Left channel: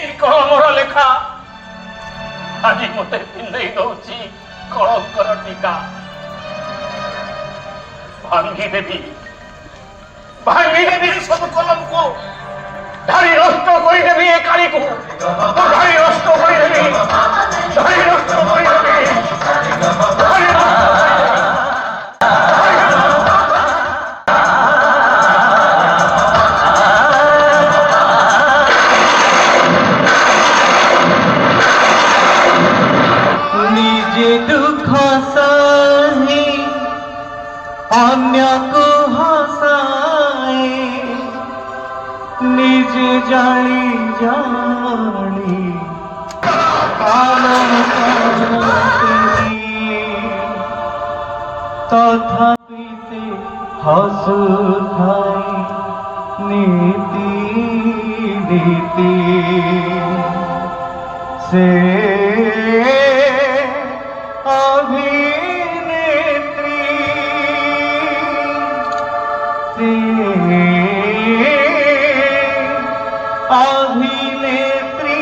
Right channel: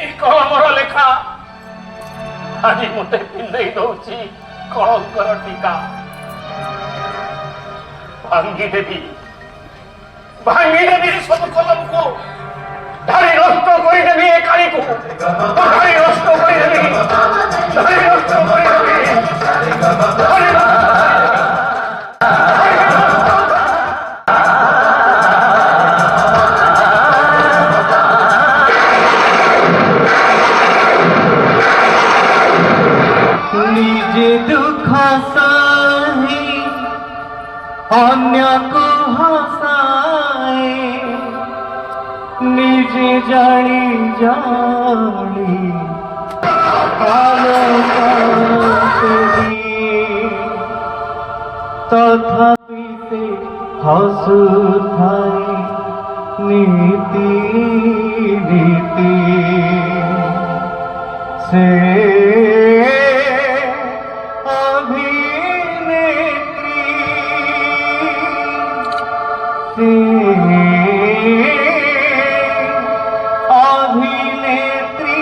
এই কলমর লেখা আଜି মতে পিন্ধাই দଉଛି কলঙ্কর টিকা। ভাঙ্গি দেবী ସବୁ କଲମକୁ ଧାଡ଼ି ନଷ୍ଟ କରିଦେବି ଏ କାଳିକୁ, ଧାଡ଼ି ନଷ୍ଟ କରିଦେବି, ଧାଡ଼ି ନଷ୍ଟ କରିଦେବି, ଧାଡ଼ି নিজে দুঃখ সহি অন্যକୁ হসায়, নিজে জানি জানি তথাপি সে হসুথায় নীতি নীতি সে অভিনেত্রী সে অভিনেত্রী।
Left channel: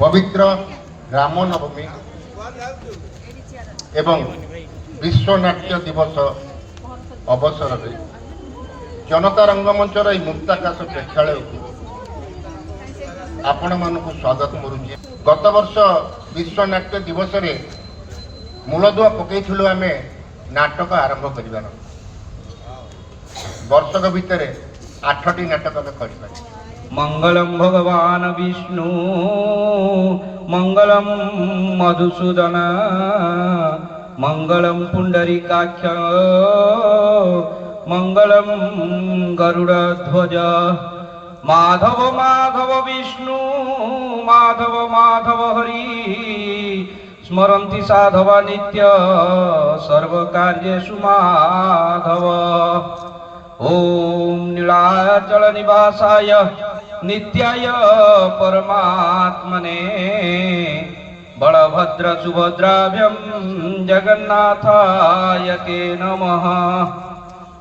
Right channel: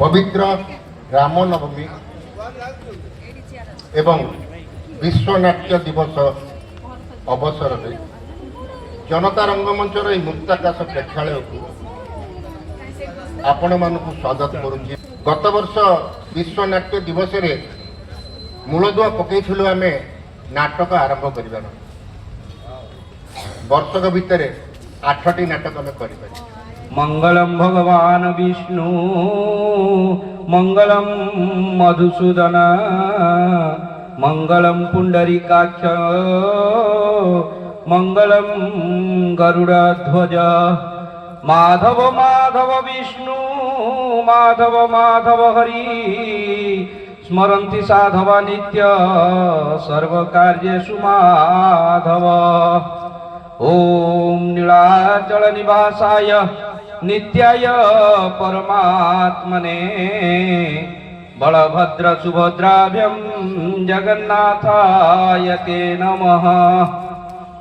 पवित्र राम नवमी एवं विश्व नाट्य दिवस अवसर में जनता रंगमंचर यह मुक्ताकाश प्रेक्षालय आपण मानक स्वागत करुचे। गत वर्ष विश्व नाट्य दिवस रे मूलदुआ पकईलु आम नाटक आरंभ कर वर्षक भितर 8टी नाटक कर। मंगलम भगवान विष्णु मंगलम मधुसूदन मंगलम पुंडरीकाक्ष मंगलम गरुड़ध्वज। माधव माधव विष्णु माधव माधव हरि स्मरन्ति साधव नित्य सर्व कार्येषु माधव। ओम नीलाचल निवासाय नित्याय परमात्मने बलभद्र सुभद्राभ्यं जगन्नाथाय ते नमः।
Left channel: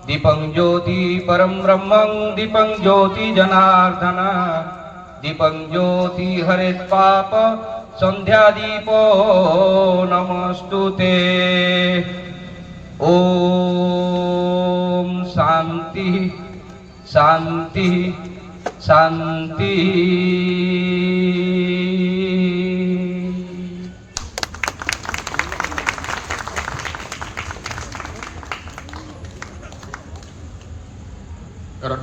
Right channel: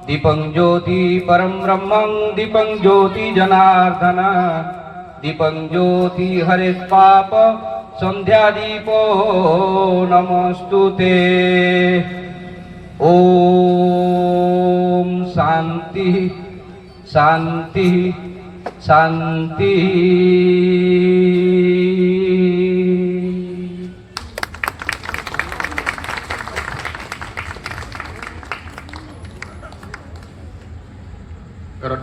दीपं ज्योति परं ब्रह्मं दीपं ज्योति जनार्दन दीपं ज्योति हरे पाप संध्या दीपो नमस्तुते। ओम शांति शांति शांति।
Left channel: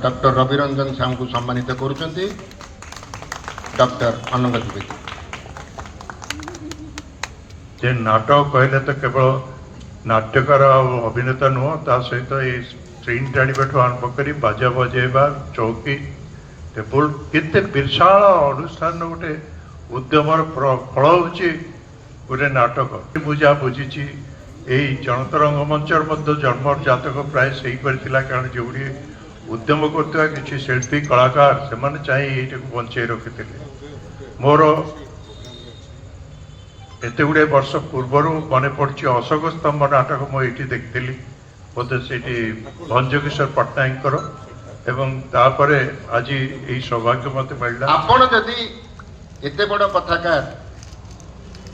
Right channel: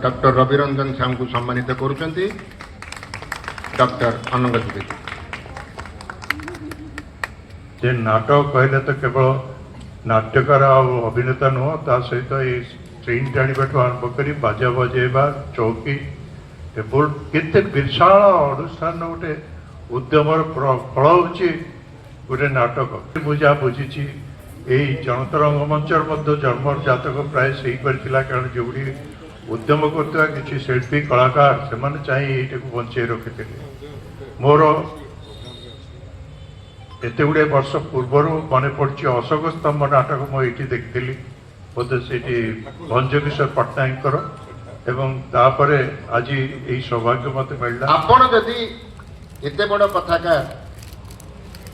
डॉक्टर रविरंजन श्याम को सम्मानित करुचंती डॉक्टर अनुगत जी। जे नाटक कहले तो केवल नाट्यकार अभिनेता नुह ता सहित स्क्रीन टाणीबाठू आरंभ कर बाजा बजेबा चौकी टेबुल केते विशाल अनुष्ठान गोटे उद्यमर फल होची गोटे नाटक। बुझा बुझी यही जनता रंगमंचर जन्म जातक प्राय से कारण जो उद्यम करता किसी शिल्पी कलाकार से चाहिए ये बंचे रखी मोर एत गुड़े वर्ष पूर्वर मन पड़ी अशोक स्तंभ नाटक मुझे देखी बोधे से भंजकिशोर पट्टनायक एवं तापरे आज यही सौभाग्य मत मिलला। आपण जदि एते बड़ कथाकार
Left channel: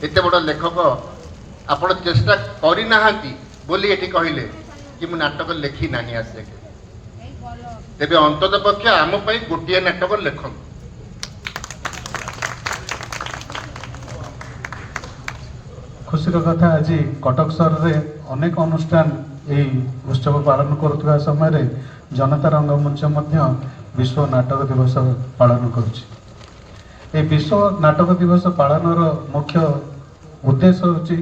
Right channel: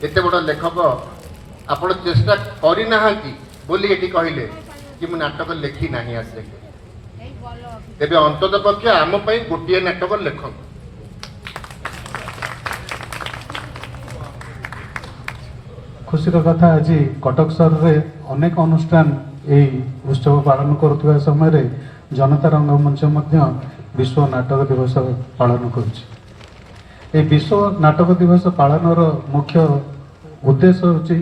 एते बड़ लेखक आपण चेष्टा करि नाहांती बोली एटी कहिले कि मु नाटक लेखी नाही आज देखे तेबे अंतत पक्ष आम पई गोटिए नाटक लेखक। खुशीर कथा आज कटक सहर रे अनेक अनुष्ठान यही उत्सव पालन करुवा समय जनता रंगमंच विश्व नाटक दिवस पालन करुछि। विश्व नाटक दिवस पालन मुख्य उद्देश्य होछि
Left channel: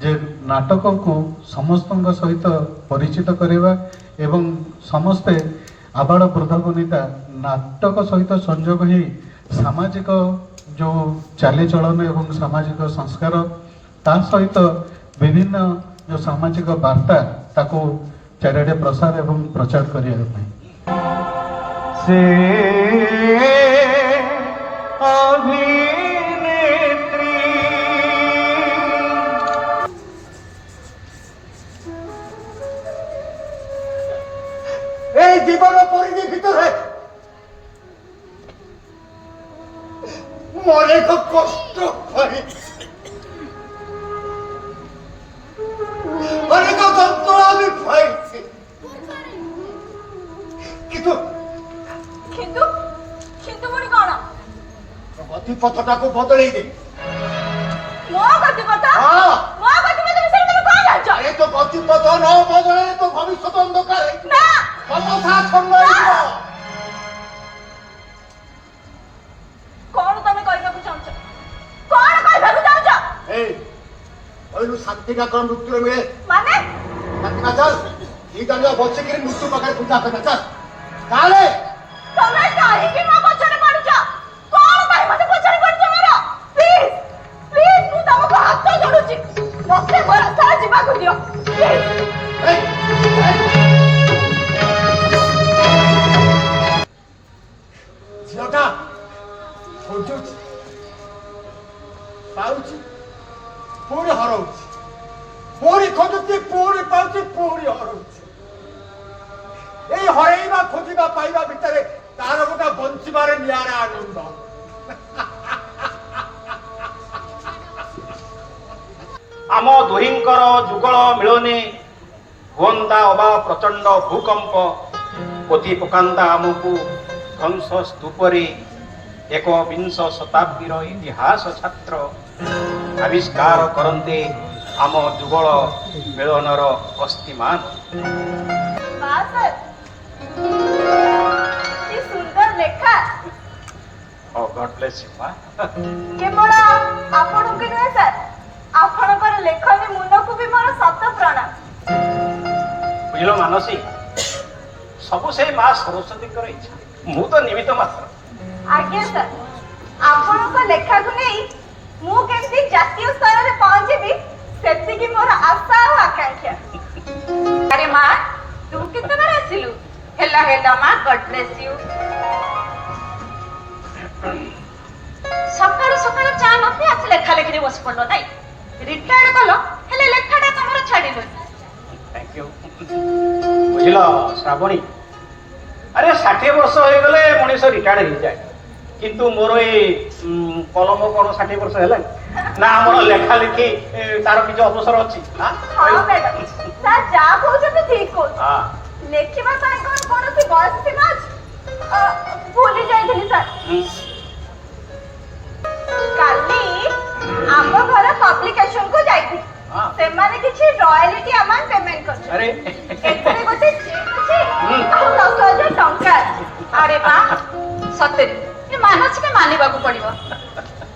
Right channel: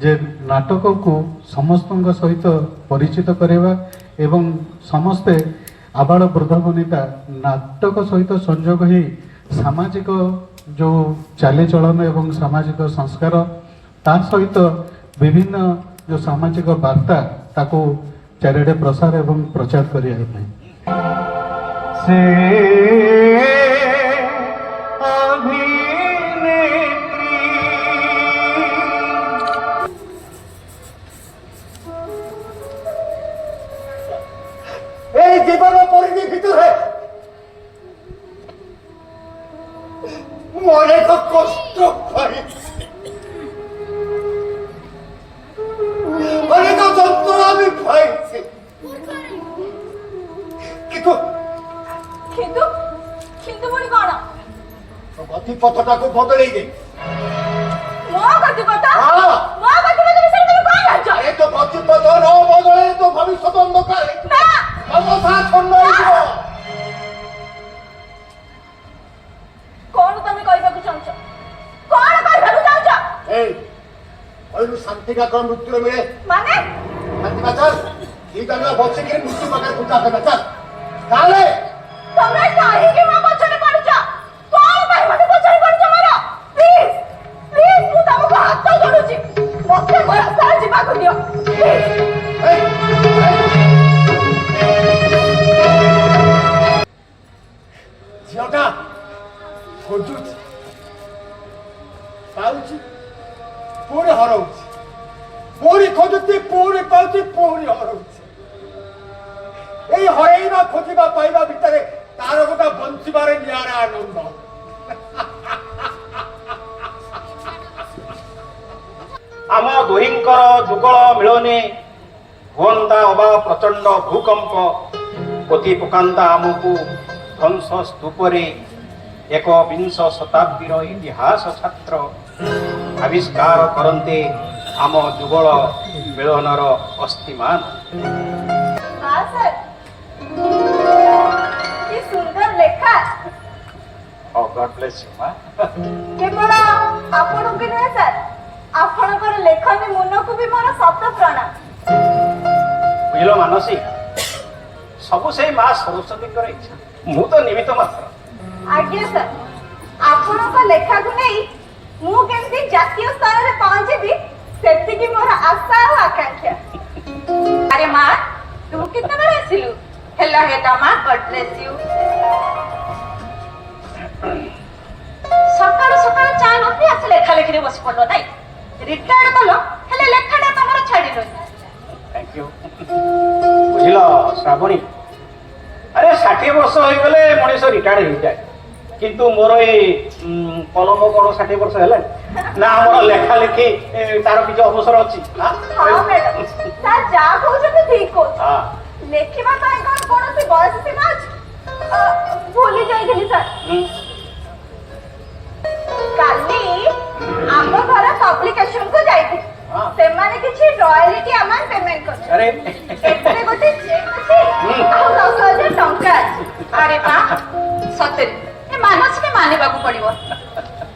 जे नाटक को समस्त सहित परिचित करवा एवं समस्ते आबाल वृद्ध वनिता नाटक सहित संयोग ही सामाजिक जो चालीचलन एवं सामाजिक संस्कार ता सहित विभिन्न जो सामाजिक वार्ता ताको चारिआडे प्रसार एवं प्रचार करिया ପାଇଁ से अभिनेत्री এই জীবন পরিধি ভিতরে কষ্ট পাইছি, অনেক যন্ত্রণা আমি পাইছি, কিন্তু কিন্তু কিন্তু পুଣି କଣ ଗତିପଥଟାକୁ ବଦଳେଇ ଦେଇ ମୋ ଗତିପଥ ହଁ। ମୋ ଗତିପଥ ବିଷୟରେ ତମେ କଣ ଜାଣିଛ? ଆରେ ତୋ ଗତିପଥ ନ ବଦଳେଇଲେ ତୋ ଭବିଷ୍ୟତ ଅନ୍ଧକାର ନା ସମସ୍ୟା ଛନ୍ନ ହେଇଯିବ। କଣ ତମେ କହିବାକୁ ଚାହୁଁଛ? କଣ କହିବାକୁ ଚାହୁଁଛ? এই କହିଲୁ ଶାନ୍ତିଟା କଣ ମୃତ୍ୟୁରେ ମିଳେ? ମାନେ ଶାନ୍ତିଟା ଚାଲ ଠିକ ଜାଣିବା ବସିକିରି ମୃତ୍ୟୁ ପାଖରେ ପୂଜା କରିବା ଚାଲ କାଳେ ତମେ କାହିଁକି ମୋ ପଛରେ ପଡୁଛ? କଣ ପାଇଁ ମତେ ପଛରେ ପଡୁଛ ମୋର? ପ୍ଲିଜ ପ୍ଲିଜ ମୁଁ ତମକୁ ହାତ ଯୋଡୁଛି, ମତେ ମୋ ରାସ୍ତାରେ ଯିବାକୁ ଦିଅ ପ୍ଲିଜ। এই, ଝିଅଟା ଖୋଜୁଛି ପାଉଛି ପୁଣି ହରଉଛି, ପୁଣି ଖୋଜୁଛି ପୁଣି ପାଉଛି ପୁଣି ହରଉଛି। এই হরেଇବା ଖୋଜିବା ପାଇବା ଭିତରେ ତାର ଗୋଟେ ବଞ୍ଚିବାରେ ନିଆରା ଆନନ୍ଦ। ଆମ ଦୁହିଁଙ୍କର ଯୁଗଳ ମିଳନେ ହୁଅନ୍ତା ଅବା ପ୍ରଚଣ୍ଡ ଭୂକମ୍ପ, ପୋତି ପକାନ୍ତା ଆମକୁ ଧ୍ୱଂସ ସ୍ତୂପରେ। ଏକବିଂଶ ଶତାବ୍ଦୀର ଇତିହାସ ଛାତ୍ର ଆବିଷ୍କାର କରନ୍ତେ ଆମ ଯୁଗଳ ମିଳନର ଅସ୍ତିମାନ। हाँ सर, कि सुंदर लेखा। Oh, God bless you, ma. केवल आपणକୁ କି ନୁହେଁ ସାର୍, ଆପଣଙ୍କର ଲେଖନୀ ମନକୁ ବି ମୋର ଶତ ପ୍ରଣାମ। ବୁଝିଲ ମାନସୀ, ସବୁ ସେଇ ମା ସରସ୍ୱତୀଙ୍କର ଇଚ୍ଛା, ମୁଁ ତ ନିମିତ୍ତ ମାତ୍ର। ଆଜ୍ଞା ସାର୍, ଆପଣଙ୍କ ଲେଖାକୁ ନେଇ ମୁଁ କେମିତି ଜାତୀୟ ସ୍ତରରେ ପହଞ୍ଚିବି ସେତିକି ମୋର ଆଶା ଆଉ ଆକାଂକ୍ଷା। ଆରେ ମା, ତୁ କେତେବେଳେ ଆସିଲୁ? ହେଲା ହେଲା ମା, ଗଡ୍ ବ୍ଲେସ୍ ୟୁ। ସକାଳୁ ସକାଳୁ ଚା ନ ପିଇ ଆସି ଲେଖା ଲେଖିରେ ବସି ପଡିଲ ନାଇଁ? ରିଟାୟାର୍ଡ କଲ, ହେଲେ ଲେଖାଟା ତମର ଛାଡ଼ିଲନି। Thank you. ବୁଝିଲ ଶ୍ରାବଣୀ, ଆରେ 60 ବର୍ଷ ହେଇଗଲେ ମଣିଷ ରିଟାୟାର୍ଡ ହେଇଯାଏ, କିନ୍ତୁ ମୋର ଏଇ କଲମ କଣ 60 ବର୍ଷ ହେଲାଣି ନା? ଆମର ଲେଖା ଲେଖି ତାର କିଛି ଅବସର ଅଛି ନା? ହଁ ମ୍ୟାଡାମ, ସାର୍ ଯାହା କହୁଛନ୍ତି ଠିକ କହୁଛନ୍ତି। ହଁ। ଲେଖିବା ପାଇଁ କଣ କୌଣସି ବୟସ ସୀମା ଅଛି? ଭୁଲି ଯାଇଥିଲି ସାର୍। କାଲି ଆମ ଘର ପବ୍ଲିକେସନ କୁ ଯାଇଥିଲି, ହଁ। ସେମାନେ କିଛି ରୟାଲିଟି ଆମାଉଣ୍ଟ ପେମେଣ୍ଟ କରିଛନ୍ତି। ଆରେ ଏଥିରେ ଗୋଟେ ଚେକ୍ ଅଛି ଆଉ 10,000 ଟଙ୍କା ଅଛି। ଆରେ ବା, ସତରେ ଏ ମାନସିକ ମାନିବାକୁ ପଡିବ।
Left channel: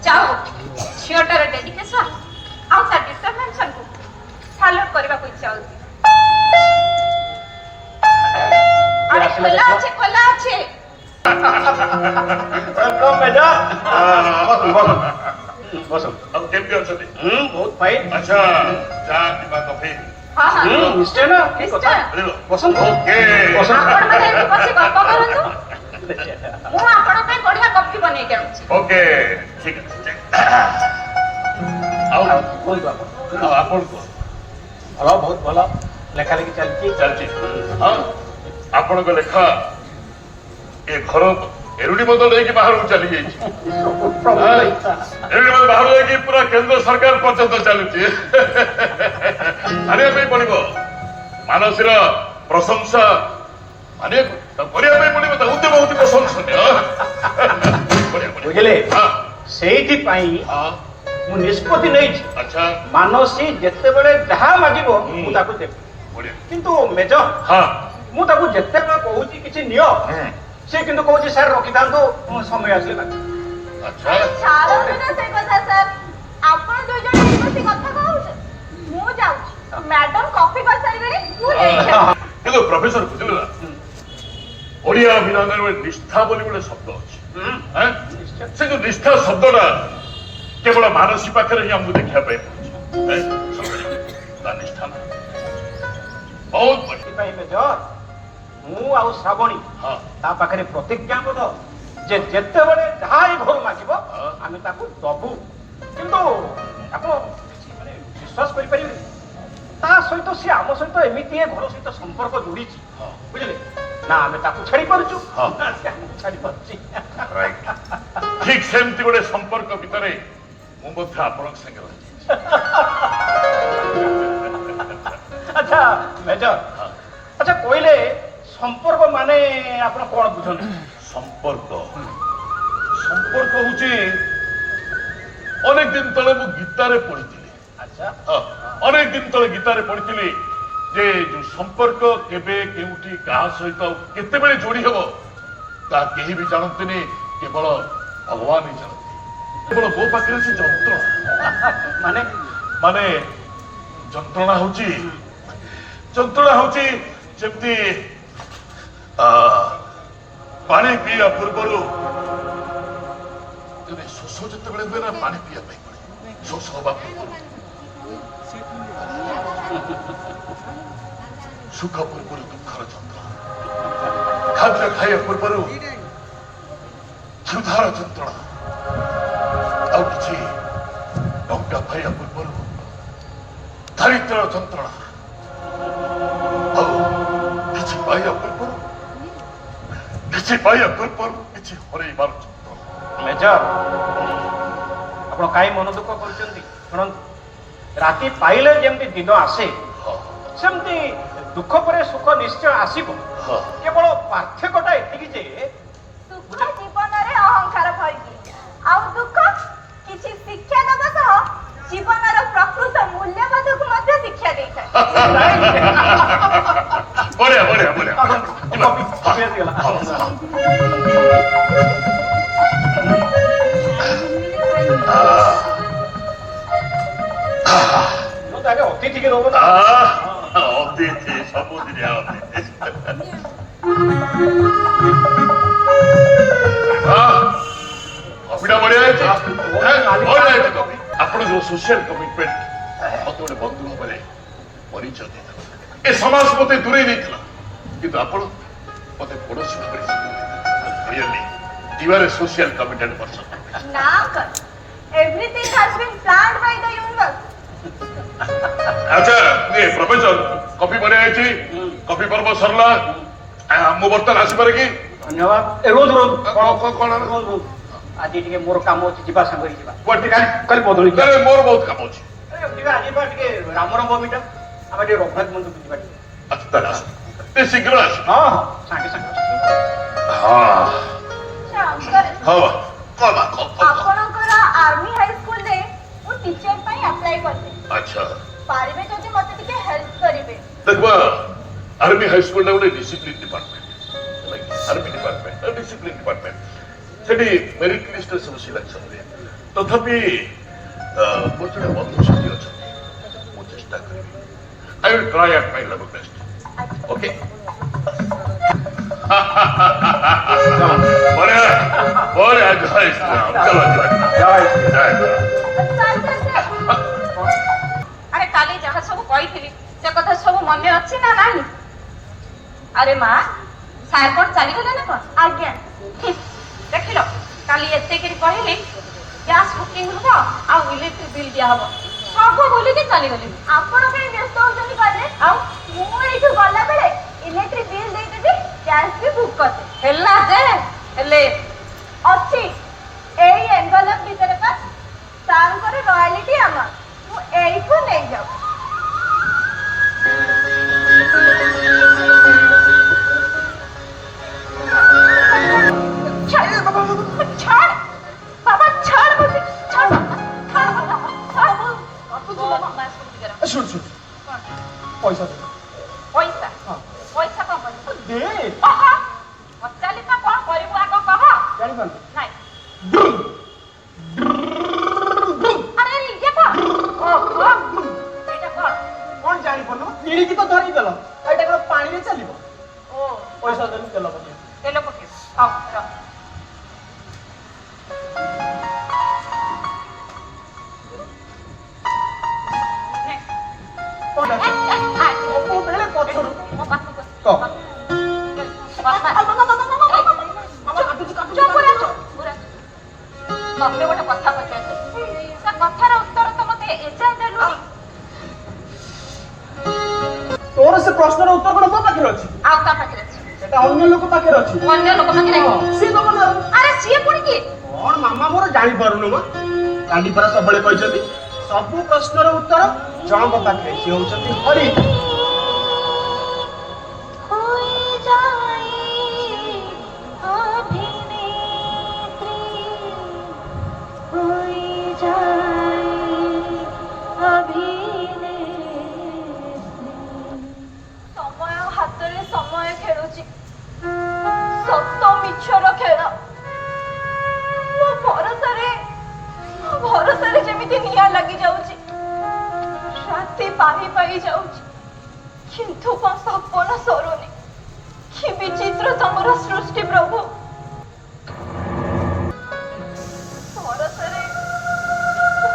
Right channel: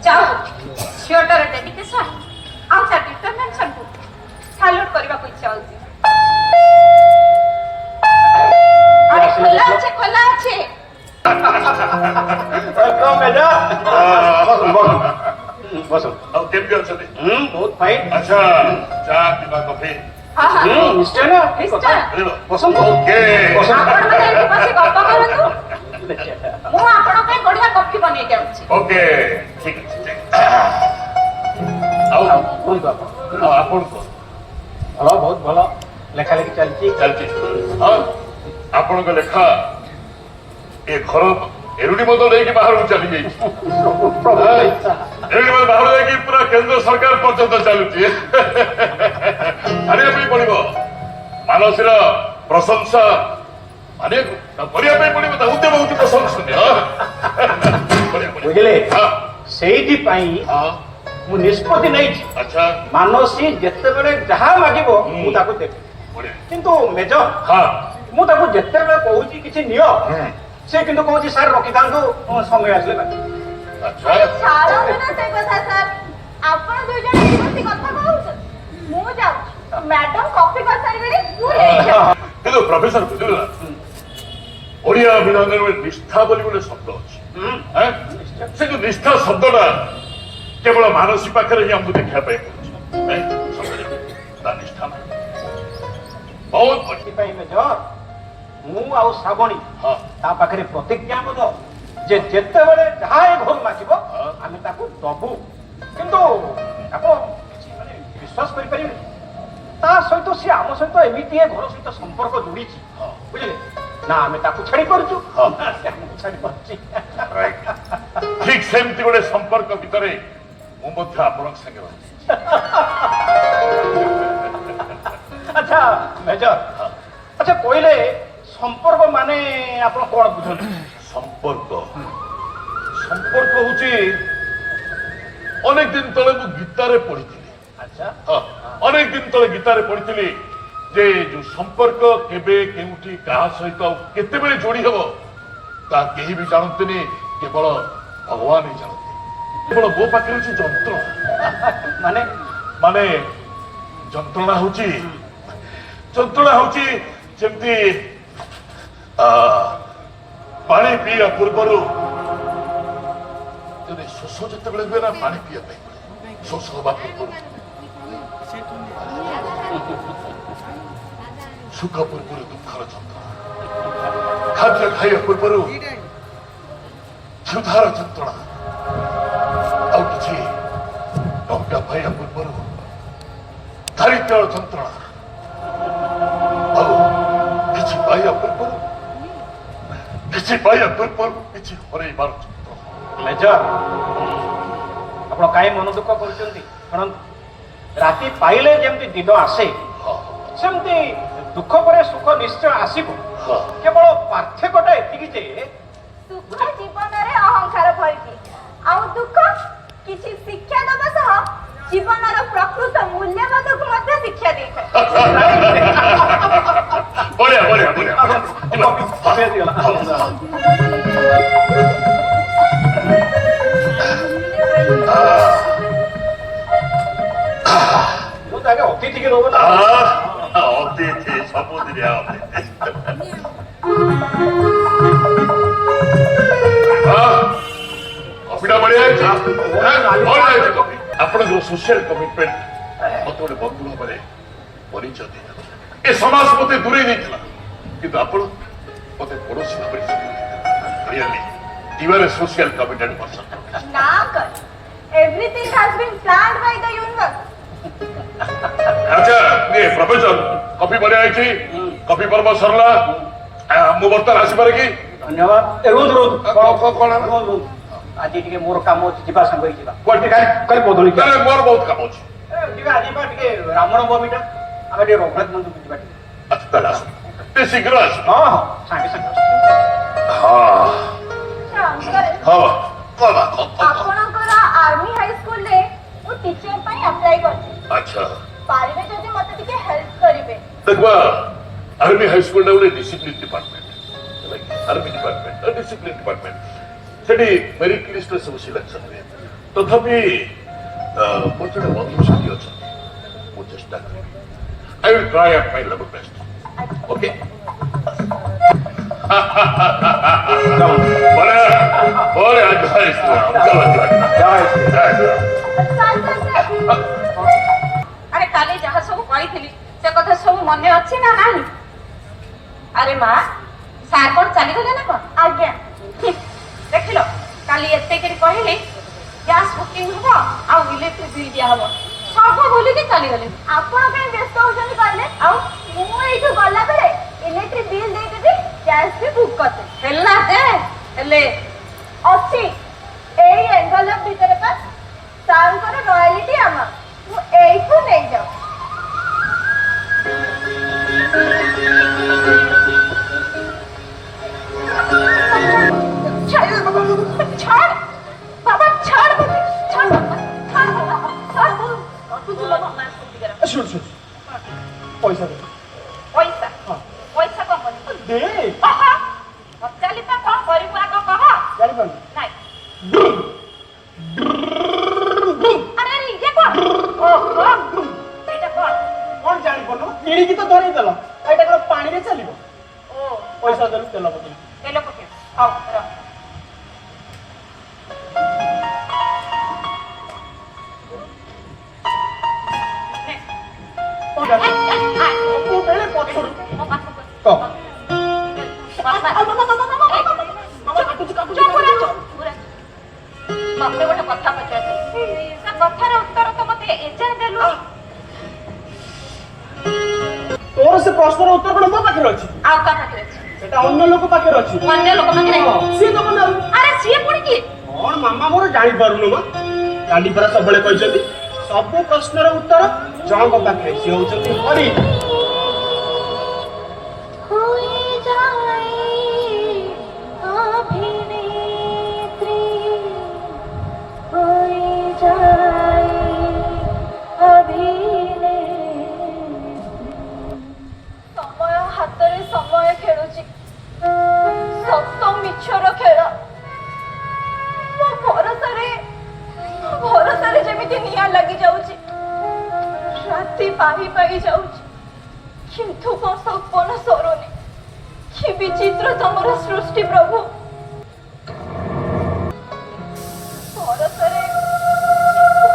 ଯାଉ ଝିଅଟାର ଡେଡିକେସନ ଆଉ ତା ଡିଟରମିନେସନକୁ ସାଲ୍ୟୁଟ କରିବାକୁ ଇଚ୍ଛା ହଉଛି। ଆରେ ଖୋଲା ଅଛି, ଖୋଲା ଅଛି। welcome, Major. ବସ। ଆଉ କେମିତି ଅଛନ୍ତି? ବହୁତ ଫାଇନ୍। ଆଚ୍ଛା, ଚା କିମ୍ବା କଫି? ହଁ ହଁ ନିଶ୍ଚୟ ନା, ଠିକ କଥା। ମିଳିବ? ବସନ୍ତୁ। ଓକେ। ବସନ୍ତୁ। ଆପଣମାନେ ଏଠି ବସି ଗପ କରନ୍ତୁ, ମୁଁ ଆପଣଙ୍କ ପାଇଁ ବଢିଆ କଫି ବନେଇକି ଆଣୁଛି। ଓକେ, ଠିକ ଅଛି। ଆଉ କୁହନ୍ତୁ ଆପଣ। ଆଉ ଆପଣ କୁହ। ଭଲ, ବହୁତ ଭଲ ଲେଖା ଲେଖି ଚାଲିଛି। ଚାଲିଛି। ହଁ, ଆପଣଙ୍କ ଲେଖା ଏ ଘର ଏରୁଡି ମଦ ନେଇକି ବାହାରକୁ ଚାଲି ଯାଇଛି। ଏରୁଡି ମଦ ବାହାରୁ ଯାଇକି ପୁରା କେନ୍ଦ୍ର ସରକାର ପର୍ଯ୍ୟନ୍ତ ଚାଲୁଛି। ଆଣିବା ପାଇଁ ପଡିବ ମାନସୀର ପ୍ରଶଂସା, କରିବା ପାଇଁ ପଡିବ ତା ଉଦ୍ୟମ ହଉଛି ପ୍ରଶଂସନୀୟ। ବୁଝିଲେ, ହଁ, ସେଇଥିପାଇଁ ହଁ, ମୁଁ ନିଷ୍ପତ୍ତି ନେଇଛି, ଆଚ୍ଛା, ମାନସୀ ଯେତେବେଳେ ଯାହା ମାଗିବ ମୁଁ ତାକୁ ଦେବି। ବଢିଆ। କିନ୍ତୁ ମେଜର, ହଁ, ମୁଁ ତାକୁ ଯେତେବେଳେ କହୁଛି କିଛି ନିଅ, ସେ କିନ୍ତୁ କହୁଛି ସାର୍ ରଖିଥାନ୍ତୁ, ମୋ ସମୟ ଆସିଲେ ଦେବି। ଆଚ୍ଛା, ଛାଡ଼ନ୍ତୁ ନା ସେ କଥା ସାର୍, ଆପଣ ଦୁଇ ଜଣ ଏଠି ବସି କଥା କହୁଛନ୍ତି, ମୁଁ ଯାଉଛି। ମ୍ୟାଡାମ କଫି କରିସାରିଲେଣି, ମୁଁ ଏଇଠି ଅଛି। କିନ୍ତୁ ପ୍ରଫେସର ବୁଝିଲେ ନା, ଓଡ଼ିଆ ଅଭିନୟରେ ଗୋଟେ ନିଷ୍ଠା ବୋଲି ଗୋଟେ ଶବ୍ଦ ଅଛି। ଆଁ? ସେ ଯୋଉ ନିଷ୍ଠା ଶବ୍ଦଟା କେବଳ ମାନସୀ ପାଖରେ ହିଁ ଆମକୁ ଦେଖିବା ପାଇଁ ପଡୁଛି। ତା ନିଷ୍ଠା ବହୁତ ବଢିଆ। ସେଥିପାଇଁ ମେଜର, ମୁଁ ଆଉ ଶ୍ରାବଣୀ ହଁ, ତା ପାଖରେ ପ୍ରତିଜ୍ଞାବଦ୍ଧ ଯେ ଯେତେବେଳେ ଯାହା ଏ ଘରୁ ମାଗିବ ଆମେ ତାକୁ ଦବୁ। କିନ୍ତୁ ଆପଣ କିଛି ମାନେ ବିଶ୍ୱାସ କରିପାରିବେ, ତା ସହିତ ସେ ଆମ ସହିତ ଏମିତି ଏ ଘର ସହିତ ସମ୍ପର୍କ ଯୋଡ଼ିଛି, ବୁଝିଲେ ନା? ଆମେ ତାକୁ ଛାଡ଼ି ପାରୁଛୁ, ହଁ। ନା ସେ ଆମକୁ ଛାଡ଼ି ପାରୁଛି। ରାଇଟ୍। ঠিক ସେମିତି ଗୋଟେ ସମ୍ପର୍କ ଭିତରେ ମୁଁ ମଧ୍ୟ ଆପଣଙ୍କ ସାଙ୍ଗେ ରହିଛି। ଆଚ୍ଛା ମେଜର, ଆଚ୍ଛା କହିଲେ ସମ୍ପର୍କ ମାନେ ଆପଣ କଣ ବୁଝନ୍ତି? ସମ୍ପର୍କ ସମ୍ପର୍କ ହଉଛି ଅନେକ ଦିନ ତଳେ ମୁଁ ଗୀତାରେ ପଢିଥିଲି। ଆଚ୍ଛା ଅନେକ ଦିନ ତଳେ ଗୀତାରେ ପଢିଥିଲି ଯେ ଯୋଉ ସମ୍ପର୍କ କେବେ କେଉଁଠି କାହା ସହିତ କେତେବେଳେ ଯୋଡି ହେବ ତା କେହି ବି ଜାଣନ୍ତିନି, କେବଳ ଭଗବାନ ହିଁ ଜାଣନ୍ତି। କେବଳ ମୋ ପାଖରେ ସେ ଯନ୍ତ୍ରଣା ମାନେ ମାନେ ଯନ୍ତ୍ରଣା ହଉଛି ଯେମିତି ପାଣି ପିଇବା ପୂର୍ବରୁ ଯଦି ଶୋଷ ଯେତେବେଳେ ହୁଏ ନା ପାଣି ପିଇବା ପାଇଁ ପଡେ, ଶୋଷ ହବା ପୂର୍ବରୁ ସୁଖ ପୂର୍ବରୁ ଦୁଃଖର ଯନ୍ତ୍ରଣା, ଖାଦ୍ୟ ଖାଇବା ପୂର୍ବରୁ କ୍ଷୁଧାର ଯନ୍ତ୍ରଣା, ଆଉ କିଛି ଟଙ୍କା ପାଇବା ପୂର୍ବରୁ ଦାରିଦ୍ର୍ୟର ଯନ୍ତ୍ରଣା, ଆଉ କିଛି ପାଇବା ପୂର୍ବରୁ କିଛି ହରେଇବାର ଯନ୍ତ୍ରଣା। ମେଜର, ଆପଣ କାହିଁ ମନ ଦୁଃଖ କରୁଛନ୍ତି? ଶୁଣନ୍ତୁ, ରାତି ପାଇଲେ ଯେମିତି ଦିନ ଆସେ ସେମିତି ଦୁଃଖ ପରେ ସୁଖ ନିଶ୍ଚୟ ଆସିବ। କେବଳ ପାର୍ଥକ୍ୟଟା ଏତିକି ଯେ ସୁଖ ଜୀବନରେ ଅହଙ୍କାର ଭରିକି, ଆଉ ଦୁଃଖ କିଛି ଶିକ୍ଷା ଦେବା ସହ ଜୀବନର ପ୍ରକୃତ ମୂଲ୍ୟବୋଧକୁ ମଧ୍ୟ ଶିକ୍ଷା ଦେଇଥାଏ। ବଢିଆ ବଢିଆ ବଢିଆ। ମୁଁ ତ ଆগে ଅତିଥିକି ରହୁଛି। ଅତିଥି ସବୁଦିନିଆ ଅତିଥି। କଫିଟା ବଢିଆ ହେଇଛି। ଆପଣ ଯୋଉ ସୋସିଆଲ କମିଟମେଣ୍ଟ ମତେ ଗୋଟେ ବନ୍ଧୁ ଭାବରେ ପରିଚୟ ଦେଇଥିଲେ, ଏ ସମାଜ ମତେ ଦୂରେଇ ଦେଇଥିଲା, କିନ୍ତୁ ଆପଣ ମତେ ପଡୋଶୀ ଭାବରେ really you are a social committed person. Now, everything has been planned by the universe. আচ্ছা ये प्रोफेसर कॉफी बढिया ହେଇଛି, कॉफी पर्व सरला, ମୁଁ ବର୍ତ୍ତମାନ ଆସିପାରେ କି? ଧନ୍ୟବାଦ। ରୋଜ ରୋଜ କଣ ଆଜି ଟିକେ ମୋର କାମ ଅଛି, ଯିବା ସାଙ୍ଗ ଯିବା। କୁଆଡେ କାଲି ବଦଳି ତାହେଲେ ମୋର ବହୁତ କାମ ଅଛି। ଟିକେ ଆଜି ଟିକେ ରାମର ନବମୀଟା ଆମେ ଟିକେ ରଘୁନାଥ ମନ୍ଦିର ଯିବା। ଆଚ୍ଛା ତାହେଲେ ଆସ, ଟିକେ ଶୀଘ୍ର ଆସ। ହଁ ହଁ ସାଙ୍ଗେ ସାଙ୍ଗେ। ହଁ ଆପଣଙ୍କର ଆର୍ମି ହାଇସ୍କୁଲରେ ମୁଁ ଟିଚର ପାଇଁ ଆପ୍ଲାଏ କରିଥିଲି। ଆଚ୍ଛା ପାରିବେ ଯଦି ମତେ ଟିକେ ହେଲ୍ପ କରିବେ। देखो आर्मी हाई स्कूल ने गोटे discipline department, army department discipline department Sethi merit list सब सिलेक्शन हुए, तथापि मोर जोड़े बंधु साथी अच्छा मु चेष्टा करी, I will try at my level best. Okay बोले बोले जय श्री राम, चलो जय जय। अरे काली जहाँ सब कही से कथा सब मन अच्छी ना नहीं? अरे माँ सार कौन चली गले ना कौन? आज्ञा देख लो काली एते के कहले गैस बुकिंग हो आ इलेक्ट्रिक बिल दिया हो सब भूली के चली गले। आपण के व्यस्त हो जनी कहले आ मु एठु गला बेले इलेक्ट्रिक बिल दे देबी, गैस भी बुक करते हेला दे हेले अच्छी एई एनवेलप भीतर पास सार करे रॉयल्टी आमा तू एई को ले जाओ। छाड़ बाबा छाड़ मुझे छाड़ छाड़ बाबा छाड़ तू बोल मां सुन कर শুন শুন পয়সা দে पैसा पैसा कौन कर দে चली पा कौन करिबु आको कह জানি পারলি नहीं अरे ये कौन ओहो एटा कौन কোন জানি পারলু নিড়িকি তো ধরি দেল এটা কোন পানি রে চালিব ओ পয়সা দেলু তেল পটি ए लोग के हां रख ওটা ও বেলে পছর ক ତମେ ଗୋଟେ କଥା ପଚାରୁଛ ସେ କଥାର ଉତ୍ତର ତ ମତେ ଏଯାଏଁ ଦେଲୁ। তোর সে প্রশ্নের উত্তর কোন মো পাখে আছে ଆଉ ତା ପାଖରେ ଅଛି এটা অন্য লোক পাখে আছে ଅନ୍ୟ ଲୋକ ପାଖରେ ନାହିଁ। সে তো বলে ଆରେ ସିଏ ପୁଣି କି କଣ ମାମା ମୋର ଜାଣିପାରୁନୁ ମ ଡାଡି ପରା ସବୁବେଳେ କହିଛନ୍ତି ସବୁ ପ୍ରଶ୍ନର ଉତ୍ତର ଜଣଙ୍କ ପାଖରେ ସେ ହଉଛନ୍ତି ହରି। ସମୟ ହାତରେ ସମୟ ଖେଳୁଛି ସତ ମିଛର ଖେଳ। ମୋ ଭରସାରେ ଯେମିତି ନିଆଁ ଲାଗି ଯାଉଛି ରାତି ପାହି ପାହି ଯାଉଛି କିନ୍ତୁ କଣ ସପନ ସରୁନି। କି ବିଚିତ୍ର ତମର ସୃଷ୍ଟି ପ୍ରଭୁ।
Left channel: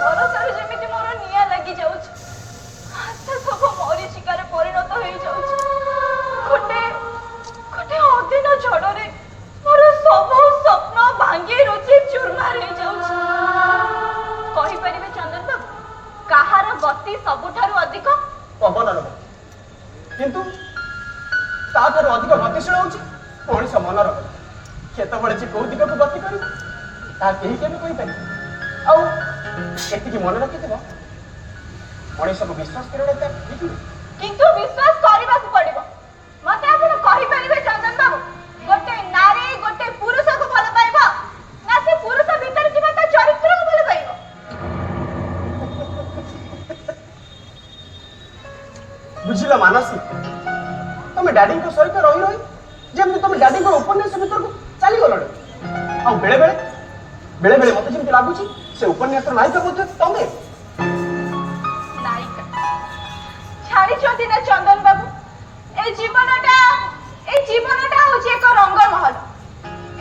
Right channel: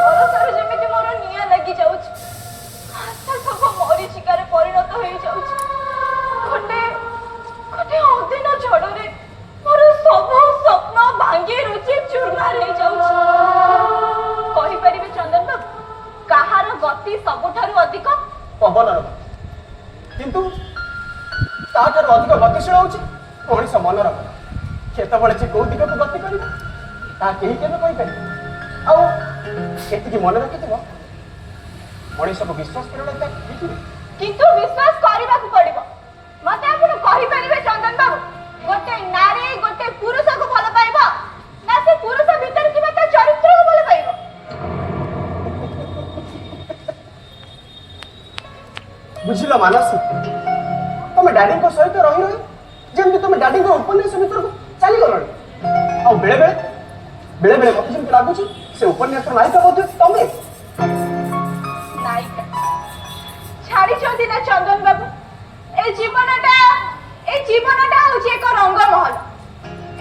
ଭରସାରେ ଯେମିତି ମୋର ନିଆଁ ଲାଗି ଯାଉଛି ଆଶା ସବୁ ମରିଚିକାରେ ପରିଣତ ହେଇଯାଉଛି। ଗୋଟେ ଅଦିନ ଝଡରେ ମୋର ସବୁ ସ୍ୱପ୍ନ ଭାଙ୍ଗି ରୁଚି ଚୁରମାର ହେଇଯାଉଛି। କହିପାରିବେ ଚନ୍ଦନ ବାବୁ କାହାର ଗତି ସବୁଠାରୁ ଅଧିକ? ପବନର ଗତି, କିନ୍ତୁ ତାଠାରୁ ଅଧିକ ଗତିଶୀଳ ହଉଛି ମଣିଷ ମନର ଗତି। କେତେବେଳେ ଯେ କୋଉ ଦିଗକୁ ଗତି କରିବ ତାହା କେହି କେବେ କହିପାରିବେ। ଆଉ ଏତିକି ମନେ ରଖିଥିବ ମଣିଷକୁ ବିଶ୍ୱାସ କରିବା କିନ୍ତୁ ବିଶ୍ୱାସ କରିବାକୁ ପଡିବ। ମତେ ଆପଣ କହିପାରିବେ ଚନ୍ଦନ ବାବୁ ଗୋଟେ ନାରୀ ଗୋଟେ ପୁରୁଷକୁ ଭଲ ପାଇବ ନା ସେ ପୁରୁଷ ଭିତରେ ଥିବା ତା ଚରିତ୍ରକୁ ଭଲ ପାଇବ? ବୁଝିଲ ମାନସୀ, ତମେ ଡାଡିଙ୍କ ସହିତ ରହି ରହି ଯେମିତି ତମେ ଡାଡିଙ୍କ ଉପନ୍ୟାସ ଭିତରକୁ ଚାଲିଗଲଣି। ଆଉ ବେଳେ ବେଳେ ମତେ ଯେମିତି ଲାଗୁଛି ସେ ଉପନ୍ୟାସର ନାୟିକା ମଧ୍ୟ ତମେ। ନାୟିକା ଛାଡିଛନ୍ତି ନା ଚନ୍ଦନ ବାବୁ? এই জীবনটা হচ্ছে এক রঙ্গমহল।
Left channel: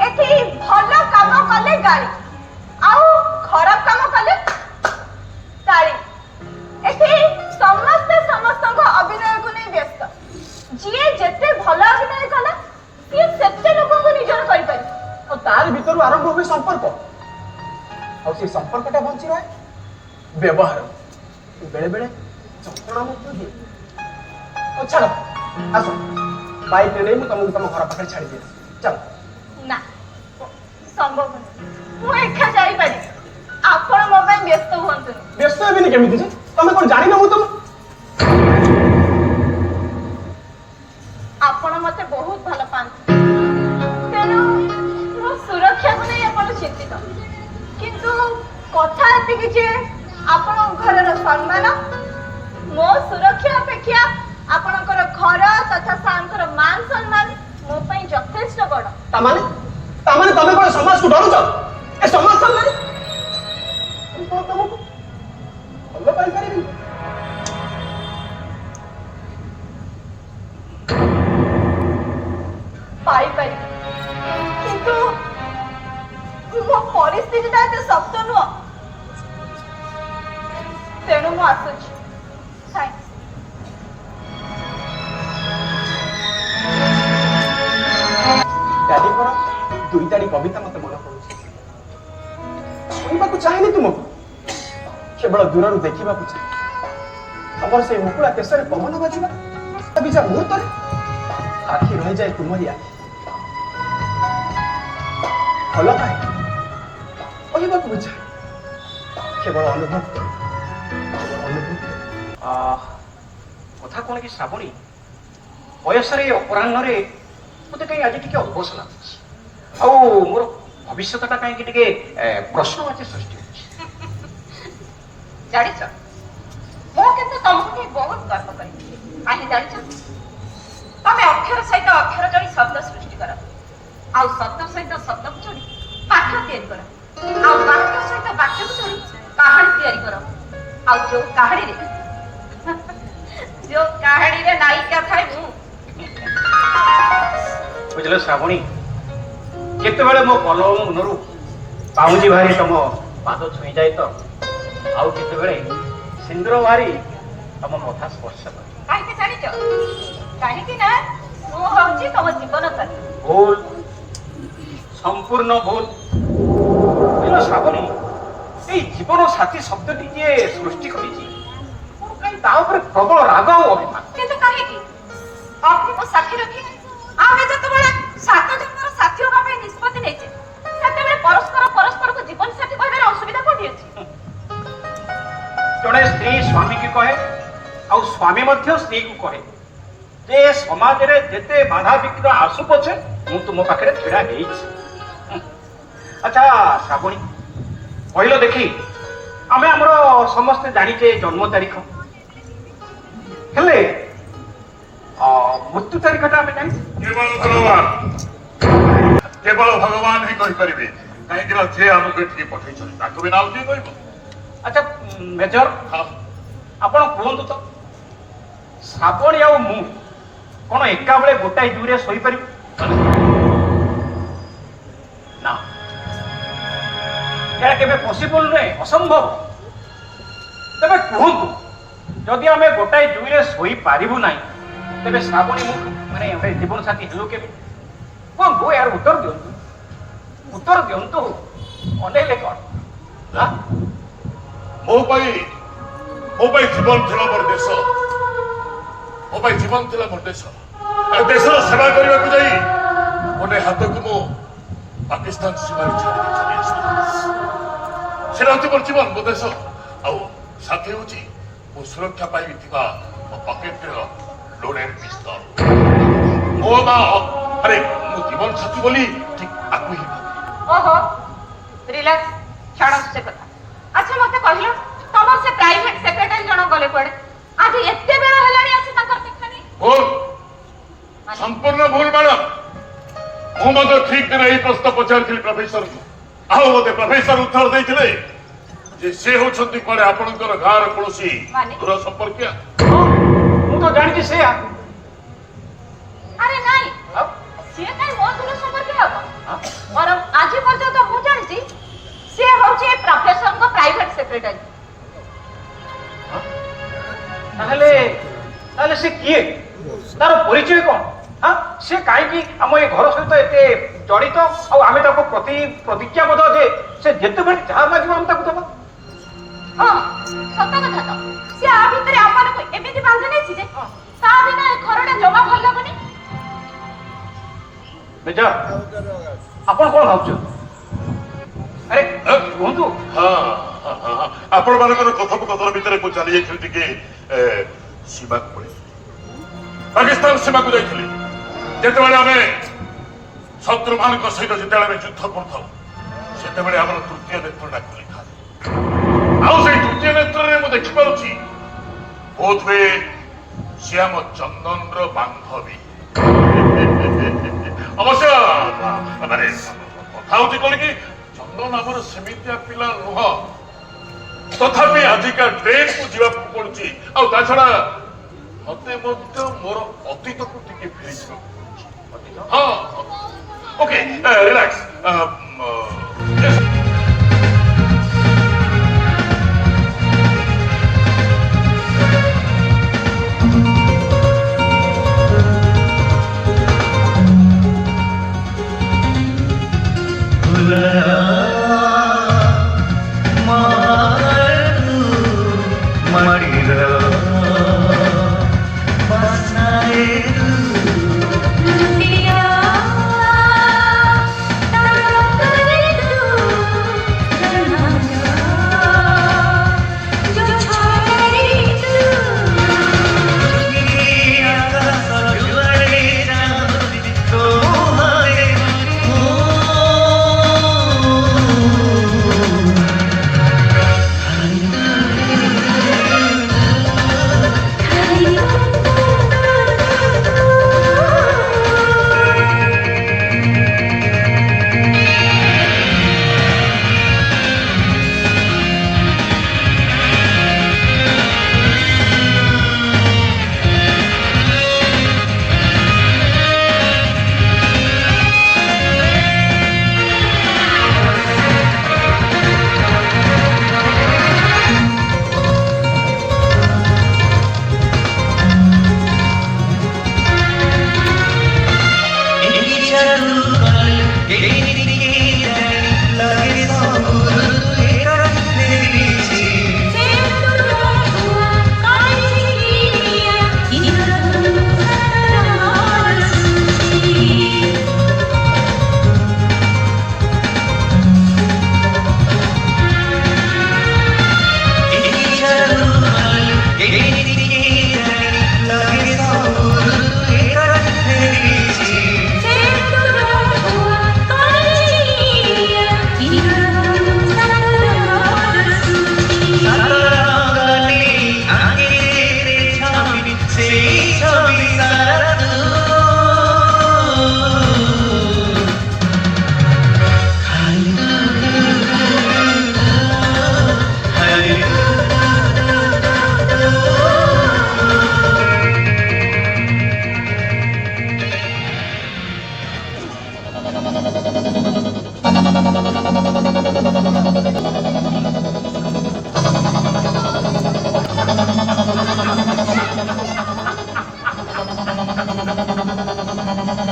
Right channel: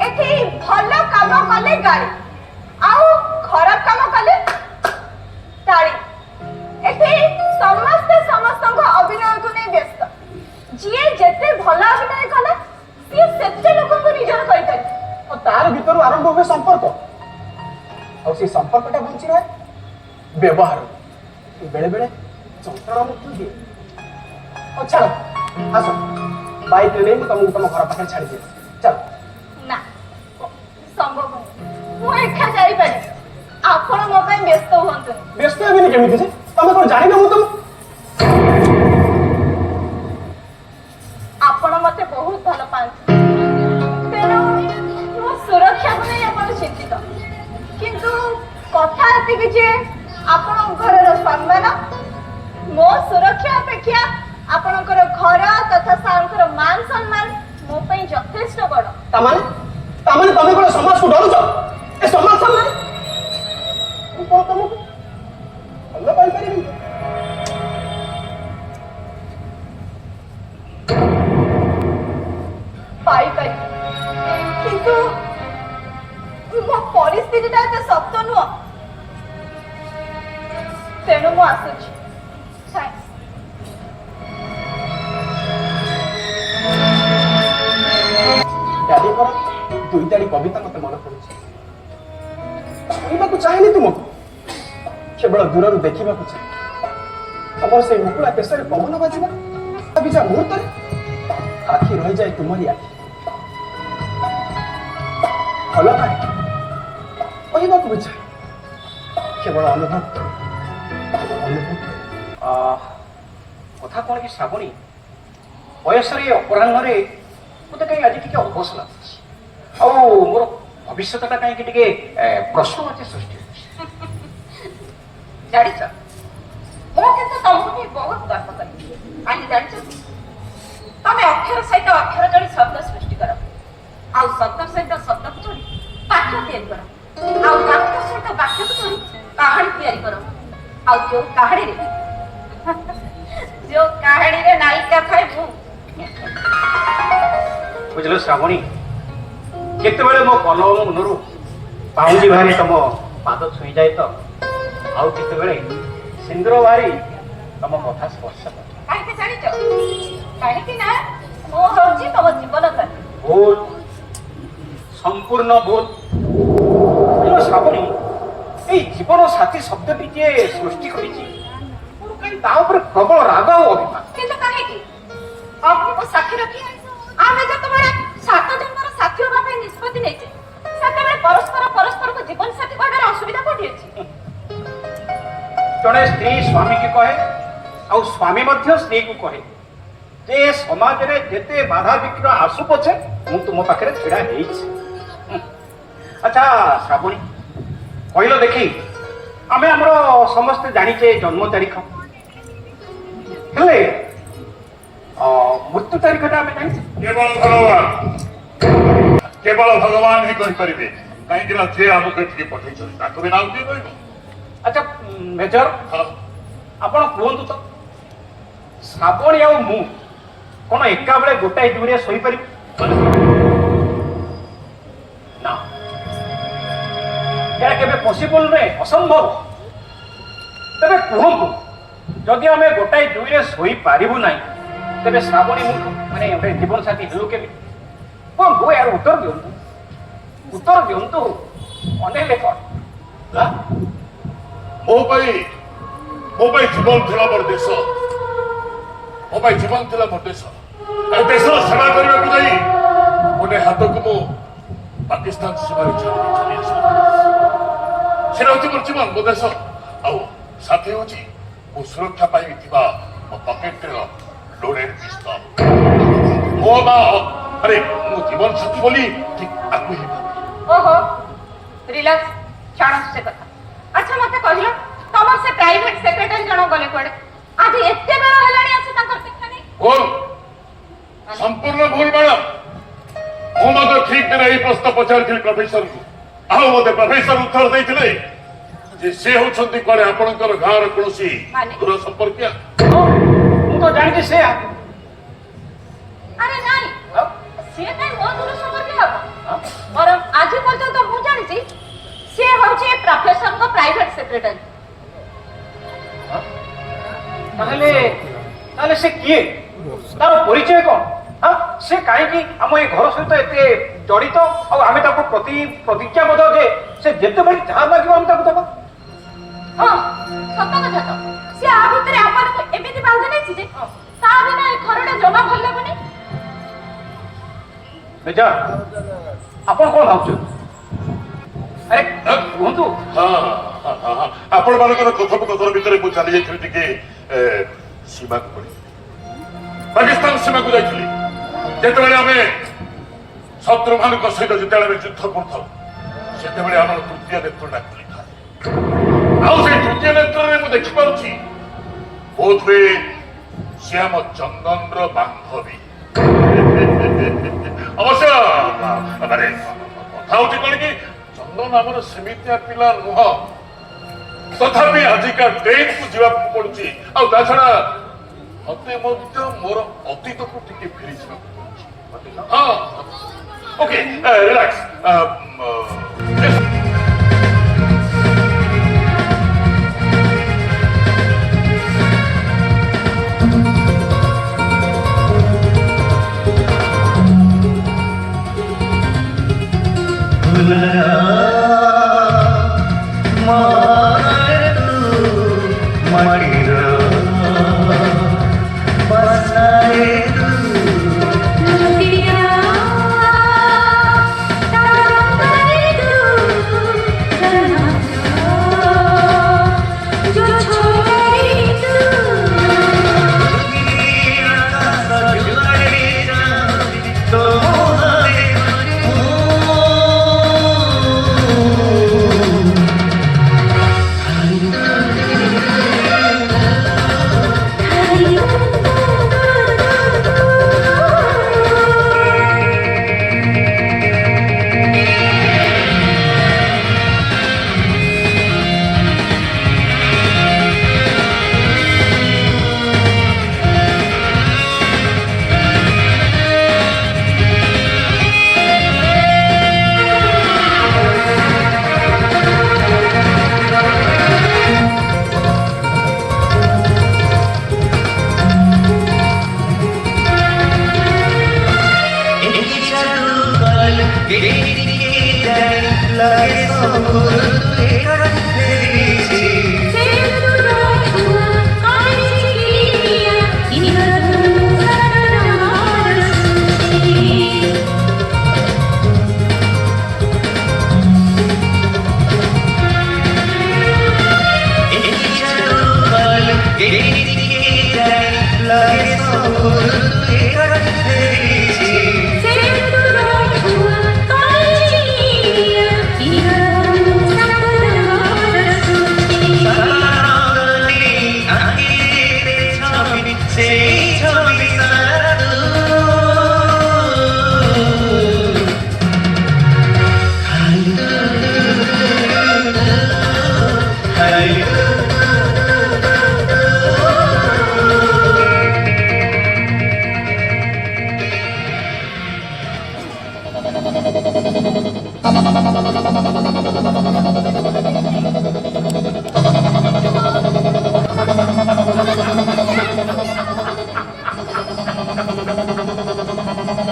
এটি ভালো কাম কলে গাড়ি আউ খরাপ কাম কলে তাড়ি। এটি ସମସ୍ତଙ୍କ ଅଭିନୟକୁ ନେଇ ବ୍ୟସ୍ତ। ଯିଏ ଯେତେ ଭଲ ଅଭିନୟ କଲା ସିଏ ସେତେ ଲୋକଙ୍କୁ ନିଜର କରିପାରିବ। ଆଉ ତାର ଭିତରୁ ଆରମ୍ଭ ହୁଏ ସମ୍ପର୍କ। ଆଉ ସେ ସମ୍ପର୍କଟା ବଞ୍ଚି ରହେ ବ୍ୟବହାର। ବେଳେ ବେଳେ ଯନ୍ତ୍ରଣା ମଧ୍ୟ ଦିଏ। ଆଉ ଛାଡ଼ ଆସ ବାଇକ୍ରେ ନେଇ ମୁଁ ତମକୁ ତମ ଘର ପାଖରେ ଛାଡ଼ିଦିଏ। ଚାଲ। ନା ସମ୍ଭବ ନୁହେଁ। ମୁଁ ଏକା ଯାଇପାରିବି। ଆପଣ ମୋ ପାଇଁ ବ୍ୟସ୍ତ ହୁଅନ୍ତୁନି। ବ୍ୟସ୍ତ ହେବିନି କେମିତି ଯେ? ତମେ କଣ ଜାଣିନ ମୁଁ ତମ ଆପଣ ମତେ ବହୁତ ଭଲ ପାଆନ୍ତି ତେଣୁ ମୋ ସୁରକ୍ଷାକୁ ନେଇ ଆପଣ ଚିନ୍ତିତ। କିନ୍ତୁ କଥା ଏତିକି ଯେ ଆପଣଙ୍କ ଘରର ସମ୍ମାନ ମୋ ସୁରକ୍ଷା ଅପେକ୍ଷା ଆପଣଙ୍କର ଘର ତଥା ସାରଙ୍କର ମାନ ସମ୍ମାନ ମୋ ପାଇଁ ଯଥେଷ୍ଟ ବଡ଼। ତାମାନେ ତମେ କଣ ସମାଜକୁ ଡରୁଛ? ଏ ସମାଜ ସାମ୍ନାରେ ମୁଁ କଣ ତମକୁ ଭଲ ପାଇପାରିବି? ପାଇପାରିବି କିନ୍ତୁ ମୋ ପରିସ୍ଥିତିଟା ଏତେ ଶକ୍ତ ନୁହଁ। ତେଣୁ ମୁଁ ଆସୁଛି। ଡାଡିଙ୍କର ଦୁଇଟାଡ଼ି କବିତା ମତେ ମନେ ପଡୁଛି। କହିବାକୁ ଚାହେଁନି ତୁମକୁ, କେବଳ ଦୂରରୁ ଦେଖିବାକୁ ଚାହେଁ। ତମର ସେଇ ମୁକୁଳା କେଶରେ ପବନ ବାଜିବା ବିଜା ମୁହୂର୍ତ୍ତରେ ଆଖି ରହିଯାଏ ତୁମରି ଆଖି। ଭଲ ପାଏ କହିବାକୁ ବୁଝାଏ, କେବଳ ଅନୁଭବ କଥା କଣ କି ଶ୍ରାବଣୀ, ବୟସରେ ଅପରାହ୍ନରେ ମତେ କାହିଁ ଆଜି ଟିକେ ଅବଶ ଲାଗୁଛି। ଆଉ ମୋର ଭବିଷ୍ୟତଟା କାହିଁକି ଟିକେ ପ୍ରଶ୍ନବାଚୀ ସୃଷ୍ଟି ହେଉଛି। ଜାଣିଛ ମୁଁ କିନ୍ତୁ ତମକୁ ବି ବହୁତ ଗର୍ବ କରେ। କାହିଁକି ଜାଣିଛନ୍ତି? ତମେ ଅକ୍ଷର ସହିତ ଅକ୍ଷର ଯୋଡ଼ି ଶବ୍ଦ ସୃଷ୍ଟି କର, ଆଉ ଶବ୍ଦ ସହିତ ଶବ୍ଦକୁ ଯୋଡ଼ି ବାକ୍ୟ ତିଆରି କର, ଆଉ ବାକ୍ୟ ସହିତ ବାକ୍ୟକୁ ଯୋଡ଼ି କାହାଣୀ ତିଆରି କର। ଆଉ ଯୋଉ କାହାଣୀରେ ନାୟିକା ଥାଏ ମୁଁ। ବୁଝିଲ ଶ୍ରାବଣୀ, କେତେବେଳେ ମୋ କଲମ ମୁନରୁ ପାଉଁଜି ବାହାରି ତମ ପାଦ ଛୁଇଁଯାଏ ତ, ଆଉ କେତେବେଳେ ସିନ୍ଦୁର ବାହାରି ତମ କଥା ସ୍ପର୍ଶ କରେ। କାହିଁକି ଜାଣିଛ? କାହିଁକି ନା ମୁଁ ହଉଛି ତମ ଜୀବନ ସାଥୀ। ଭୁଲ, ସମ୍ପୂର୍ଣ୍ଣ ଭୁଲ। ଶ୍ରାବଣୀ, ଏଇ ଜୀବନ ସାଥୀ ଶବ୍ଦଟି ଯିଏ ସୃଷ୍ଟି କରିଛି ମୋର କାହିଁ ତା ଉପରେ ପ୍ରବଳ ରାଗ ଆଉ ଅଭିମାନ। କିନ୍ତୁ କାହିଁକି? ଅଗ୍ନିକୁ ସାକ୍ଷୀ ରଖି ଆମେ ଯେତେବେଳେ 7 ଜଣଙ୍କର ସାଥୀ ହେବା ପାଇଁ ନିଷ୍ପତ୍ତି ନେଇଛେ ସେତେବେଳେ ପରସ୍ପର जड़े स्त्री स्वामी की कहे आउ स्वामी मध्य स्त्री को कहे जे समाज रे जेते बाधा विघ्न आसु पछे मु तुम पाखरे छिड़ा हेइछि। अच्छा श्रावणी कहलो देखी आमे हमरो समस्त जानिचे जन्म तारीख हेले मृत्यु तारीखटा आमे जानि केवल भगवान ही कहि परिबे कहीं जे हमको एठी पठै छै ताको बिना उठी कहबो। अच्छा मेजर हाँ आपण कहतु तो श्रावणी आ मु कौन एका बेले गोटाए दुरे सोई पारि ना यार केबे पॉसिबल नै असंभव। तबे कहतु जदि आमे गोटाए दुरे सोई पारिबु नै तबे श्रावणी मु माने ओरे जीवन साथी हेलो केबे कोन गो यार उत्तर दियंतु अनेले कोन ला मो भाई जीवन थिला मोर देश मो भाई जीवन थिला मोर देश देशर सेवा करने को जाई गोटे हाथ को मो पाकिस्तान सीमा छाड़ी चली आसी सेना होती मोर जीवन मो देश आउ साथी होची मो सुरक्षा पाई थिबा मो पॉकेट रे लोडेड पिस्तल मो बा अरे मो जीवन साथी बोली ठीक आकु ही ओहो रिलैक्स छाड़ से कथा। अच्छा मते कहलो तमर से प्राइवेट सेक्रेटरी जणो गले पड़े आधी एते बेर हलाणी आसी ताकर देखा नहीं भूल संपूर्ण भूल मैडम मु मते ठीक दिन एई प्रश्न पचारथिली प्रोफेसर को आउ मते प्रोफेसर उत्तर दैथिले जे से होछंती करे आपनकर गार कोनसी माने? दूर संपर्किया मु तो जानि जे से अरे नहीं से काई मो दूर संपर्क हो और आज पर्यंत मु जानि छी से होचे प्रोफेसर को प्राइवेट सेक्रेटरी। ताहले से किए तार परिचय कौन हाँ से कहीं आम ये घर सहित एते जड़ित आम प्रतिज्ञाबद्ध जे से जिते बड़ी जहाँ लगे आम ताको दबा। हाँ सत्य कथा तो से आ भितरे आमार को एमिति बांधे नै छी जे ता बिना ए घरटा जमा भल लागबनी। मेजर आपण कोन भाबछु अरे कहतु आपण मानकर कथोपकथन भितर मु चली जाइଥିଲି ଟିକେ सीमा को पाकिस्तान सीमा को जाइଥିଲି जेतेबेले आमे शत्रु मानक सहित जेतेबेले युद्ध करथौ सेतेबेले हमर तृतीय नेत्र डाकली आउ से तृतीय नेत्र रे मु देखि पाउछि बहुत वे श्याम चंदन रो बांधवी अवश्य अरे कथा होती बोल कि चंदन आमर सेमितिया पिला नुह तथापि आजिका डेट को जीवा पड़ुछि आ ता छडा मते मध्य मोर अतीत को टिके फेरि हाँ ओके रिलैक्स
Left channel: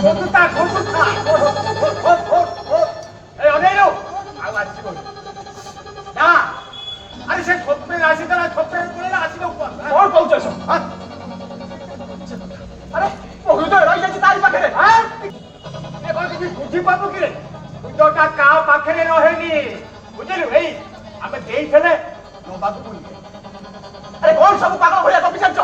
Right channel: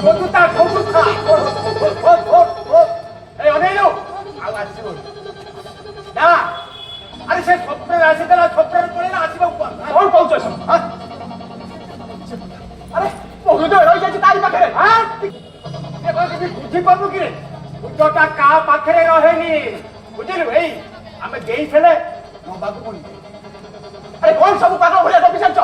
ଖୋଜୁଥା ଖୋଜୁଥା এই অনেইলো ଆଉ ଆସିବ ନା ଆରେ ସେ ସ୍ୱପ୍ନରେ ଆସିଥିଲା ସ୍ୱପ୍ନରେ ପଳେଇଲା ଆସିବାକୁ କଣ କହୁଛ ଆରେ ମୋ ହୃଦୟ ରହିଯାଇଛି ତାରି ପାଖରେ ବୁଝିପାରୁନୁ କିରେ ହୃଦୟଟା କାହା ପାଖରେ ରହେନି ବୁଝିଲୁ ଏଇ ଆମେ ଦେଇଥିଲେ ନବାକୁ ପଡିବ ଆରେ କଣ ସବୁ ପାଗଳ ଭଳିଆ ଗପି ଚାଲିଛ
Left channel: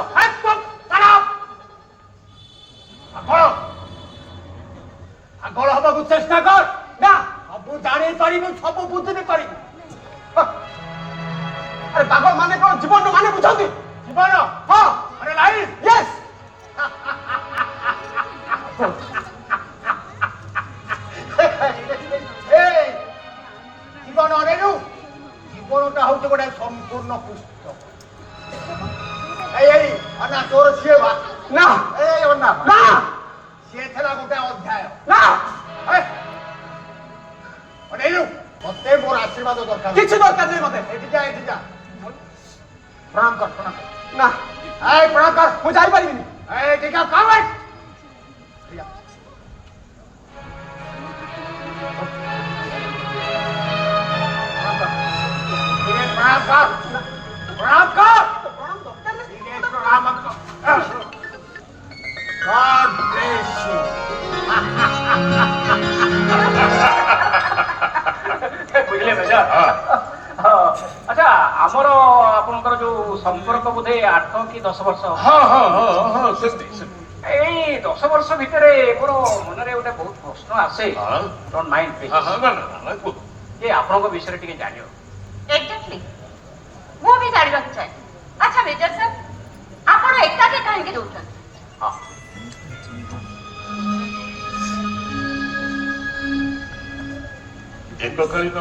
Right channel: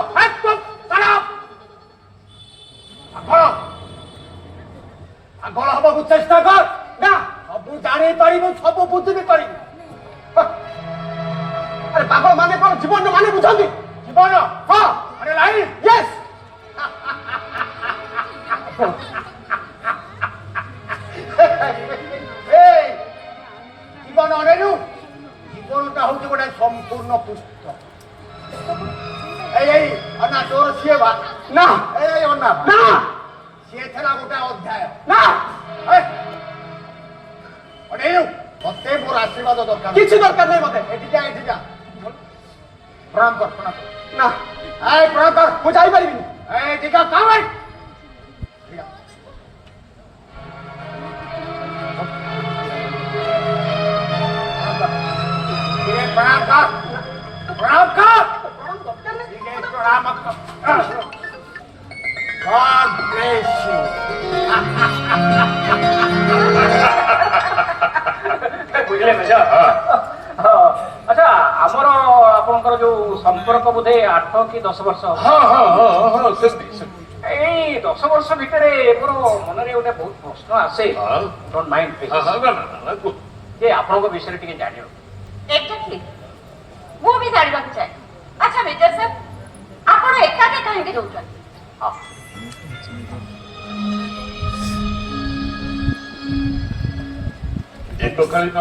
ପାଗଳ ହବାକୁ ଚେଷ୍ଟା କର ନା ସବୁ ଜାଣିପାରିବୁ ସବୁ ବୁଝିବି ପାରିବୁ ଆରେ ପାଗଳ ମାନେ କଣ ଜୀବନ ମାନେ ବୁଝନ୍ତି ଜୀବନ ହଁ ଆରେ ଲାଇଫ ୟେସ୍ ଜୀବନ ଅନେଇଲୁ ଜୀବନଟା ହଉଛି ଗୋଟେ ସମ୍ପୂର୍ଣ୍ଣ ପୁସ୍ତକ এই অন্না তোর সিয়ে ভাত না এই অন্না না সিয়ে থেলা গোটা অধ্যায় না অনেইলু মতে মোর আশীর্বাদ দরকার কিছু দরকার নেই মতে এটি যা প্রণাম কর না এই প্রণাম কর মু যাই পারিবিনি এই টিকা কামে প্রণাম কর প্রণাম কর God bless you. ବୁଝିଲେ ମେଜର ଆଚ୍ଛା ଆମର ଆପଣଙ୍କର ଯୋଉ ସମ୍ପର୍କ ବୋଧେ 8 କି 10 ବର୍ଷ ହଁ ହଁ ହଁ ହଁ ସେମିତି ଏଇ 10 ବର୍ଷ ଭିତରେ ମୋର ମନରେ ଗୋଟେ ବହୁତ ପ୍ରଶ୍ନ ଆସେ ଡୋଣ୍ଟ ମାଇଣ୍ଡ ଯେ ଆପଣଙ୍କ ବିଷୟରେ ଟିକେ ଜାଣିବ ଏକ୍ଜାକ୍ଟଲି ମୁଁ ବି ଜାଣିବାକୁ ଚାହେଁ ଆଚ୍ଛା ମେଜର ସାର୍ ଆପଣ ଏକାକେ କାହିଁକି ରହୁଛନ୍ତି ଏକକାଳୀନ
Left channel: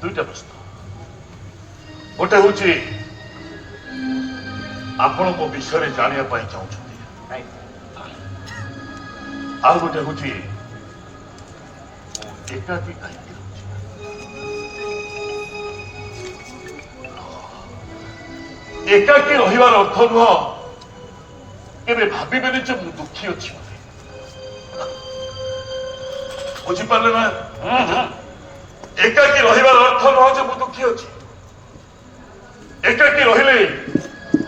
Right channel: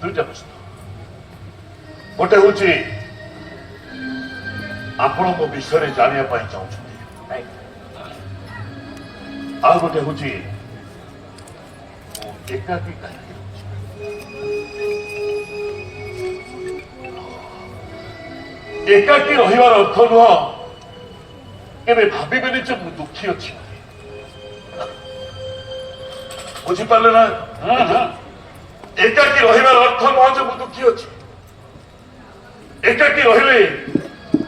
ଦୁଇଟା ପ୍ରଶ୍ନ ଗୋଟେ ହଉଛି ଆପଣ ମୋ ବିଷୟରେ ଜାଣିବା ପାଇଁ ଚାହୁଁଛନ୍ତି ଆଉ ଗୋଟେ ହଉଛି ଏକାକୀ କାହିଁକି ରହୁଛି ଏକାକୀ ରହିବାର ଅର୍ଥ ନୁହଁ କେବେ ଭାବିବେନି ଯେ ମୁଁ ଦୁଃଖୀ ଅଛି ବୁଝିପାରିଲେ ନା ଏକାକୀ ରହିବାର ଅର୍ଥ ନୁହଁ ଯେ ମୁଁ ଦୁଃଖୀ ଅଛି ଏକାକୀ ରହିଲେ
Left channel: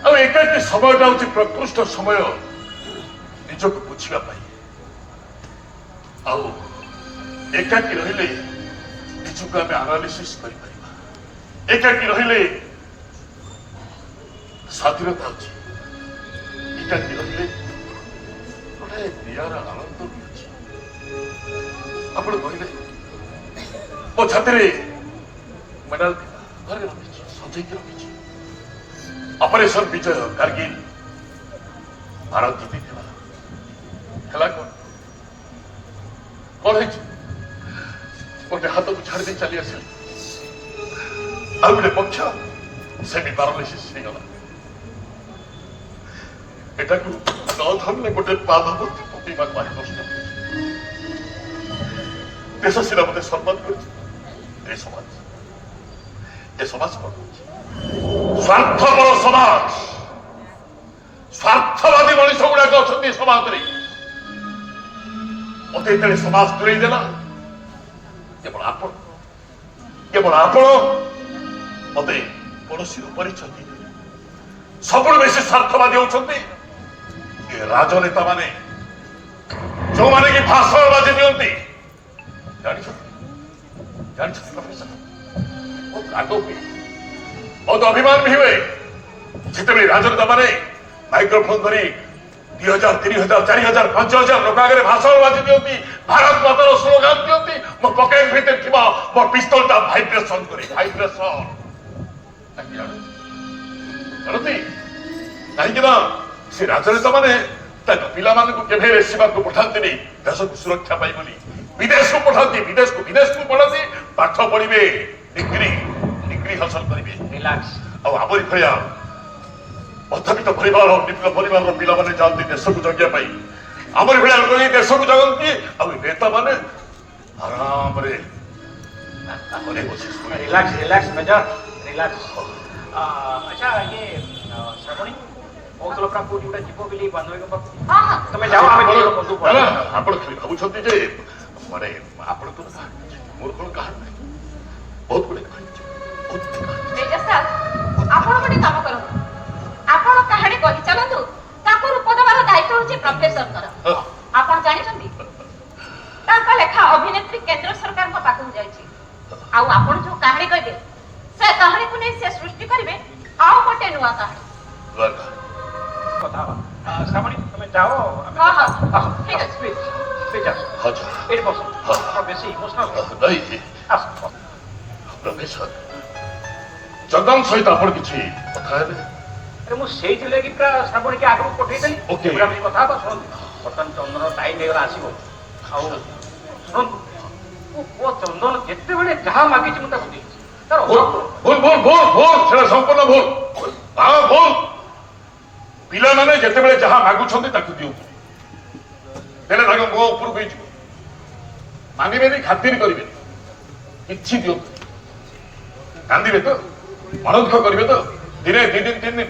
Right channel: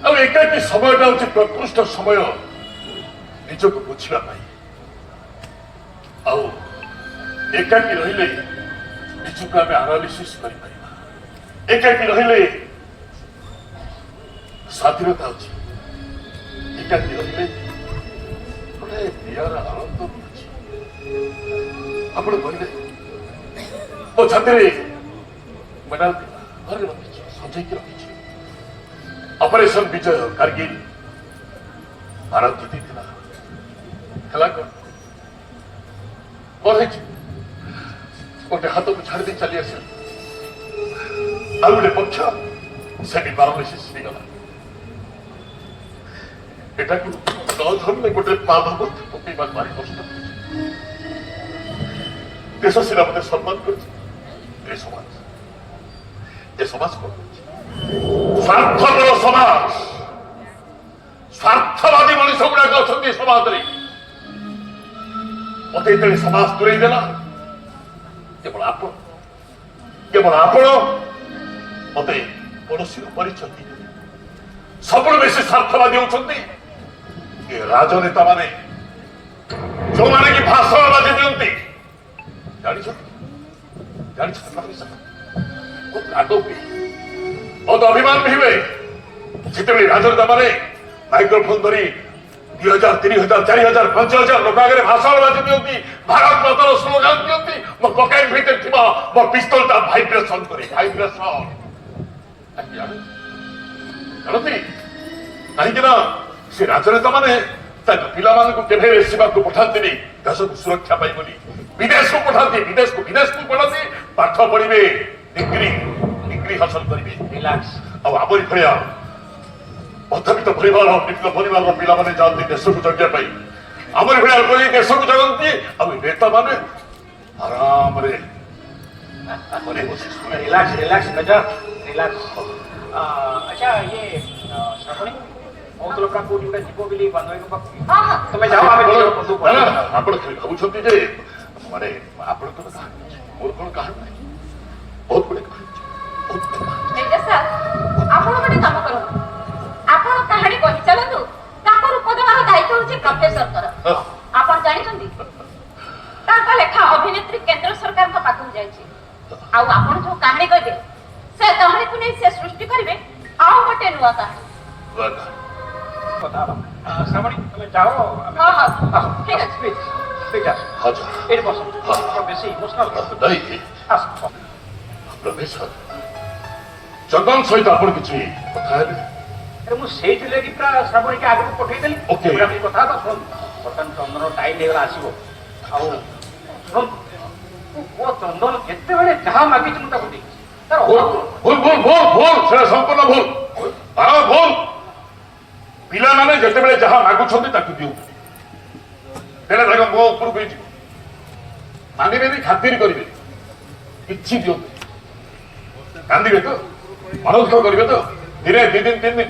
ଆଉ ଏକାକୀ ସମୟଟା ହଉଛି ପ୍ରକୃଷ୍ଟ ସମୟ ନିଜକୁ ବୁଝିବା ପାଇଁ ଆଉ ଏକାକୀ ରହିଲେ ନିଜକୁ ଆମେ ଆନାଲିସିସ୍ କରିପାରିବା ଏକାକୀ ରହିଲେ ସ୍ୱାଧୀନତା ଅଛି ଏକାକୀ ରହିଲେ ଗୋଟେ ପ୍ରିୟର ଆନନ୍ଦ ବି ଅଛି ଆପଣ କହିଲେ ମୋ ଛାତିରେ ମେଡାଲ ଥିଲା ଧରି ରଖିଛି ସଜେଇକି ରଖିଛି ଅପରେସନ ବିଜୟ କାର୍ଗିଲ ଭାରତ ଜିତିଥିଲା ହେଲା କଣ ହେଇଛି ଗୋଟେ ହାତକୁ ଛାଡ଼ି ଦେଇ ଚାଲି ଆସିଲା ଆଉ ଗୋଟେ ପକ୍ଷ ସେମି ପାରାଲିସିସ୍ ହେଇଗଲା ଏଟାକୁ ନ ଧରିଲେ ଗୋଟେ ପାଦ ମଧ୍ୟ ପକେଇବା ଭାରି କଷ୍ଟ ଦେଶ ସିନା ମତେ ସମ୍ମାନ କରିଛି ଏ ସମାଜ କଣ ସ୍ୱାର୍ଥପର ସମାଜ ସ୍ୱାର୍ଥବାଦୀ ମଣିଷ ଗୁଡାକ ଅଛନ୍ତି ସମାଜରେ ମତେ ଯେତେବେଳେ ସମାଜ ଦୂରେଇ ଦେଲା କେବଳ ଆପଣ ମତେ କୌଣସି ପରିଚୟ ଦେଇଦେଲେ ସବୁଠୁ ବେଶୀ ସ୍ୱାର୍ଥବାଦୀ ହଉଛନ୍ତି ଏ ରାଜନେତା ମାନେ ଯୋଉମାନେ କି ଭାଷଣବାଜି ଦିଅନ୍ତି ଜାଣିଛନ୍ତି ରାଗ ହୁଏ ବହୁତ ଅଭିମାନ ବି ହୁଏ ଯେତେବେଳେ ରାଜନେତା ମାନେ ମାଇକ୍ରୋଫୋନ ଧରି 2000, 3000, 4000, 5000 ଲୋକ ଆଗରେ ଭାଷଣବାଜି ଦିଅନ୍ତି ଭାରତ ମାତାର ସ୍ଲୋଗାନ ଦିଅନ୍ତି ମୋ ପକେଟ ଭିତରେ ଥିବା ମୋ ପିସ୍ତଲଟା ଭାଇବ୍ରେସନ କରେ ଭାଇବ୍ରେସନ ଜାଣନ୍ତି କାହିଁକି ନା ସେ ରାଜନେତା ମାନେ ତାଙ୍କ ପିଲାମାନଙ୍କୁ କେବେ ସୀମାକୁ ପଠାନ୍ତିନି ଦେଶକୁ ସୁରକ୍ଷା ପାଇଁ ବୋଲି ବିଦେଶକୁ ପଠାନ୍ତି ପାଠ ପଢିବେ ଡିଗ୍ରୀ ହାସଲ କରିବେ ଆଉ ଆମରି ଭଳିଆ ମଧ୍ୟବିତ୍ତ ପରିବାର ନିମ୍ନ ପରିବାରର ପିଲାମାନେ ଯାଆନ୍ତି ଦେଶକୁ ଜଗିବା ପାଇଁ ଆମର ଭଳିଆ ଲୋକ ଯାଇ ଦେଶକୁ ଜଗନ୍ତି ଆଉ ନେତା ମାନେ ଆରାମରେ ଘରେ ବସି ଶୁଣେ। रिलैक्स रिलैक्स मेजर रिलैक्स अच्छा ये श्रावणी बहुत लोग का पूरी में जीवो बिली बनवे को ହଁ ହଁ तुम्हें जाओ हमें नहीं बंदूक ଆପଣ ଖାଲି ଭାବୁଛନ୍ତି ଯେ ମାନେ ଆପଣଙ୍କର କାହାଣୀ ଅଛି ମୋର କ'ଣ କାହାଣୀ ନାହିଁ ବହୁତ ଗୁଡ଼େ କାହାଣୀ ଅଛି ବହୁତ ଗୁଡ଼େ କାହାଣୀ। ତେଜ ସାର୍ ଆପଣ ଗୋଟେ କାମ କରନ୍ତୁ ଆପଣ କାହାଣୀ କହି ଚାଲନ୍ତୁ ତାଙ୍କର ଉପଦେବାର ଦାୟିତ୍ୱ ହେଉଛି ପ୍ରଫେସରଙ୍କର ହଁ। ଆପଣ ଜାଣିଛନ୍ତି ତାଙ୍କ ଲେଖା ଅଭିନେତ୍ରୀ କେନ୍ଦ୍ର ସରକାରଙ୍କ ପାଖକୁ ଯାଇଛି ଆଉ ଆପଣ ଯୋଉ କାହାଣୀ କହିବେ ସେ କାହାଣୀକୁ ନେଇ ସେ ସୃଷ୍ଟି କରିବେ ଆଉ ଗୋଟେ ନୂଆ କାହାଣୀ बता श्रावणी तुम्हें जाओ ହଁ ହଁ ଠିକ ଅଛି प्लीज प्लीज ଆଚ୍ଛା एट बस बेसी इमोशनल ନାଇଁ आस ପ୍ରଫେସର ଜଗନ ସହିତ ଆପଣ କିଛି କଥା ହେବେ अरे मु सेठी लेगी पूरा श्रावणी के आगे पठेई देई Okay. अपनी कथा तो सुन बर्तन चंदन टाइम हेगला आसीबो आउ सुन वो चंदन जेते बेले जहां मागी छु ताकू दे तार ଭୁଲ ଭୁଲ ଭୁଲ ଭୁଲ ଭୁଲ ସେଟା ସମ୍ପୂର୍ଣ୍ଣ ଭୁଲ ହଁ ଭୁଲ ପିଲାମାନେ ଯେତେବେଳେ ଯାହା ମାଗୁଛନ୍ତି ତାକୁ ଦିଅନ୍ତୁ ହେଲେ ତାଙ୍କ ମୁହଁ ଉପରକୁ ହେଇଯିବ ମାନିବେନି ଖାତିର କରିବେନି କିଛି ଦିଅନ୍ତୁ କାନ୍ଦିବେ ତ ମନଦୁଃଖ କରିବେ ତ ଦିନେ ଦି ଦିନ ତିନି ଦିନ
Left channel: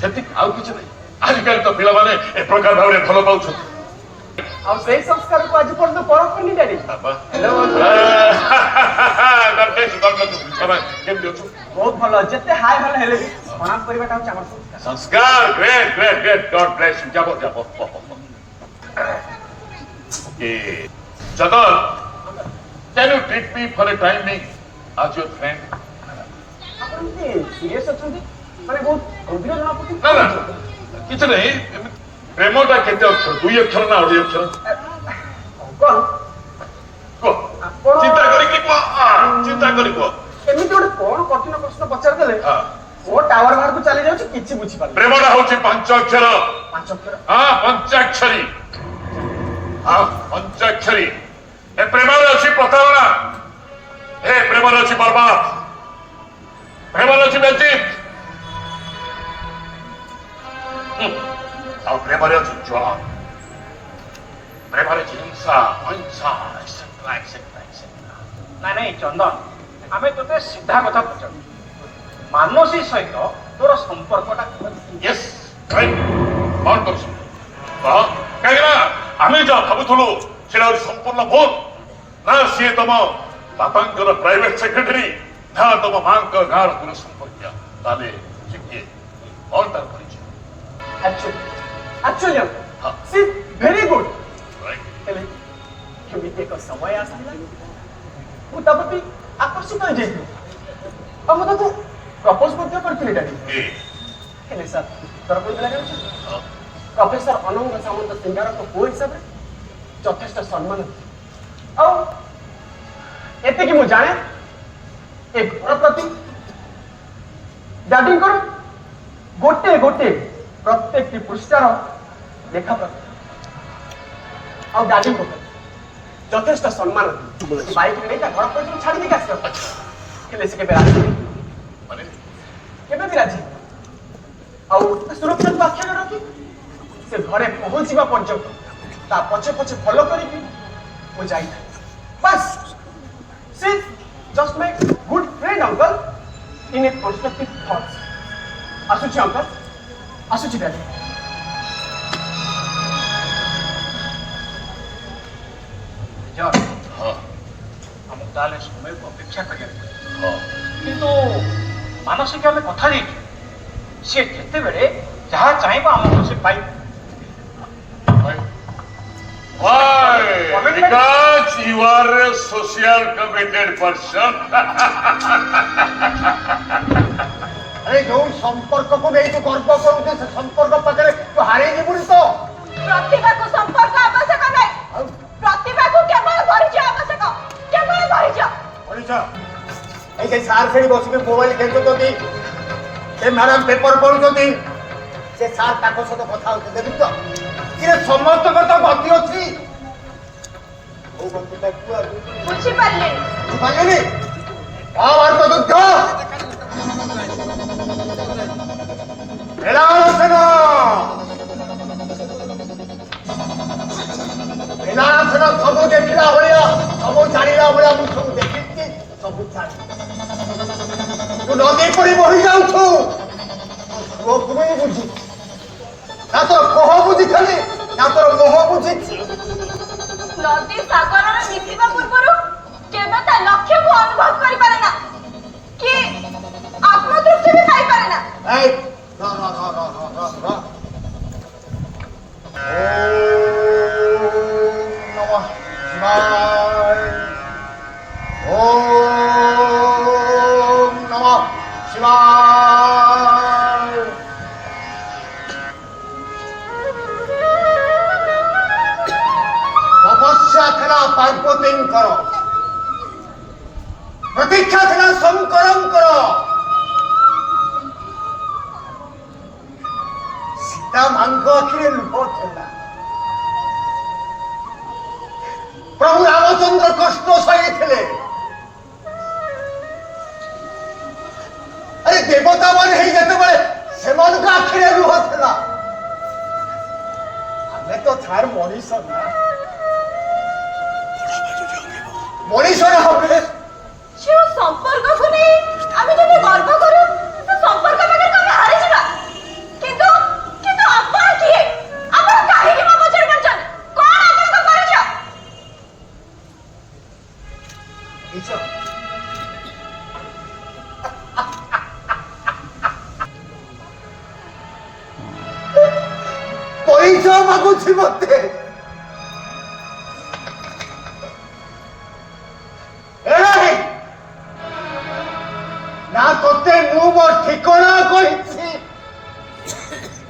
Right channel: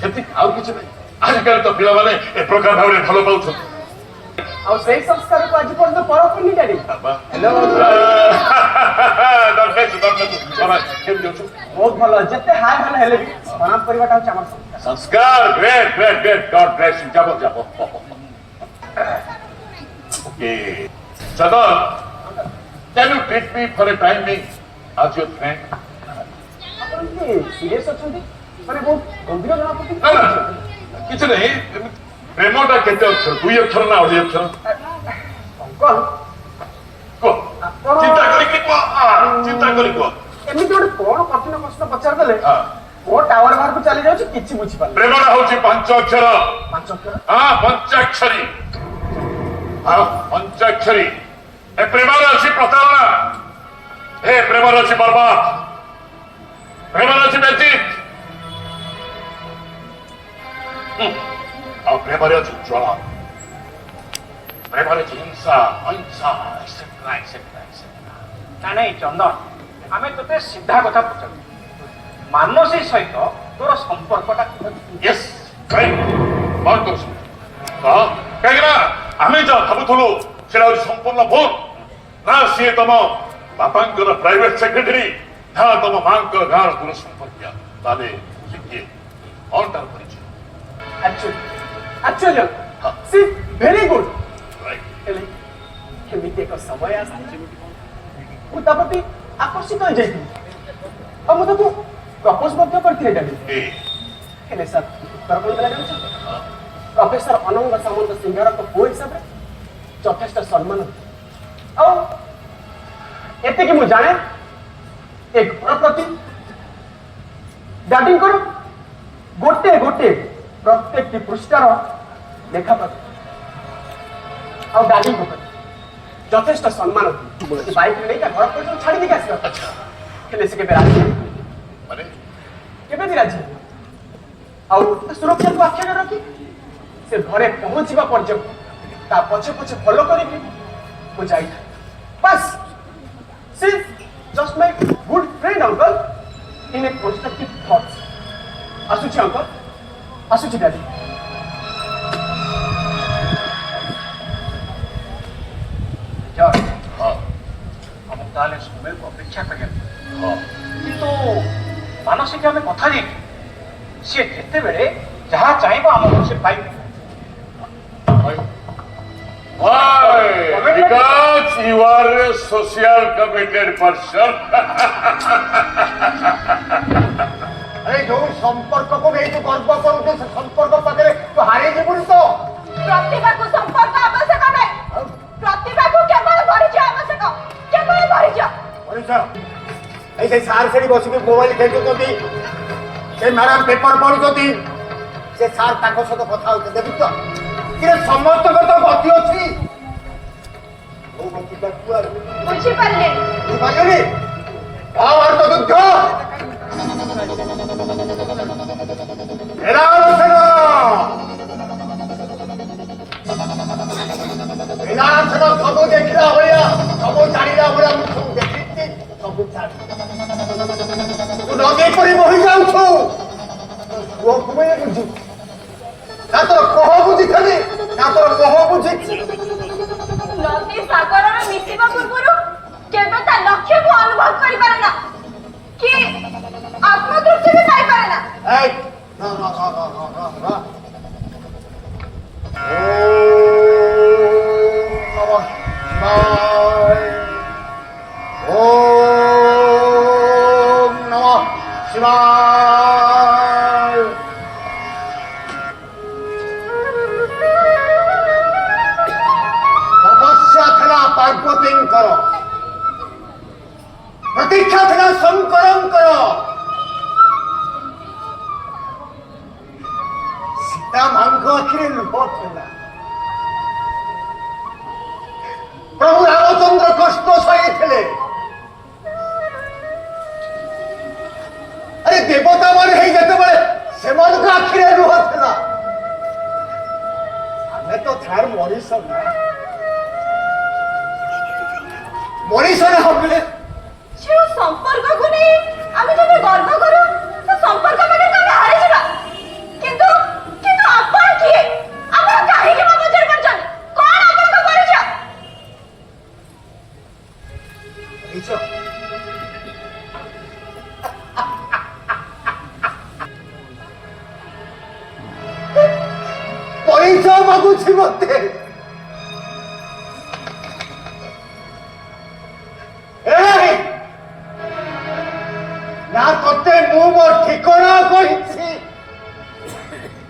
ସେତିକି ଆଉ କିଛି ନାହିଁ ଆଜିକାଲି ତ ପିଲାମାନେ ଏ ପ୍ରକାର ଭାବରେ ଭଲ ପାଉଛନ୍ତି ଆଉ ସେଇ ସଂସ୍କାରକୁ ଆଜି ପର୍ଯ୍ୟନ୍ତ ପରଖ କରିଲେନି। କେମିତି ଅଛୁ ବହୁତ ଭଲ ଯେତେ ହାଇ ଭଲ ହେଲେ ବି ପ୍ରଣାମ କରିବାଟା ହଉଛି ଆମର ସଂସ୍କାର। संस्कार great great great god bless you जाओ जाओ okay Jagan can you take me for a time being as your friend ଆପଣ ଏମିତି ସିରିୟସ୍ ଅଛନ୍ତି ମାନେ ବହୁତ ଗମ୍ଭୀର ନା ନା ଜଣାପଡୁଛି। କିଛି ନାହିଁ ପ୍ରେମଟା କେତେ ଅକ୍ଷର ଦୁଇ ଅକ୍ଷର ନା ଅଢ଼େଇ ଅକ୍ଷର କଣ କୁହ ଆପଣ- ଚିନ୍ତା କରିକି କୁହ ଚିନ୍ତା କରି କୁହ ଏମିତି ଗୋଟେ କଣ କଠିନ ପ୍ରଶ୍ନ ପଚାରିଦେଲେ ହଁ। ଓ ଟାୱାର ବାହାରକୁ ଚାଲି ଯାଉଛି କିଛି ବୁଝିପାରୁନି। ପ୍ରେମଟା ହଉଛି ପାଞ୍ଚ ଅକ୍ଷର ପାଞ୍ଚ ଅକ୍ଷର ହଁ ପଞ୍ଚାକ୍ଷରୀ ହଁ ପଞ୍ଚାକ୍ଷରୀ ଏ ପ୍ରେମରେ ଅଛି ପ୍ରତାରଣା ଏ ପ୍ରେମରେ ଅଛି ବର୍ବାଦ ପ୍ରେମରେ ଅଛି ବେଜିତ ଆଉ ପ୍ରେମରେ ଅଛି ଜ୍ୱାଳା ପ୍ରେମରେ ଅଛି ହିଂସା ଅହିଂସା ଏକ୍ସେଟ୍ରା ଏକ୍ସେଟ୍ରା ଏକ୍ସେଟ୍ରା ନାଇଁ ନାଇଁ ଚନ୍ଦନ ଆମେ ତୋତେ ସିଧା କଥା ପଚାରୁ ମାନସୀ ସହିତ ତୋର ସମ୍ପର୍କଟା यस राइट कौन कर कहीं आम जहाँ भावुलु से संपूर्ण भूल ना सी तुम बापा प्राइवेट सेक्रेटरी ना तुम माँ गाँव दूर संपर्क ताले कौन तार परिचय actually C very good right ହେଲେ କେମିତି ଏକ ସମୟ ଆସିଛି ମୁଁ ତା ପ୍ରତି ଆକର୍ଷିତ ହେଇଯାଇଥିଲି ଆଉ ମୁଁ ତାକୁ ପ୍ରପୋଜ ମଧ୍ୟ କରିଥିଲି ଡାଡି ए ହେଲେ ସାର୍ ଉତ୍ତର କଣ ଦେଲା ଜାଣିଛୁ ପ୍ରଫେସର ଅନଙ୍ଗ ସାମନ୍ତ ସିଂହାରଙ୍କ ପୁଅ ହିସାବରେ ଯଥେଷ୍ଟ ସମ୍ମାନ ଆଉ ଏତିକି ମୁଁ ଜାଣେ ଏ ଘର ପ୍ରତି ଡାଡିଙ୍କର ଗୋଟେ ଗୋଟେ ପ୍ରତ୍ୟେକଟି ପୃଷ୍ଠାର ଲେଖା ପ୍ରତି ଆଉ ଡାଡିଙ୍କ ପ୍ରତି ଯଥେଷ୍ଟ ସମ୍ମାନ ବାଇକରେ ନେଇ ତା ଘର ପର୍ଯ୍ୟନ୍ତ ଛାଡ଼ି ଦେଇକି ଆସିଲ ହେଲେ ସେ କେବେ ରାଜି माने କେମିତି ରାଜି ଆଉ ସୁରକ୍ଷାକୁ ଆଖିରେ ରଖି ସେ ଘରେ ପହଞ୍ଚିବା ପର୍ଯ୍ୟନ୍ତ ତା ପଛେ ପଛେ ଫଲୋ କରିକି ମୁଁ ଯାଇଥାଏ ବାସ୍ ସେ just my good friend uncle in a constructive thoughts ଆସୁଛି ଅଙ୍କଲ ଆସୁଛି ଡାଡି ଜୟ हाँ ଆମକୁ ତାହେଲେ ସମୟକୁ ଅପେକ୍ଷା କରିବାକୁ हाँ କିନ୍ତୁ ମାନସିକ ଆମେ କଥା ଦେଇଛୁ ସିଏ ଯେତେବେଳେ ଯାହା ଚାହିଁବ ଆମକୁ ସେ ପାଇବ Why? Because you are a social committed person. ଆରେ ଯୋଉ ସମ୍ପର୍କକୁ ନେଇ ତୁ ଗର୍ବ କରୁଛୁ ସେ ସମ୍ପର୍କ ପାଖରେ ତୁ ହାରେଇ ଯିବୁନି ତ ପ୍ରତିଭାକୁ ସମ୍ପର୍କ ଆବଶ୍ୟକ ନାହିଁ ପ୍ରତିଭାକୁ କେବଳ ପରିଚୟ ଆବଶ୍ୟକ କେବଳ ପରିଚୟ ମଣିଷ এই যে ସାର୍ ସେଠି ବସିକି ମୋବାଇଲ ଖେଚୁଛନ୍ତି ସେ ମ୍ୟାଡାମ ପେପର ପଢୁଛନ୍ତି ସେ ସାର୍ ତାଙ୍କ ସହିତ କଥା ହଉଛି ଦେଖୁଛ ସେ ସମସ୍ତଙ୍କର ତ ଗତି ଅଛି କୋଉ ଗତିଟା କୁଆଡ଼େ ବୁଝିପାରିଲେନି ବୁଝିପାରିଲେନି ମହାଭାରତ ଯୁଦ୍ଧ ରାମସେନ ବୁଝିଥିଲି ନା ତୋର ମୋହ ବୁଝିଛି? ନଦୀ ସାଗରରେ ମିଶିବା ପୂର୍ବରୁ କେବେ ତା ଲକ୍ଷ୍ୟକୁ ଅନୁଭବ କରିପାରେ ନା କି ଆତ୍ମତୃପ୍ତି ବି ପାଇପାରେ ନା। এই র র র র র র র ওম নমঃ শিবায়। তপস্যা ଥିଲା ପାର୍ବତୀଙ୍କର, ପ୍ରତୀକ୍ଷା ଥିଲା ଶଙ୍କରଙ୍କର, ସୀତା ମାଙ୍କ ଆଖିରେ ଲୁହ ଥିଲା। ପ୍ରଭୁ ରାମଚନ୍ଦ୍ର କଷ୍ଟ ସହିଥିଲେ। ଆରେ ଦେବତା ମାନେ ହେଇ ଯେତେବେଳେ ସେମାନଙ୍କ ଆଖିରେ ଲୁହ ଥିଲା, ଆମେ ତ ଥାର ମଣିଷ ନା, ମଣିଷ ଆମେ ଯେଉଁ ସମ୍ପର୍କକୁ ନେଇ ଆମେ ଯଦି ଗର୍ବ କରୁ ସେ ସମ୍ପର୍କ ପାଖରେ ଆମେ ହାରିଯିବା। କିନ୍ତୁ କିନ୍ତୁ ଆପଣ କିଏ? ଆପଣ କାହିଁକି ମୋ ମଝିରେ ପଡ଼ିଛନ୍ତି? କଣ ଆପଣଙ୍କ ପରିଚୟ? ପରିଚୟ ପରିଚୟ ମାଗୁଛି ମତେ। এই, না তোতে ମୁଁ ମୋ ଠିକଣା କହିଛି,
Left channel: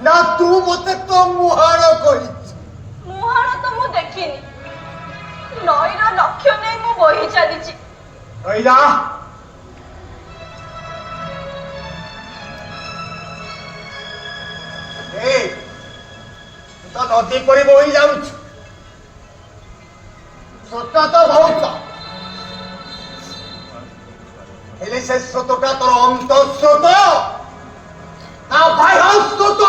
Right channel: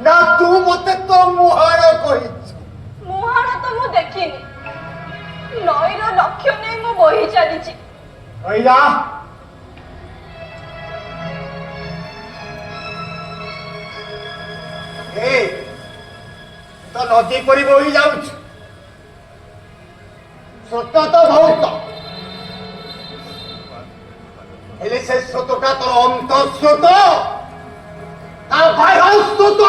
ନା ତୁ ମତେ ତୋ ମୁହାଣ କହିଛୁ। ମୁହଁର ତ ମୁଁ ଦେଖିନି, ନଈର ଲକ୍ଷ୍ୟ ନେଇ ମୁଁ ବହି ଚାଲିଛି। ଭैया ଏ ତୁ ତ ନଦୀ ପରି ବହି ଯାଉଛୁ, ସ୍ରୋତ ତ ବହୁତ, ହେଲେ ସେ ସ୍ରୋତଟା ତୋର ଅନ୍ତଃସ୍ରୋତ ନା ବାହ୍ୟ ସ୍ରୋତ?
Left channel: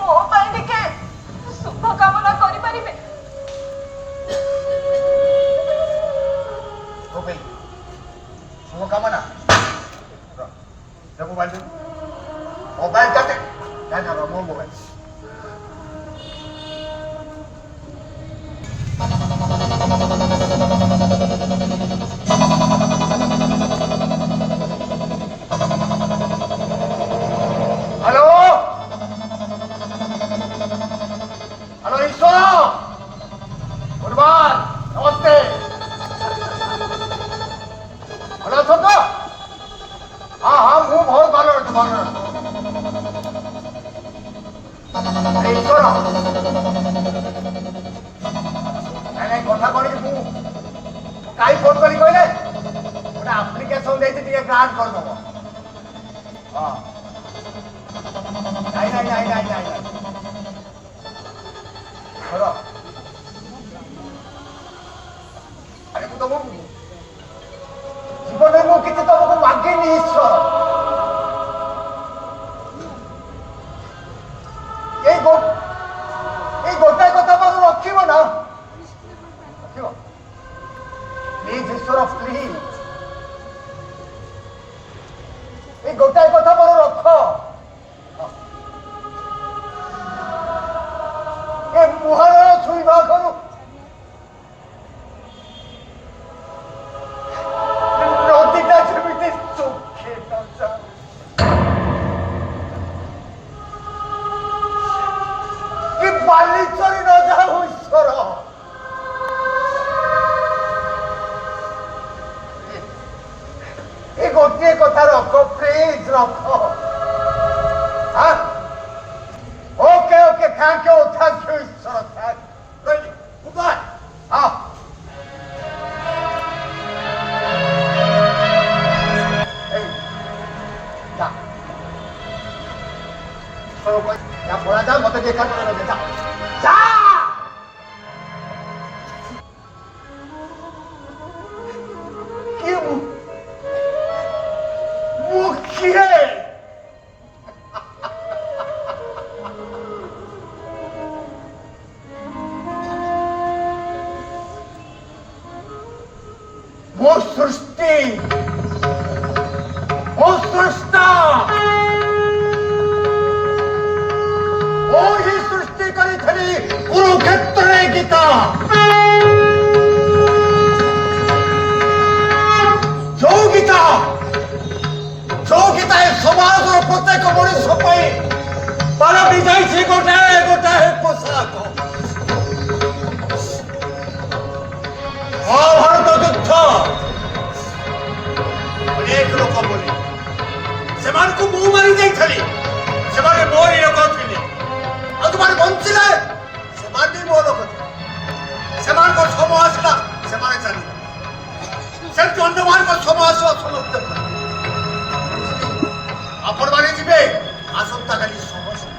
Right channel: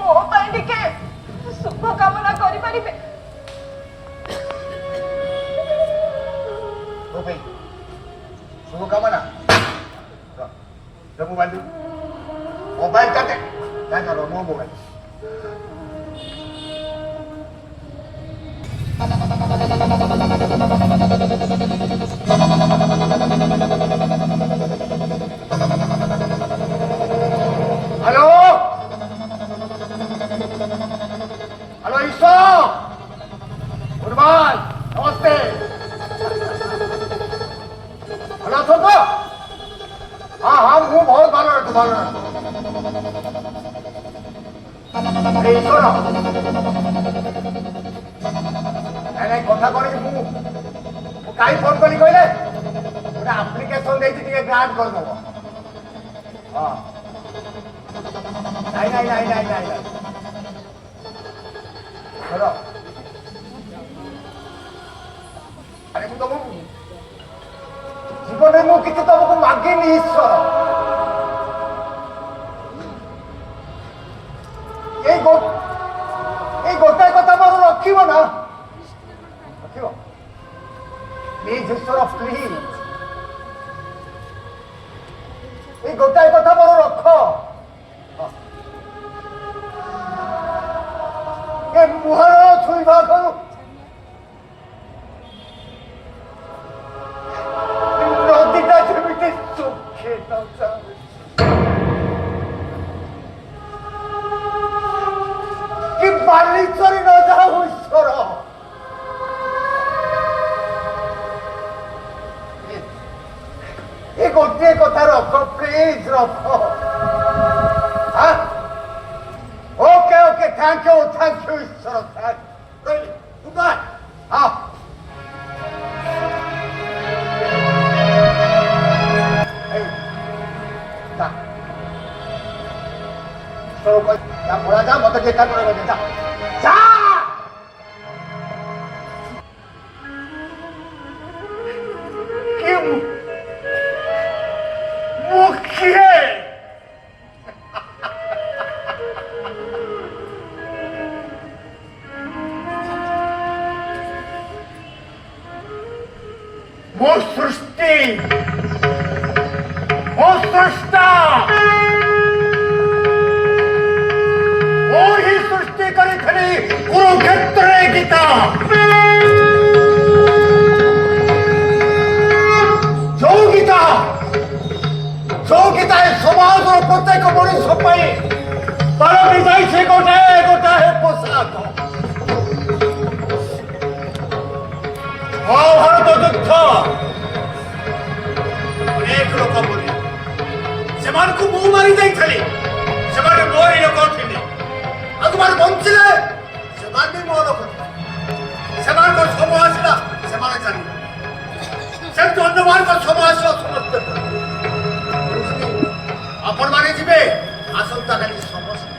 ମୋ ପାଇଁ ଟିକେ ଶୁଭ କାମନା କରିପାରିବେ? हो भाई शुभकामना। मोबाइल दे, मोबाइल का दे, क्या कर रहा मोबाइल? हेलो हेलो ईश्वर, गुड मॉर्निंग, नमस्ते। ভালো আছো তো? হ্যাঁ হ্যাঁ ମୁଁ ବହୁତ ভালো আছি, ভালো আছি। এই শোন, ନାଇଁ କଥା କଣ କି ମୁଁ କାହିଁ ଫୋନ କଲି କହିଲେ, ଗୋଟେ ଆପ୍ଲିକେସନ ଦେଇଛି ଟିକେ ଗ୍ରାଣ୍ଟ କରିଦେବ। ହଁ ନାଇଁ ନାଇଁ ନାଇଁ ନାଇଁ ନାଇଁ ନାଇଁ ଶୁଣ, ଆରେ ମୁଁ ତମକୁ জীবনে ମୁଁ କିଛି ତମକୁ ମାଗିନି ଈଶ୍ୱର। এই ଗୋଟାଏ କଥା ମୋର ରଖିବ ନା, ରଖିବ ପ୍ଲିଜ ଈଶ୍ୱର, ପ୍ଲିଜ এই ଗୋଟାଏ କଥା ମୋର ରଖ। ଏ ମୁହଁର ଛୁଇଁବା କରୁ নদীটা জমিতে চোখে নজা, কি বালিচরে নজা ঈশ্বর। এই গোটিয়ে কথা রখ, প্লিজ রখ। ওকে ওকে, থ্যাংক ইউ ঈশ্বর, থ্যাংক ইউ, গুড বাই। হ্যাঁ পড়া যা, মতো যেটা করে যা যা। কি মুখিয়ে ମୋ ସୃଷ୍ଟି, ମୋ ସ୍ରଷ୍ଟା ସେମାନଙ୍କୁ ମୁଁ ମାରି ଦେଇଥିଲି ସେମାନେ ମୋରି ଲୋକ ଥିଲେ ଆଉ ତୁମର ବଞ୍ଚିଲେ ସେମାନେ ବି ମୋ ଲୋକ ଥିଲେ ସେମାନଙ୍କର ସମୟ ଆସିଲା ସେମାନେ ଚାଲିଲେ ସେମିତି ଅନ୍ୟମାନଙ୍କର ସମୟ ଆସିବ ସମସ୍ତେ ଆପଣମାନେ ଯିବେ ଆସନ୍ତାକାଲି ସମସ୍ତେ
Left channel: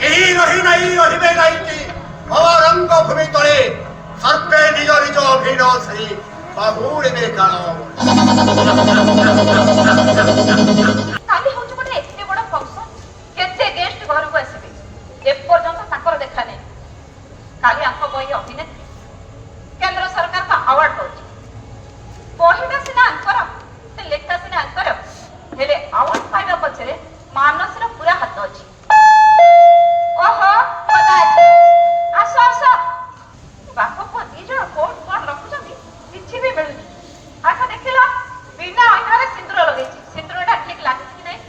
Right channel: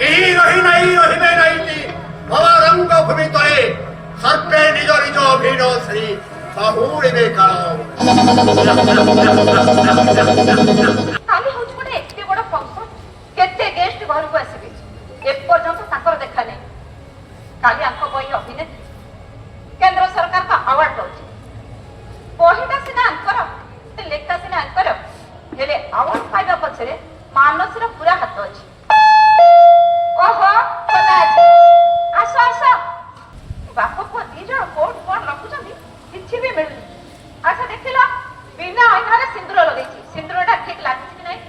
କେହି ରହିବେ ନାହିଁଟି ଭବାରଙ୍ଗ ଭୂମି ତଳେ ସର୍ପେ ନିଜ ନିଜ ଭିଡ଼ ସେଇ ବାହୁଡ଼ିବେ କାଳ କାଲି ହଉଛି ଗୋଟେ ଏତେ ବଡ ଫଙ୍କସନ କେତେ ଗେଷ୍ଟ ଘରକୁ ଆସିବେ ଏପର୍ଯ୍ୟନ୍ତ ତାଙ୍କର ଦେଖା ନାହିଁ କାଲି ଆଙ୍କ ବହି ଅଭିନେତ୍ରୀ କେନ୍ଦ୍ର ସରକାରଙ୍କ ଆୱାର୍ଡ ଦଉଛି ବହିଟା ସିନା ଆଙ୍କର ସେ ଲେଖା ସିନା ଆଙ୍କର ହେଲେ ଆୱାର୍ଡ ପାଇବା ପଛରେ ମାନସୀର ପୁରା ହାତ ଅଛି ଓହୋ ଖୋଲା ଅଛି ଆସ ଆସ ବାପ ପୁଅ ଦି ଜଣ କଣ ରଖୁଛନ୍ତି କିଛି ବି ମିଳୁନି ଆଚ୍ଛା ଦେଖିଲ ବିନା ଅଇନାରେ ସିନ୍ଦୁର ଲଗେଇଛି ସିନ୍ଦୁରଟା ଠିକ ଲାଗୁଛି କି ନାହିଁ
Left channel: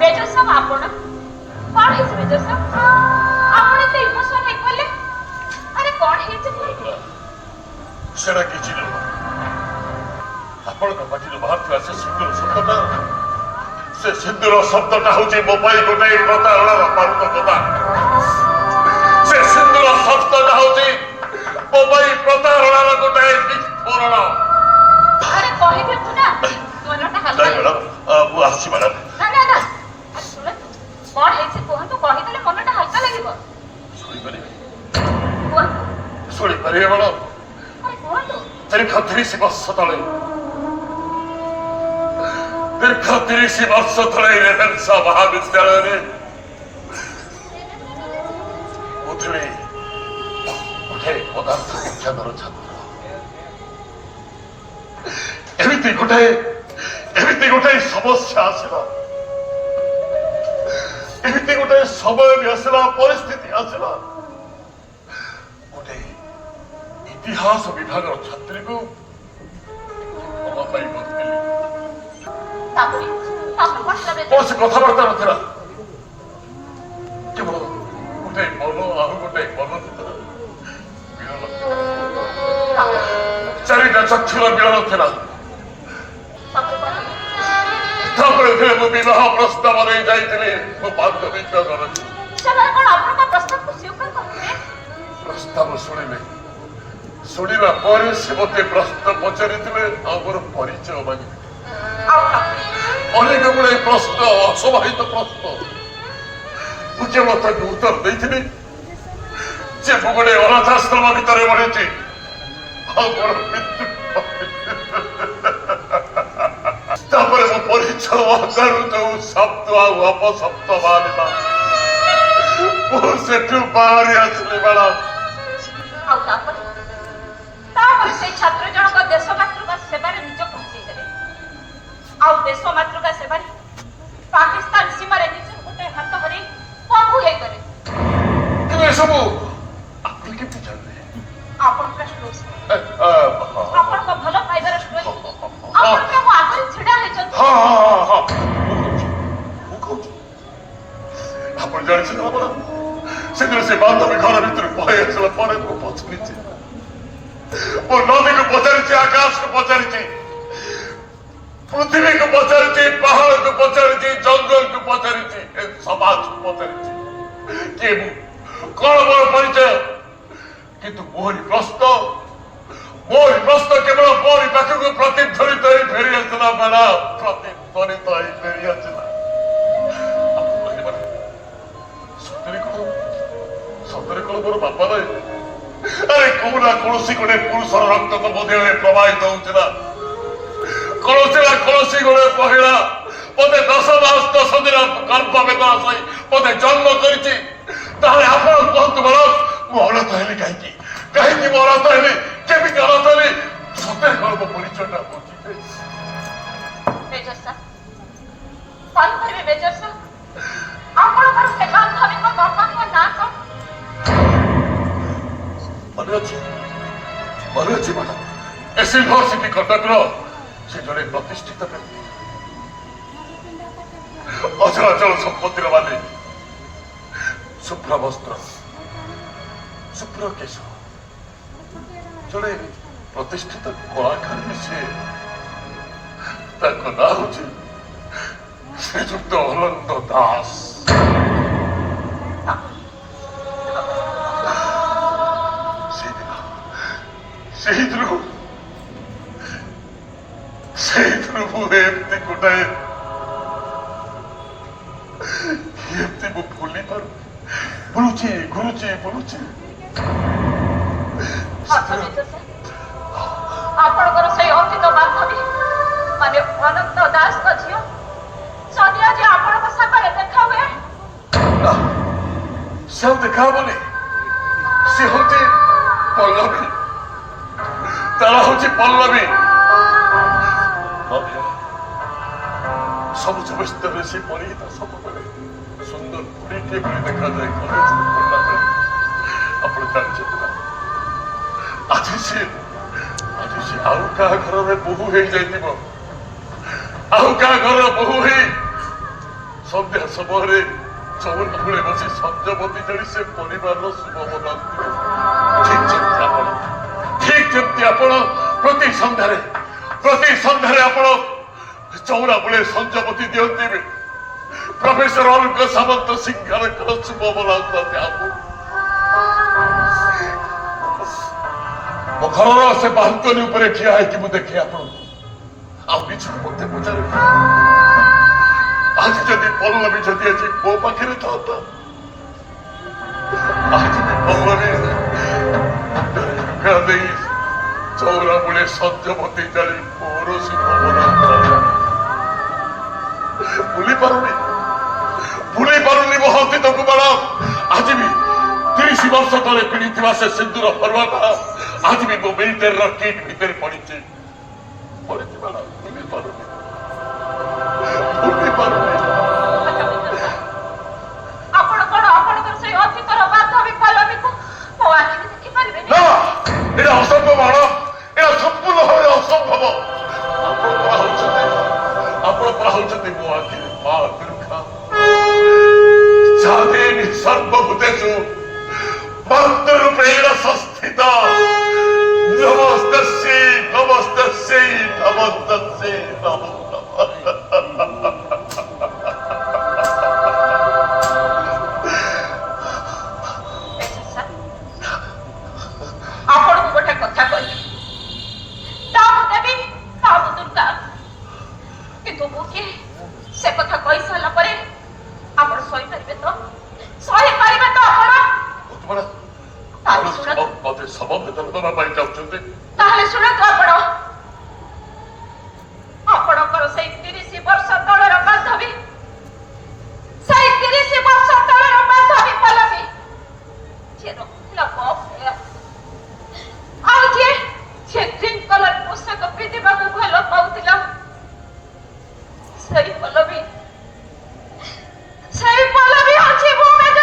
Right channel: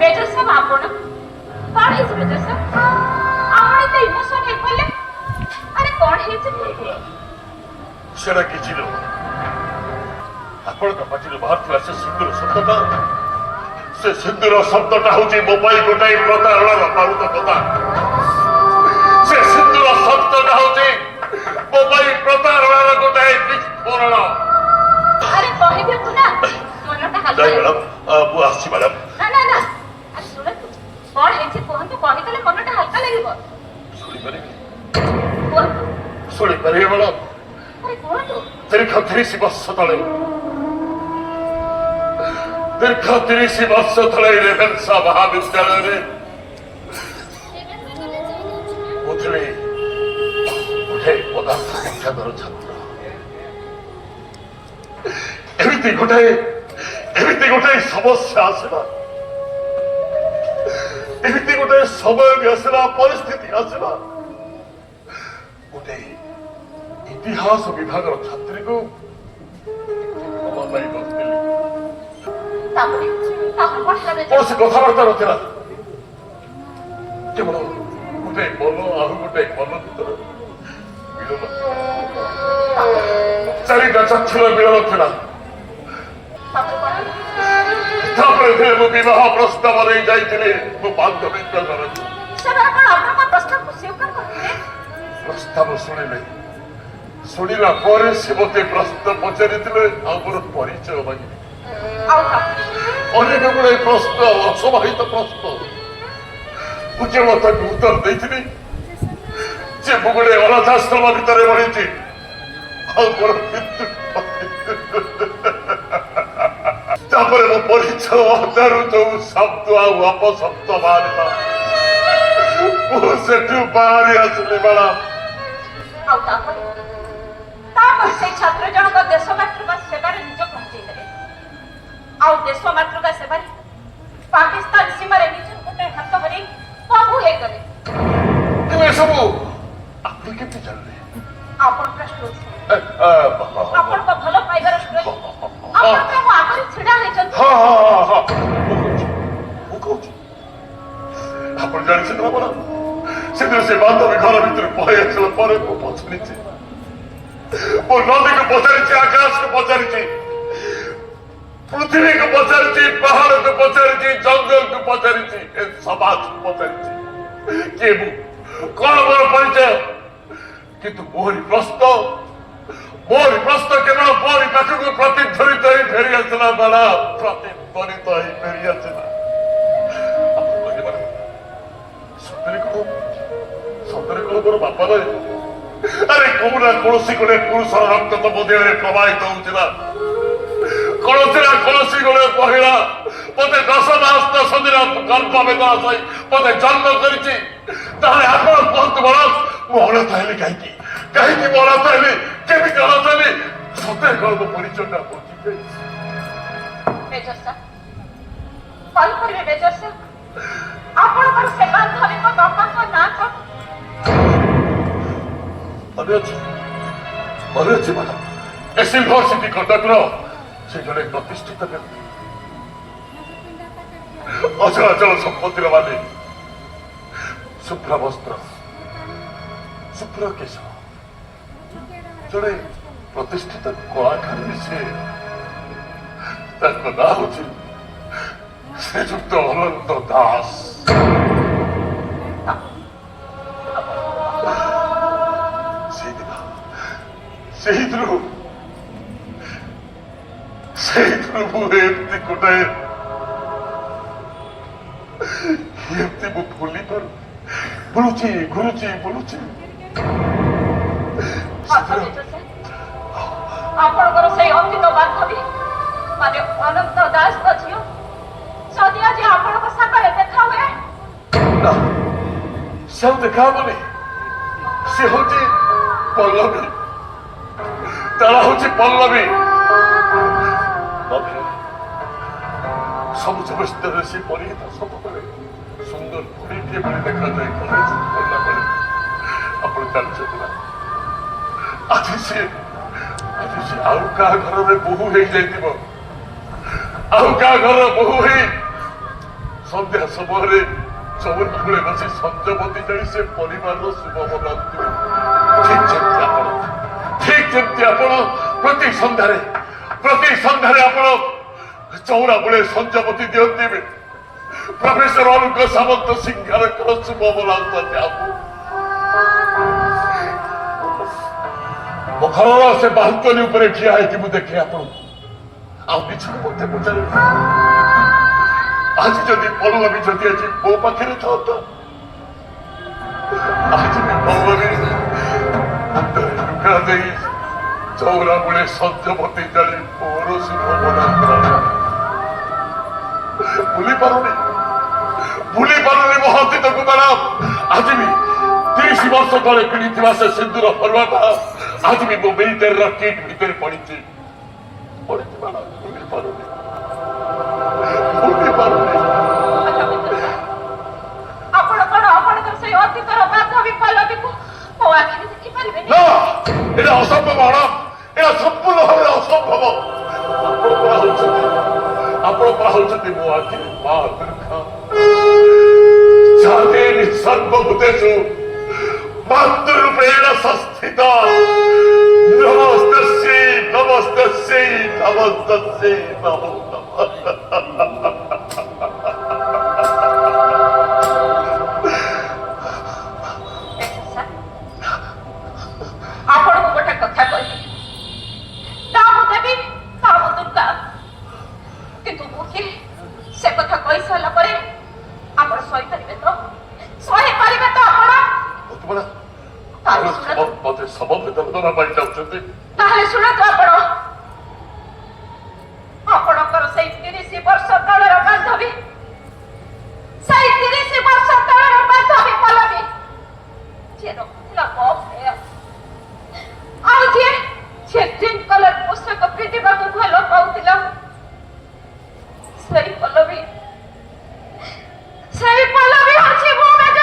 मेजर साहब आपण कौन है मेजर साहब आपण एते इमोशन हे कले अरे कौन है जे कहते সেটা কি ছিল ଆପଣଙ୍କ ପାଟିରୁ ବାହାରୁଥିବା ସେ ସିନ୍ଦୁର ଶବ୍ଦଟା ସେ ସିନ୍ଦୁର ଶବ୍ଦଟା ହଉଛି ମୋ ପାଇଁ ଗୋଟାଏ ପ୍ରତାରଣାର ବାରୁଦ କଥା ସେ ସିନ୍ଦୁର ଶବ୍ଦଟା ହଉଛି ମୋ ପାଇଁ ପ୍ରତାରଣାର ଗୋଟାଏ ବିସ୍ଫୋରଣ अरे कहबे पुना मनटा ଜୟ हल्का ମ୍ୟାଡ଼ାମ ମୁଁ ଆସିଛି ମ୍ୟାଡ଼ାମ ना ना ना सुन कौन है जे कोहन तो कहि देले मनटा हल्का लागिबो ଶୁଣିପାରିବି कोन ଶୁଣିପାରିବେ ମ୍ୟାଡ଼ାମ अरे कोन तो ଦୀର୍ଘ 30 ବର୍ଷ ତଳେ ରେଭେନ୍ସା ମହାବିଦ୍ୟାଳୟରେ ମୁଁ ଥିଲି ଗୋଟେ ପଦାର୍ଥ ବିଜ୍ଞାନର ଛାତ୍ର ଏମିତି ଗୋଟାଏ ସମସ୍ୟା ଆସିଲା ଏମିତି ଗୋଟାଏ ସମୟ ବି ଆସିଲା ପରିସ୍ଥିତି ଆସିଲା ଗୋଟେ ଇତିହାସ ବିଭାଗର ଛାତ୍ରୀକୁ ମୋ ପାଇଁ ବସିଥିଲି तापरे तापर करे କୌଣସି କଥାବାର୍ତ୍ତା ନଥିଲା କେବଳ ଗୋଟେ ମନ ଆଉ ଗୋଟେ ମନ ଭିତରେ ମିଳନ ଚାରିଟା ଚକ୍ଷୁର ମିଳନ ଥିଲା ତାପରେ ମୁଁ ବିବାହ ପ୍ରସ୍ତାବ ନେଇ ଯାଇଥିଲି ମୋ ବାନ୍ଧବୀଙ୍କ ଘରକୁ ସେମାନେ କଣ ଆପଣଙ୍କ ପ୍ରସ୍ତାବକୁ ସ୍ୱୀକାର କରିଥିଲେ ପ୍ରସ୍ତାବ ଶୁଣିଲା ପରେ ସେ ମୋତେ ପ୍ରଶ୍ନ ପଚାରିଥିଲେ ଆଉ ମୋର ପରିଚୟ ମାଗିଥିଲେ ଅନେକ ଗୁଡେ ପ୍ରଶ୍ନ ଅସମାହିତ ପ୍ରଶ୍ନ ମୁଁ କେବଳ ତାକୁ ଉତ୍ତର ଦେଇଥିଲି ଯେ ମୁଁ ଗୋଟେ ଅନାଥାଶ୍ରମ ଭିତରେ ବଢିଛି ଆଉ ମୋର ମୃତ୍ୟୁ ତାପରେ ମୋ ପରିଚୟ ଅଧାରୁ ଯୋଉ ଶବ୍ଦ ଆଉ ଅପଶବ୍ଦ ବାହାରିଲା ମୁଁ ସେଠୁ ବାହାରି ଆସିଲି ମ୍ୟାଡ଼ାମ ଆଉ ତାପରେ ସେଇ ଛାତ୍ର ଜଣକ ଦେଶ ମାତୃକା ସେବାରେ ନିଜ ପହଞ୍ଚେଇ ଦେଲେ ଆଉ ଦେଶ ମାତୃକା ସେବାରେ ପାକିସ୍ତାନ ସୀମାରେ ନିଜ ଗୋଟେ ହାତ କରି ସବୁ ହେଇଗଲେ କିନ୍ତୁ ଏସବୁ ଆପଣ କେମିତି ଜାଣିଲେ ଆପଣଙ୍କ ଷ୍ଟୋରି ଆପଣଙ୍କ ଭଲ ପାଇବାର ଷ୍ଟୋରି ଆପଣଙ୍କ ମୋ ଆଗରେ ଛିଡା ହେଇଛନ୍ତି ହଁ ମୁଁ କହୁଛି ଆପଣ ଜାଣିଛନ୍ତି ନା ମ୍ୟାଡ଼ାମ ସେଦିନ ସେ ବାନ୍ଧବୀ ଘର ଭିତରୁ ପଳେଇ ଆସିଲା ପରେ ମୁଁ ପଚାରିଛି ମୁଁ ନଦୀକୁ ପଚାରିଛି ଆକାଶକୁ ପଚାରିଛି ପୃଥିବୀକୁ ପଚାରିଛି ପାହାଡ଼କୁ ପଚାରିଛି ଜଙ୍ଗଲକୁ ପଚାରିଛି ଏ ସମାଜକୁ ପଚାରିଛି କିଏ ମୁଁ କଣ ମୋର ପରିଚୟ କିନ୍ତୁ ମୋରି ପ୍ରଶ୍ନ କେବଳ ମୋରି ପାଖକୁ ପ୍ରତିଧ୍ୱନିତ ହେଇ ଫେରି ଆସିଲା ମ୍ୟାଡ଼ାମ ପ୍ରତିଧ୍ୱନିତ ହେଇ ଫେରି ଆସିଲା ସତରେ କଣ ମୋର ବାପା ନଏ ଆରେ କୋଉ ନା କୌଣସି ଗୋଟେ ପୁରୁଷର ରକ୍ତ ତ ମୋ ଦେହରେ ପ୍ରବାହିତ ହଉଥିଲା କୌଣସି ନା କୌଣସି ଗୋଟେ ମହିଳା ମତେ 10 ମାସ 10 ଦିନ ଗର୍ଭବେଦନା ସହି ମତେ ଜନ୍ମ କରିଛି ତାହେଲେ ଆପଣ କୁହନ୍ତୁ ମ୍ୟାଡ଼ାମ ମୁଁ ଅନାଥ ହେଲି କାହିଁକି ମୁଁ ଅନାଥ ହେଲି କେମିତି ଅନାଥ ହେଲି ସତରେ କଣ ମୋ ପରିଚୟଟା ବୁଝିବେ मेजर साहब कौन करिवे मेजर साहब ଆପଣଙ୍କର ସେ ବାନ୍ଧବୀଙ୍କ ବାପାଙ୍କ ନାଁ କଣ ମନେ ଅଛି ମ୍ୟାଡ଼ାମ ଏ ସିଲଭର ସିଟି କଟକର ସେ ଜଣେ ପ୍ରତିଷ୍ଠିତ ବ୍ୟକ୍ତି, ଅଚଳାଚଳ ସମ୍ପତ୍ତିର ମାଲିକ, ଶୁଭ୍ର ବସ୍ତ୍ର, ଶୁଭ୍ର କେଶ, ଜଣେ ପ୍ରତିଷ୍ଠିତ କଳାକାର ବି ସେ। ତାଙ୍କ ନାଁ ହେଉଛି ଶ୍ରୀଯୁକ୍ତ ଅନନ୍ତ ଦାସ। ସେଇଥିରୁ ମୁଁ ଏମିତି ଗୋଟାଏ ଏମିତି ମୁଁ ଭୁଲି ପାରୁ ବୁଲୁଛି ଘୁରୁଛି ବୁଲୁଛି। ଆପଣଙ୍କର ସେଇ ଅତୀତ ବାନ୍ଧବୀ ମାନେ ଅନନ୍ତ ଦାସଙ୍କ ଝିଅ ଯଦି ଆଜି ଆପଣଙ୍କ ସାଙ୍ଗରେ ଦେଖା ହୁଏ? ନା, ସେ ଆଉ ଦେଖା ହବନି। ସେ ହଉଛି ପଲ୍ଲବୀ, ତାର ହଉଛି ପଲ୍ଲବୀ। ସବୁଜ ବସ୍ତ୍ରରେ ସେ ପରିହିତ ସବୁବେଳେ ସୁନ୍ଦର ପୁରୀଟିଏ ଭଳି ଦେଖାଯାଏ। କଲେଜ ପଢିଲା ବେଳେ ଆପଣ ଜାଣିଛନ୍ତି ନା, ଆଜି ସେ ଆଉ କାହା ଘରରେ ବୋହୂ ହେଇଯାଇଥିବ, ଆଉ କାହା ଘରର ବୋହୂ ହେଇ ସନ୍ଧ୍ୟା ସମୟରେ ଚଉରା କୂଳେ ବସି ସଞ୍ଜବତୀ ଜଳି ସେ ପରିବାରର ଶୁଭ ମନାଉଥିବେ। ଠିକ ଯେମିତି ଆପଣ ପ୍ରତି ସନ୍ଧ୍ୟାରେ ଆପଣ ଚଉରା କୂଳେ ସଞ୍ଜବତୀ ଦିଅନ୍ତି। ପ୍ରଫେସର ଅରୁଣ ସାମନ୍ତ ସିଂହାର ଶୁଭ ମନାଉଥାନ୍ତି। ମୋ ଘରର ସେ ବାଲକୋନି ଉପରେ ଠିଆ ହେଇକି ମୁଁ ଦେଖେ ଆପଣଙ୍କୁ, ଆଉ ନିଜକୁ ମତେ ପଚାରେ ଆଜି ଯଦି ପଲ୍ଲବୀ ଯଦି ଆଜି ମୋ ପାଖରେ ଥାନ୍ତା, ଆଜି ବି ପଲ୍ଲବୀ ଦେଇ ଚଉରା ବେଳେ ସଞ୍ଜବତୀ ଜାଳି ମୋର ଶୁଭ ମନାଉଥାନ୍ତା। ଭୁଲି ପାରୁନି ମୋ ଅତୀତକୁ ମ୍ୟାଡାମ। ଆଜି ବି 30 ବର୍ଷ ତଳେ କିଣିଥିବା ସେ ସିନ୍ଦୁର ଫରୁଆଟା ଆଜି ବି ମୋ ମିଲିଟାରୀର କିଟ୍ ଭିତରେ ପଡିଛି ମ୍ୟାଡାମ। ଭୁଲି ପାରୁନି। ଆପଣ କଣ ଆପଣଙ୍କର ସେଇ ଅତୀତର ବାନ୍ଧବୀ ପଲ୍ଲବୀକୁ ମୋ ଆଖିରେ ଦେଖିପାରିବେନି? ନା, এটা ଅସମ୍ଭବ ମ୍ୟାଡାମ, এটা ସମ୍ପୂର୍ଣ୍ଣ ଭାବରେ ଅସମ୍ଭବ। ଆପଣ ହଉଛନ୍ତି ମୋ ଆଖିରେ ମା ଦୁର୍ଗା। ଚାନ୍ଦିନୀ ସର୍ବଭୂତେଷୁ ମାତୃରୂପେଣ ସଂସ୍ଥିତା। ନମସ୍ତସ୍यै ନମସ୍ତସ୍यै ନମସ୍ତସ୍यै ନମଃ। ଆପଣଙ୍କୁ ଗୋଟେ କଥା କହିବି, ତା ମୁଁ ଦେବୀ, ତା ମୁଁ ଦୁର୍ଗା, କିନ୍ତୁ ମୁଁ କିଏ ସେ କଥା କହିସାରିଲା ପରେ ଆପଣ ସହିପାରିବେ ତ? ସହିପାରିବେ ତ ଆପଣ? ମତେ ସମବେଦନ ଦେବା ପାଇଁ ଚାହୁଁଛନ୍ତି? ତାହେଲେ ଶୁଣନ୍ତୁ, ଆପଣଙ୍କର ସେଇ 30 ବର୍ଷ ତଳର ବାନ୍ଧବୀ, ସେଇ 30 ବର୍ଷ ତଳର ବାନ୍ଧବୀ ପଲ୍ଲବୀ ଯିଏ ରହୁଥିଲା ମୋ ଭୟ, ଆଉ ଯିଏ ଗ୍ରୀନ କଲର ପୋଷାକ ପିନ୍ଧିବାକୁ ଭଲ ପାଉଥିଲା, ସେଇ ପଲ୍ଲବୀ ଅଛି ମୋ major.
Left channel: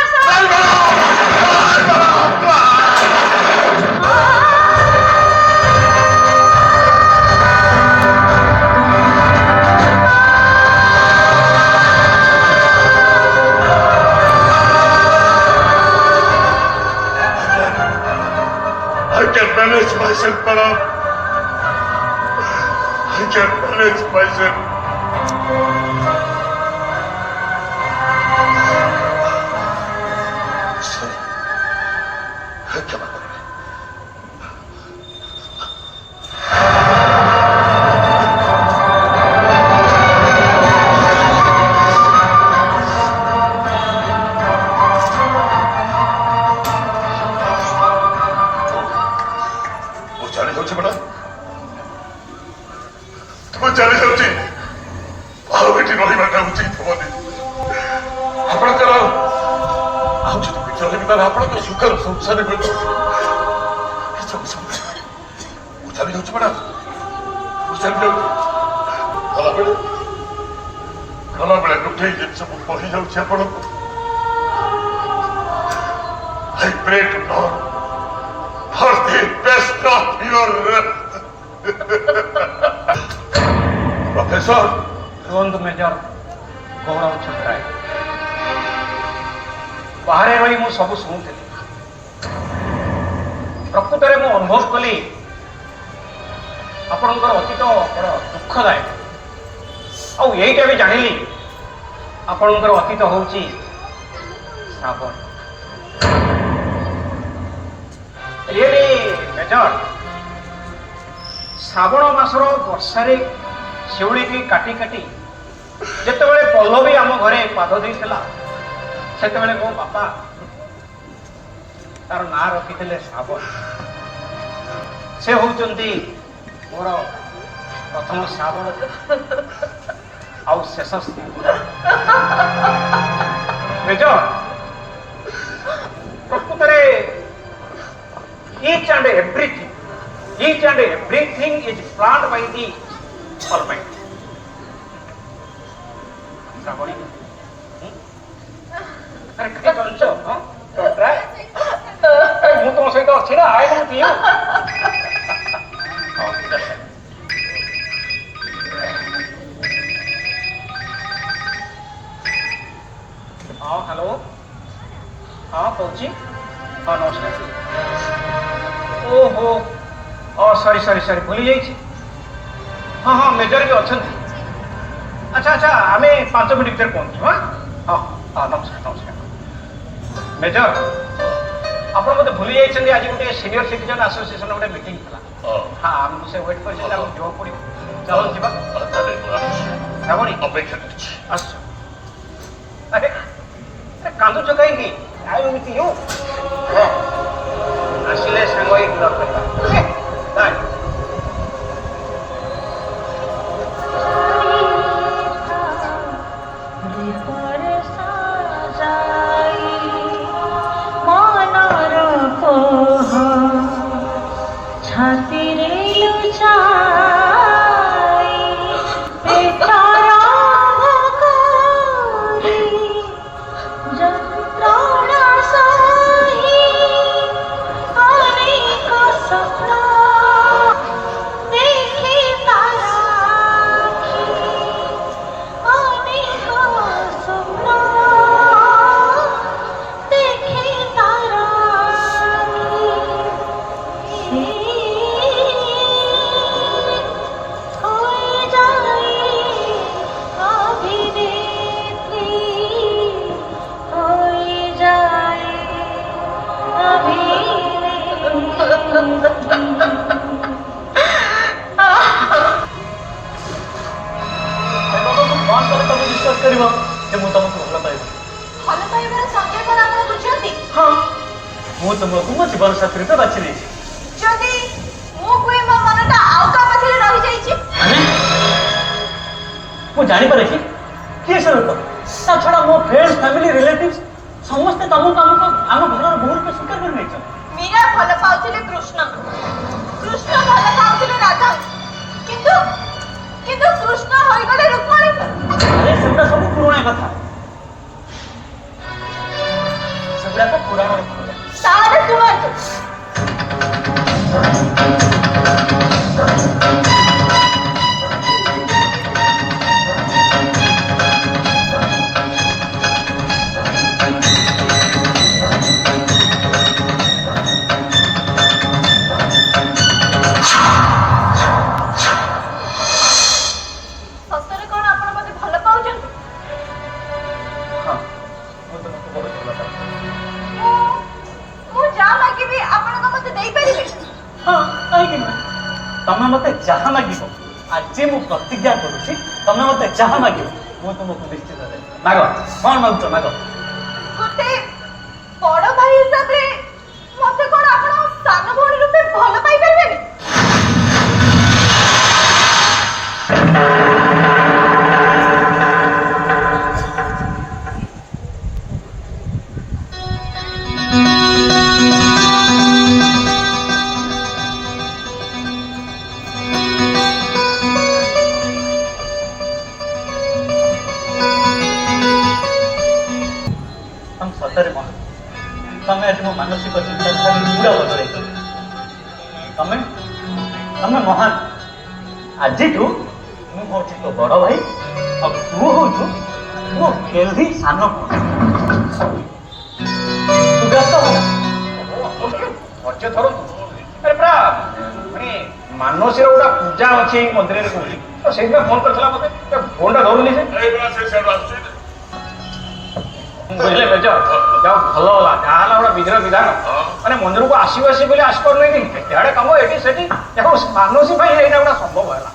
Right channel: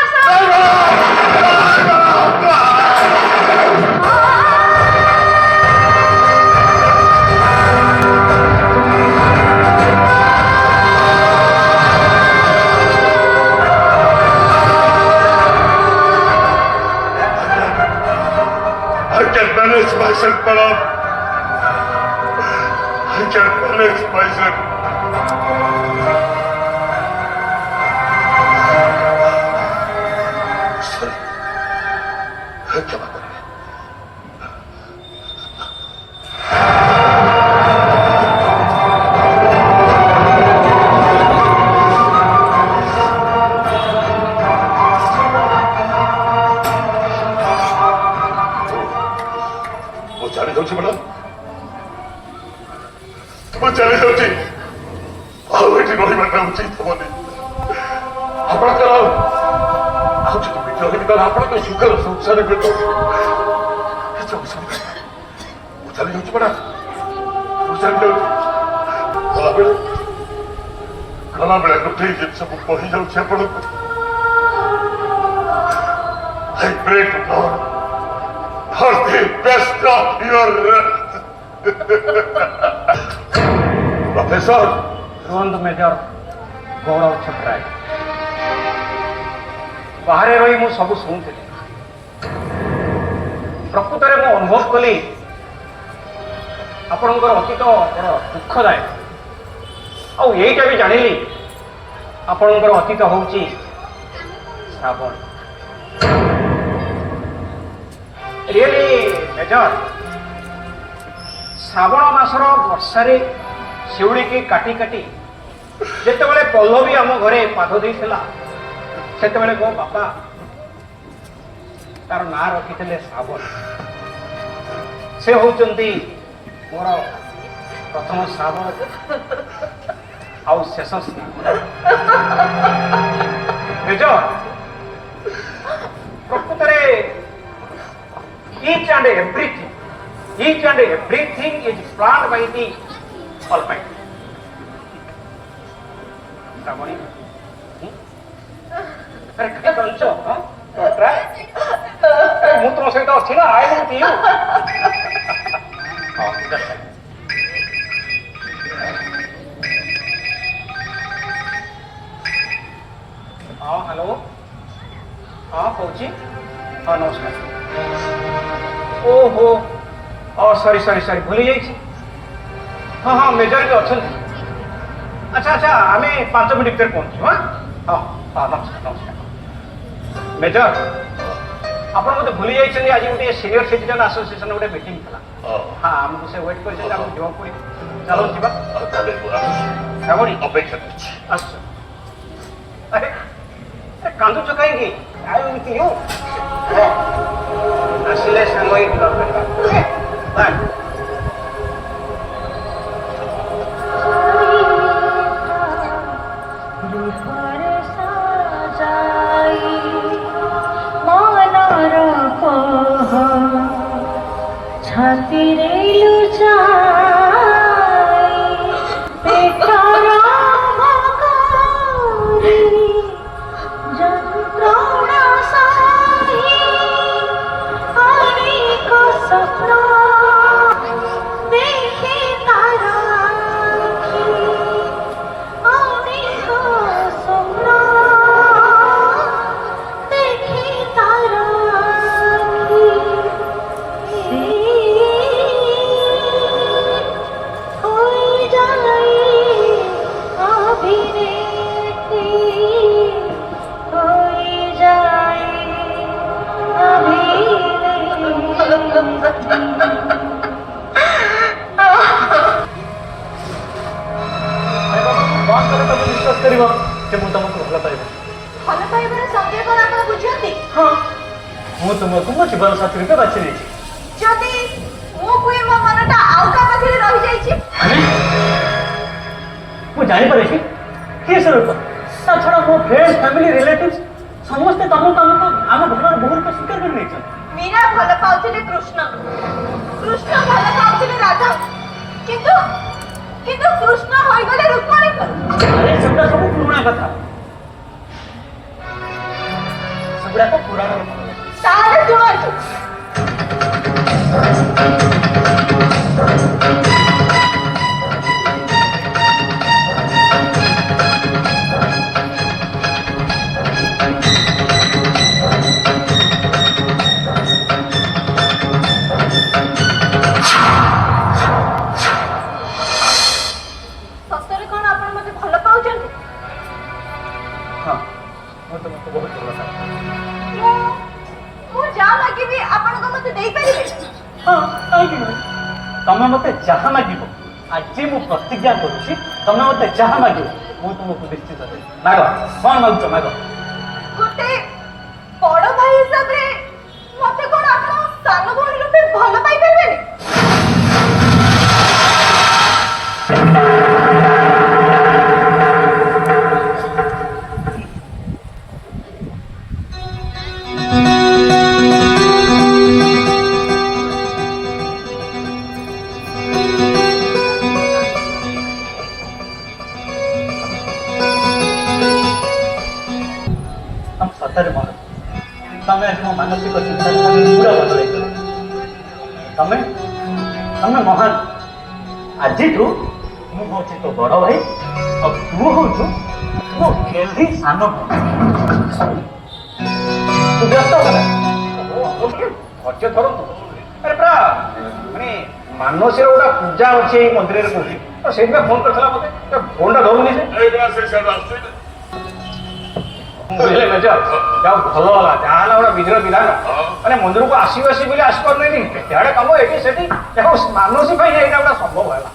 I can manage myself, madam. I can manage myself. Sorry. क्षमा करिए। ମୁଁ ଜାଣି ଯାଉଛି ଆଉ ଏଠି ରହିବାଟା ଉଚିତ ହବନି। ଆପଣଙ୍କର ଆଉ ଯଦି ବିଚାର ବି ତାହେଲେ ଆପଣଙ୍କର ସୁଖର ସଂସାର କିଛି ଅସୁବିଧା ମୁଁ ଚାଲି ଯାଉଛି ମ୍ୟାଡାମ, ମୁଁ ଚାଲି ଯାଉଛି। ଗଲାବେଳେ ଗୋଟିଏ ଜିନିଷ ମୁଁ କହିଯାଉଛି ଆପଣଙ୍କୁ, I pray to God for the best of your rest. Professor ରୁହନ୍ତୁ ମେଜର ଗୌରବ ଛତ୍ରାୟ। ବାହାରେ ରହି ମୁଁ ସବୁ ଶୁଣୁଥିଲି। ପ୍ରକୃତରେ ମୁଁ ଅନୁଭବ କଲି ଆପଣଙ୍କର ଅତୀତ ବଡ଼ ଦୁଃଖଦାୟକ। ଆଉ ଏଇଟା ବି ଜାଣିଲି ଆପଣଙ୍କର ଅତୀତ ହଉଛି ଶ୍ରାବଣ। ରିଏଲି ମେଜର, ଶ୍ରାବଣ ମାସର ବର୍ଷାରେ ଶିଉଳିକି କାଟି କାଟି ଯେତେବେଳେ ପଲ୍ଲବୀ ଆମ ଘରେ ପାଦ ଦେଇଥିଲା, ସେତେବେଳେ ମୋ ବାପା ତାର ନାଁ ରଖିଥିଲେ ଶ୍ରାବଣ। ସେ ହଉଛନ୍ତି ମୋର ପ୍ରଥମ ଶ୍ରାବଣ ଆଉ ଶେଷ ଶ୍ରାବଣ। ମେଜର, ପ୍ରକୃତରେ each and everything is planned by the Almighty. Shrabani, ଆରେ କାହିଁ ଚଞ୍ଚ? ମୁଁ ତମ ସହିତ ଅଛି ନା, ଆଇ ୱିଥ୍ ୟୁ। ହଁ ହ୍ୟାଲୋ, ହଁ କହୁଛି। ହଁ ନମସ୍କାର। ଓହୋ, ସରି ସରି ସରି ଭୁଲି ଯାଇଛି। ହଁ ହଁ ମେଜର ବି ଅଛନ୍ତି। ଆଚ୍ଛା ଆଚ୍ଛା, ଆମେ 5 ମିନିଟ୍ ଭିତରେ ପହଞ୍ଚିବୁ। ହଁ ହଁ ହଁ, ନମସ୍କାର ନମସ୍କାର। ମେଜର, ଆପଣ ମୋତେ ଭୁଲି ଯାଇଛନ୍ତି, ଆଜି ଗୋଟେ ସିନିୟର ସିଟିଜେନ୍ ଆସୋସିଏସନ ଗୋଟେ ମିଟିଂ ଥିଲା। ହଁ, ଆମକୁ ସେ ୱେଟ୍ କରିଛନ୍ତି, ଆମକୁ ଯିବାକୁ ପଡ଼ିବ। ଚାଲନ୍ତୁ ଯିବା। ଶ୍ରାବଣୀ, ଅପେକ୍ଷା କରୁଛି। ଆସୁଛୁ। ଆରେ କାନ୍ଦୁଛ କାହିଁକି? I with you. ଆସିଲେ ସାଙ୍ଗ ହେଇ ଯିବା କରିବା। ছাতিরে লুচাই পেটার অন্ধকারে যন্ত্রণা সহি অনেক স্বপ্ন দেখে তার আঁখি, অনেক স্বপ্ন দেখে তার আঁখি। ବିଶ୍ୱାସ କରିବ ଯେ ମୁଁ ତମକୁ ଭଲ ପାଇବି। ଭଲ ପାଇବାର ସତ୍ୟ କଣ ଆପଣ ବୁଝନ୍ତି? ହଁ, ମୁଁ ତୁମକୁ ମୋ ଜୀବନ ସାଥୀ ରୂପେ ବାଛି ଦେଇଛି। ଯଦି ମୁଁ କୁହେ ମୋ ମନଟା ଆଉ କାହା ପାଖରେ ରହିଯାଇଛି? ମୁଁ ଜାଣିପାରେ କି କିଏ ସେ ଲୋକ? ତା ଛଡ଼ା ମୋ ଫ୍ରେଣ୍ଡ, ଫ୍ୟାମିଲି, ରିଲେଟିଭ ସମସ୍ତେ ତମକୁ ଆମ ଘରର ବୋହୂ ରୂପେ ସ୍ୱୀକାର କରି ନେଇଛନ୍ତି। ମୀରା ଭଲ ପାଉଥିଲେ କୃଷ୍ଣ, କୃଷ୍ଣ ଭଲ ପାଉଥିଲେ ରାଧା, କିନ୍ତୁ କିନ୍ତୁ କୃଷ୍ଣ ହୋଇଗଲେ ରୁକ୍ମଣୀ। ସେଗୁଡ଼ା ସବୁ ପୁରୁଣା କଥା, ସେଗୁଡ଼ାକ ପୁରାଣ। ତାହେଲେ ଶୁଣନ୍ତୁ, ସତରେ କଣ ଆପଣ ମତେ ଭଲ ପାଉଛନ୍ତି? ହଁ, ମୁଁ ତୁମକୁ ବହୁତ ଭଲ ପାଏ। ମୁଁ ଯାହା ମାଗିବି ଆପଣଙ୍କ ମତେ ଦେଇପାରିବେ? ହଁ, କାହିଁକି ନୁହେଁ? ତମେ ମତେ ଯାହା ମାଗିବ, ଆଜି ମୁଁ ପ୍ରତିଜ୍ଞା କରୁଛି, ତମେ ମତେ ଯାହା ମାଗିବ ମୁଁ ତୁମକୁ ନିଶ୍ଚିତ ଦେବି। ମାଗ, କଣ ମାଗୁଛ ମାଗ। ଗୋଟେ ବଡ ଭାଇ ହିସାବରେ ମତେ କଣ ଆପଣ ସାନ ଭଉଣୀ ରୂପେ ଭଲ ପାଇପାରିବେନି? ସତରେ ମୋର ତମେ ଆଜି ମୋ ମାନସିକ ଚିନ୍ତାଧାରା ପୁରା ବଦଳାଇଛ। ତମେ ମହାନ। ଆଜିଠୁ ମୁଁ ହଉଛି ତୋ ବଡ ଭାଇ ଆଉ ତୁ ହଉଛୁ ମୋ ହେଲ୍ଦି ସାନ ପୁଅ। ତୁ ବ୍ୟସ୍ତ ହେଲା ଧୈର୍ଯ୍ୟ ଧରନ୍ତୁ। ଆରେ ପୁରା ମାନେ ମାନସୀର ଗୋଟେ ପୂଜା ଅଛି ଏଇ ମନ୍ଦିରରେ କହୁଛି ତ ସେଇଥିପାଇଁ ଫୋନ କରିଥିଲା ମତେ ଫୋନଟା ଧରୁନି ଯେ ବୁଝିଲେ ମେଜର ଯାହା ଭଲ ହେଲା ଯାହାହେଲା ଗୋଟେ ବିଧିର ବିଧାନ ମାନେ ମନ୍ଦିରକୁ ଆସିବୁ ଆସିବୁ ବୋଲି ଆସିପାରୁନି କେତେ ଆଡେ କାମ ଏଠି ସେଠି ଦେଖ ମାନସୀ ପାଇଁ ଏଇଟା ଗୋଟେ ସମ୍ଭବ ହେଲା।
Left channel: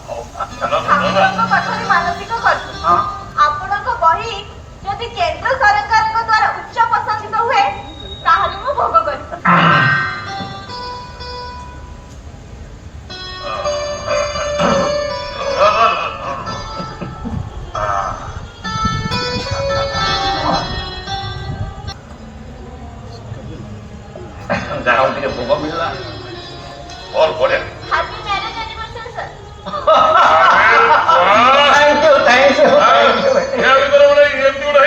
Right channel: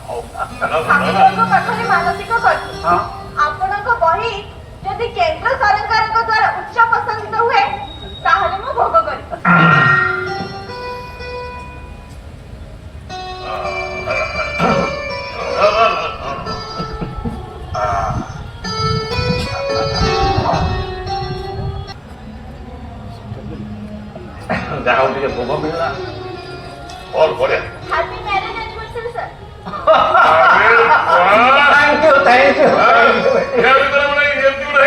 ଠାକୁରଙ୍କ ପାଖରେ ମାନସିକ କରିଛି ହଁ ଆପଣଙ୍କ ବହି ଯଦି କେନ୍ଦ୍ର ସରକାରଙ୍କ ଦ୍ୱାରା ଉଚ୍ଚ ପସନ୍ଦିତ ହୁଏ ତାହେଲେ ମୁଁ ଭୋଗ କରିବି। ଯାହା ହଉ ଟିକେ ଭୋଗ ମିଳିଲା और बड़े happy marriage anniversary sir. Thank you thank you ठीक है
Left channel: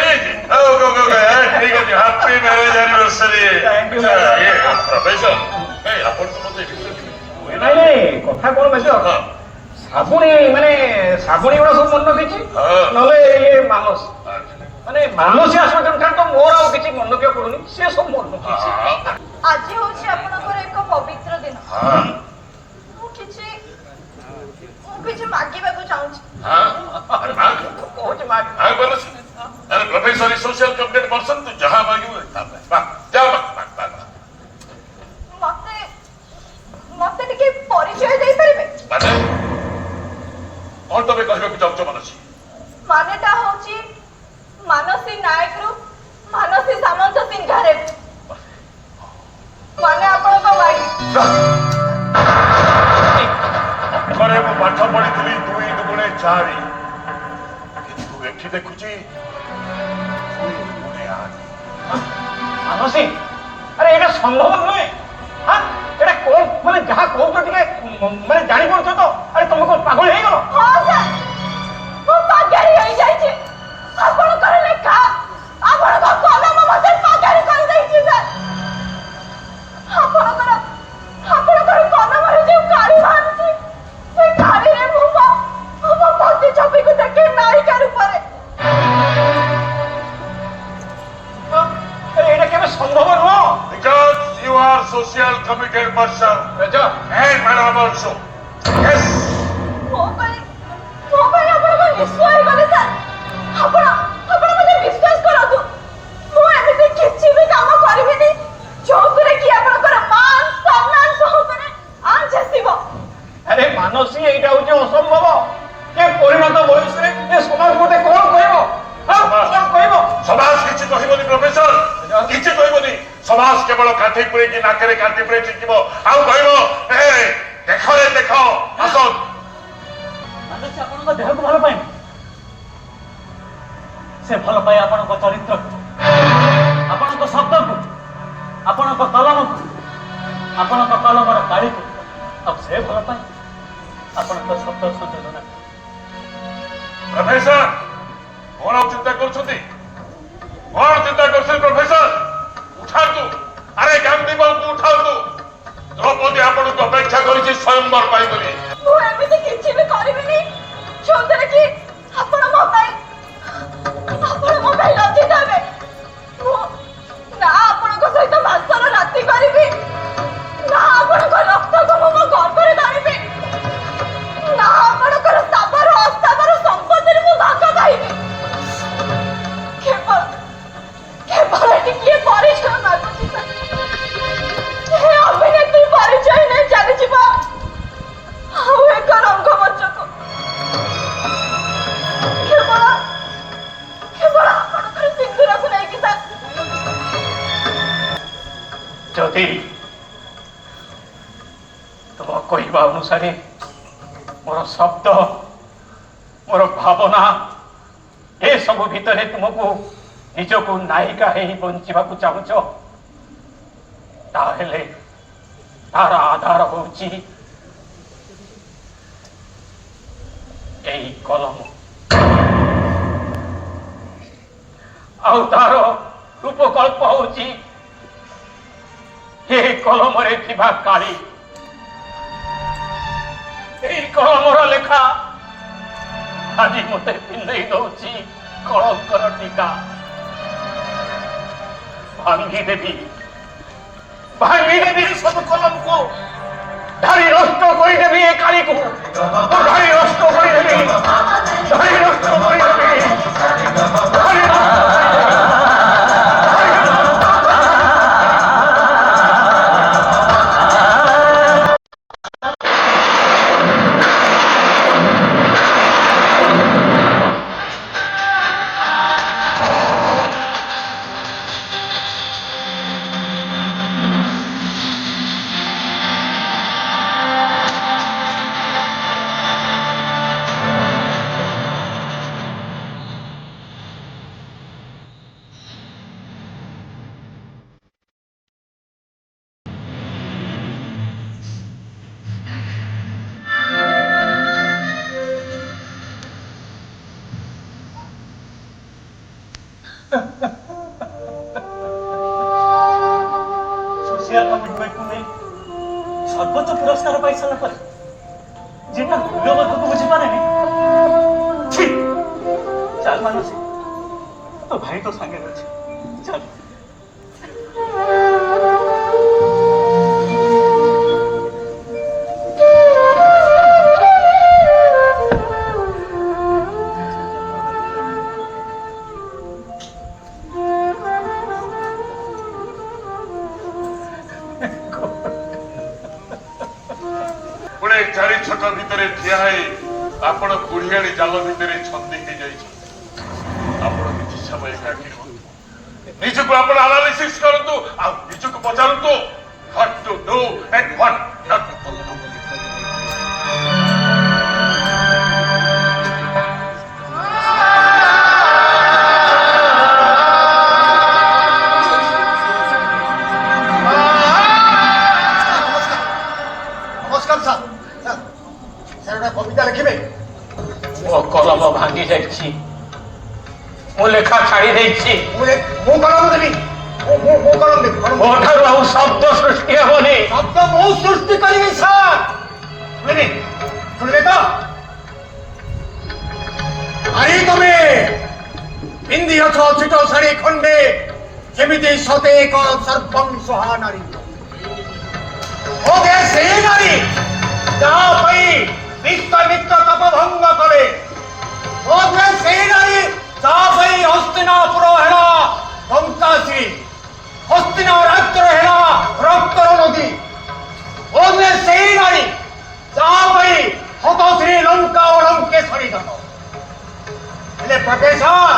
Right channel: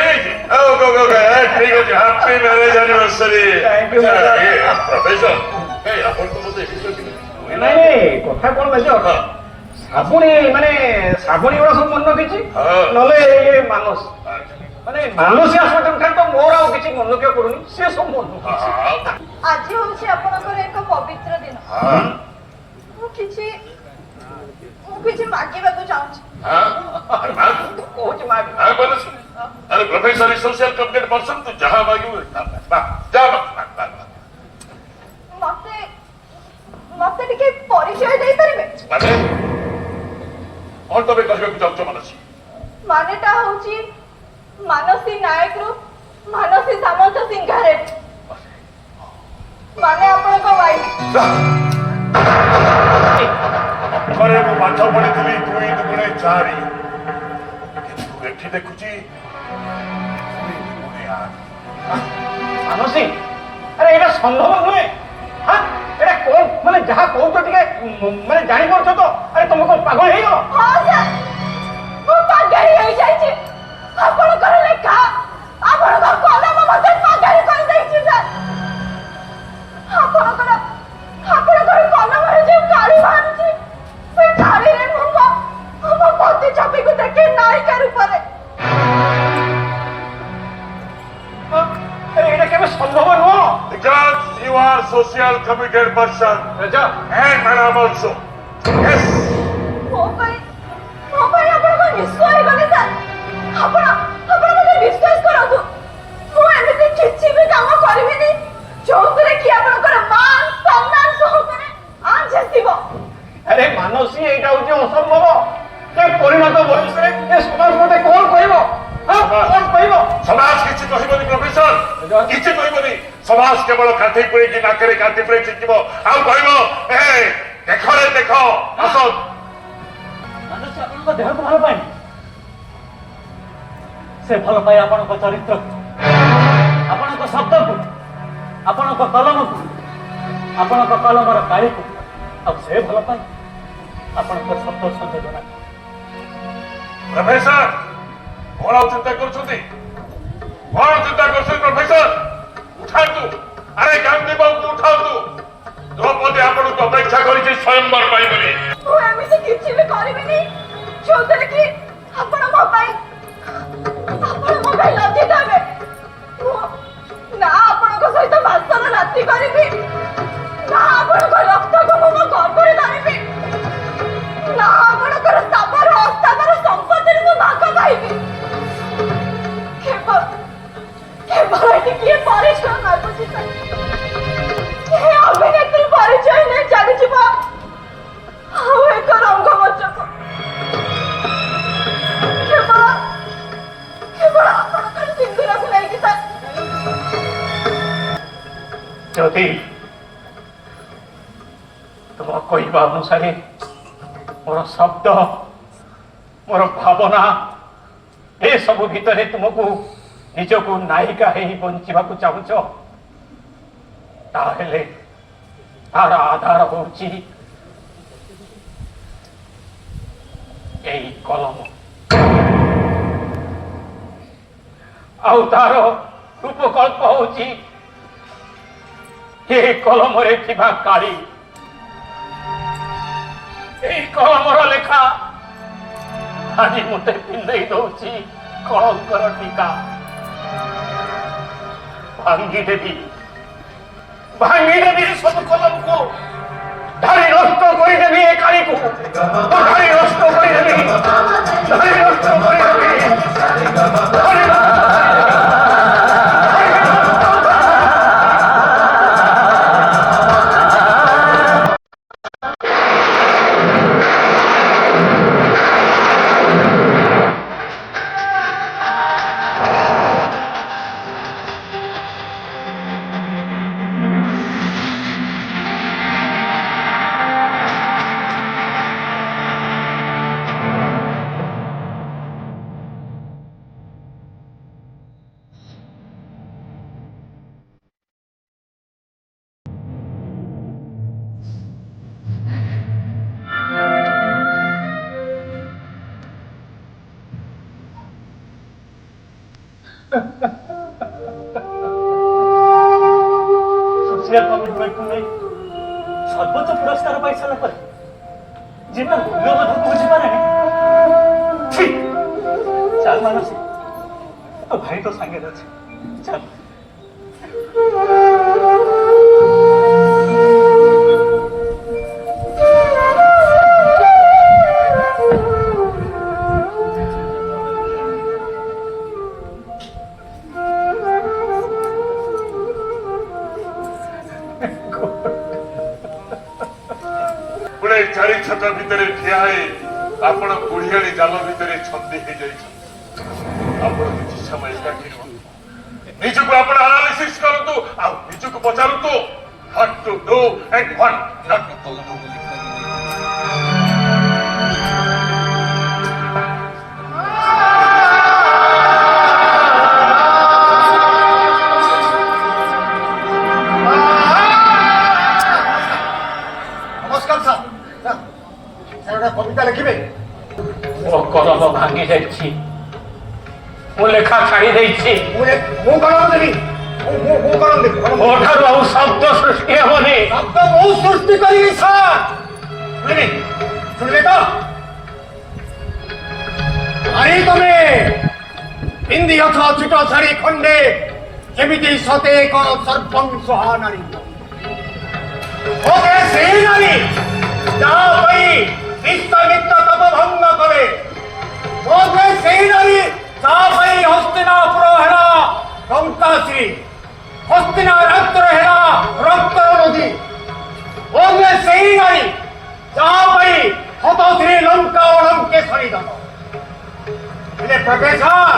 happy marriage anniversary Thank you, professor ଆପଣ ତ ମୋତେ ନାଇଁ କଥା କଣ ମେଜର ଶ୍ରାବଣୀ ମାନେ ଶ୍ରାବଣୀ ଗୁଡା ସବୁ ମନେ ରଖିଛି ନହେଲେ ଇଏ ମାନସ ମାନେ ମାନସୀ ଆସନ୍ତୁ ତ ମୋର ଆଉ କିଛି ମନେ ରଖିବାକୁ ପଡୁନି ସେ ସବୁ ମନେ ରଖିଛି। ଆଜି ହଉଛି ଆପଣଙ୍କର ଏକ ପବିତ୍ର ଦିନ ମୁଁ କିଛି ମାଗିବାକୁ ଚାହୁଁଛି। କହୁଛି ମା अरे प्रोफेसर सोशल कंप्लेंट पर्सन तू जहां मांगी वो जा ମତେ ଟିକେ ପରିଚୟ ଦେଇପାରିବେ? ମାନେ କଣ ତମେ କହିବାକୁ ଚାହୁଁଛ ମାନସୀ? ମାନେଟା ହଉଛି ମାନସୀ ନାୟକରୁ ମାନସୀ ସାମନ୍ତ ସିଂହାରେ ମାନେ ଆପଣଙ୍କ ମାଇ। ଘରେ ମୁଁ ପାଠ ପଢିଥିଲି 2 2 4 ଏଠି ଦେଖୁଛି ମାନସୀ ଆରେ ଏଇଟା ସମ୍ଭବ ନୁହେଁ ଏଇଟା କଣ ମାନେ ଯାହା କହୁଛ ଟିକେ ମାନେ ଜାଣିପାରୁଛ ତ ଆରେ ତମେ କଣ ପାଗଳ ହେଇଗଲ? ହଁ ସାର୍ ମୁଁ ପାଗଳି ହେଇଯାଇଛି। ଆପଣଙ୍କର ଲେଖା ଆପଣଙ୍କ କଲମ ମତେ ପାଗଳି କରିଦେଇଛି ସାର୍। ଆପଣଙ୍କର କଲମରେ ଯେଉଁ କାଳି ବାହାରୁଛି ସେ କାଳିରେ ମୁଁ ମୋ ପ୍ରତିଛବିକୁ ଦେଖେ ନାୟିକା ରୂପରେ। ଏଇଟା କେବେ ସମ୍ଭବ ନୁହଁ। because you are social committed person major and madam also yes ମୋ ପାଇଁ ଆପଣଙ୍କ ନିଶ୍ଚୟ ଗଲେ ସାର୍। ଆପଣ ମୋତେ ବିଶ୍ୱାସ କରନ୍ତୁ ମୁଁ ଏମିତି କିଛି ବି କାମ କରିବିନି ଯୋଉଥିରେ କି ଆପଣଙ୍କର ମାନ ସମ୍ମାନ ସବୁଥିରେ ଆଞ୍ଚ ଆସିବ। ଆରେ ମାନସୀ ଏଇଟା ହଉଛି ଅସମ୍ଭବ ଏ ପରିଣତ ବୟସରେ ଏ ସମାଜ ମତେ କଣ କହିବ କଣ କହିବ? समाज किसी कहबनी प्रोफेसर किसी कहबनी समाज केवल काठी पुरे कि नाकरे काठी पुरे शिखिबो आउ कहबो ए देखो रे देखो असो ମାନସୀ ଆପଣଙ୍କ ଦେହକୁ ଭଲ ପାଏ ସେ ଭଲ ପାଏ ଆପଣଙ୍କ ଚରିତ୍ରକୁ ଆପଣଙ୍କ ଶବ୍ଦକୁ ଆପଣଙ୍କ କଲମକୁ ଆପଣଙ୍କ କଲମର କାଳିକୁ ଆଉ ସେ ଭଲ ପାଏ ଆପଣଙ୍କ ଶବ୍ଦ ସଂଯୋଜନାକୁ। प्रोफेसर कौन चिंता करछुंती कौन चिंता करछुं प्रोफेसर उठातु अरे गांधी बाबू उठातु द्रौपदी आपण को अपेक्षा करिछि स्वयंवर पाई बोली ମୁଁ ଏମିତି କିଛି ବି କରିବିନି ଯୋଉଥିରେ କି ଆପଣ ମୋ ପାଇଁ ଲଜ୍ଜିତ ହେବେ। ମୁଁ ନା ଆପଣଙ୍କ ସହିତ ମାସର ରାତି କରିବି ନା ଆପଣଙ୍କ ରକ୍ତକୁ ମୁଁ ମୋ ଗର୍ଭରେ ଧରିବି ନା ଆପଣଙ୍କର ସ୍ଥାବର ଅସ୍ଥାବର ସମ୍ପତ୍ତିରେ ମୁଁ ଭାଗ ପାଇବି। କେବଳ ଟିକିଏ ପରିଚୟ ମାଗୁଛି ସାର୍। ଏ ଅଭିନେତ୍ରୀ ପରିଚୟ ନେଇ ଚାଲିଯିବ ଆଉ ଏକ ରଙ୍ଗମଞ୍ଚକୁ କେବଳ ଆପଣଙ୍କର ସିନ୍ଦୁରକୁ ନେଇକି ସାର୍। ଯଦି ତୁମ କହିବା ଅନୁସାରେ ମୋର ଶବ୍ଦ ମୋର ଭାବନା ଏସବୁ ଭିତରେ ତୁମକୁ ନିଜକୁ ନାୟିକା ହେଇ ବଞ୍ଚିବାକୁ ଚାହୁଁଛ ତାହେଲେ ତାର ଆଧାର ହଉଛି ଏଇ କଲମ ଆଉ ତାର ଉପକଳ୍ପ ହଉଛି ଏ କଲମରେ ଥିବା କାଳି। এই কলমର ଲେଖା ଆଜି ମୋତେ ପିନ୍ଧେଇ ଦଉଛି କଳଙ୍କର ଟୀକା। ଭାଙ୍ଗିଦେବି ସବୁ କଲମକୁ, ଧାଡ଼ି ନଷ୍ଟ କରିଦେବି ଏ କାଳିକୁ, ଧାଡ଼ି ନଷ୍ଟ କରିଦେବି, ଧାଡ଼ି ନଷ୍ଟ କରିଦେବି। ସର୍ବୋଚ୍ଚ ପୁରସ୍କାର ପାଇସାରିଲା ପରେ ଯେତେ ମୂଲ୍ୟବୋଧକୁ ବୁଝିପାରେନି। ଚାଲ ମାନସି, ତୋ ଭାଇ ତ ସାଙ୍ଗରେ ଅଛି, ଚାଲ। ପୁଣି ଚାରି ଛକ ଭିତରେ ଠିଆ ହେଇ ଆପଣ କୁଡ଼ିଆଣି ଜାଲ ଭିତରେ ଛନ୍ଦି ହେଇଯାଇଛନ୍ତି। ଆପଣ କିଛି ସମୟ ଏକାଠି ନିଜକୁ ଆପଣ ଆନାଲିସିସ୍ କରନ୍ତୁ, ଆଉ ନିଜକୁ ପଚାରନ୍ତୁ what to do and what not to do। ନମସ୍କାର ସାର୍। ସାର୍ ଗୋଟେ କବିତା ଲେଖିବେ? ମୋ କଲମ ଭାଙ୍ଗି ଯାଇଛି, ମୁଁ ଲେଖା ଛାଡ଼ି ଦେଇଛି। ମୁଁ କଲମ ଦେବି, ମୁଁ କଲମ ଦେବି। ମୋ ଠାରୁ ଆଉ ଶବ୍ଦ ସୃଷ୍ଟି ହେବନି। ଶବ୍ଦ ମୁଁ ସୃଷ୍ଟି କରିବି ସାର୍। ଶୁଣିବେ ଶୁଣିବେ ତ? ଆରେ ତମେ ପିନ୍ଧିଅଛ ଛୋଟ ଶାଢ଼ୀ ଖଣ୍ଡେ, ଯେମିତି ସତେ ଏକ ସର୍ବଂସହା ନାରୀ। ସେଇ ନାରୀ ଯାହା ପାଇଁ ବିଶ୍ୱମିତ୍ର ତପଭଙ୍ଗ କରେ। ସେଇ ନାରୀ ଯାହା ପାଇଁ ହସ୍ତିନାପୁର ହେଲା ଲଙ୍କାଶ୍ରୀ, ହସ୍ତିନା ରାଜ୍ୟର ହେଲା ରକ୍ତର ନଦୀ। ସେଇ ନାରୀ ଯାହା ପାଇଁ ହତଶ୍ରୀ ଲଙ୍କା ଲଙ୍କେଶ୍ୱରୀ ଦବ। ହେଲେ ପ୍ରଫେସର,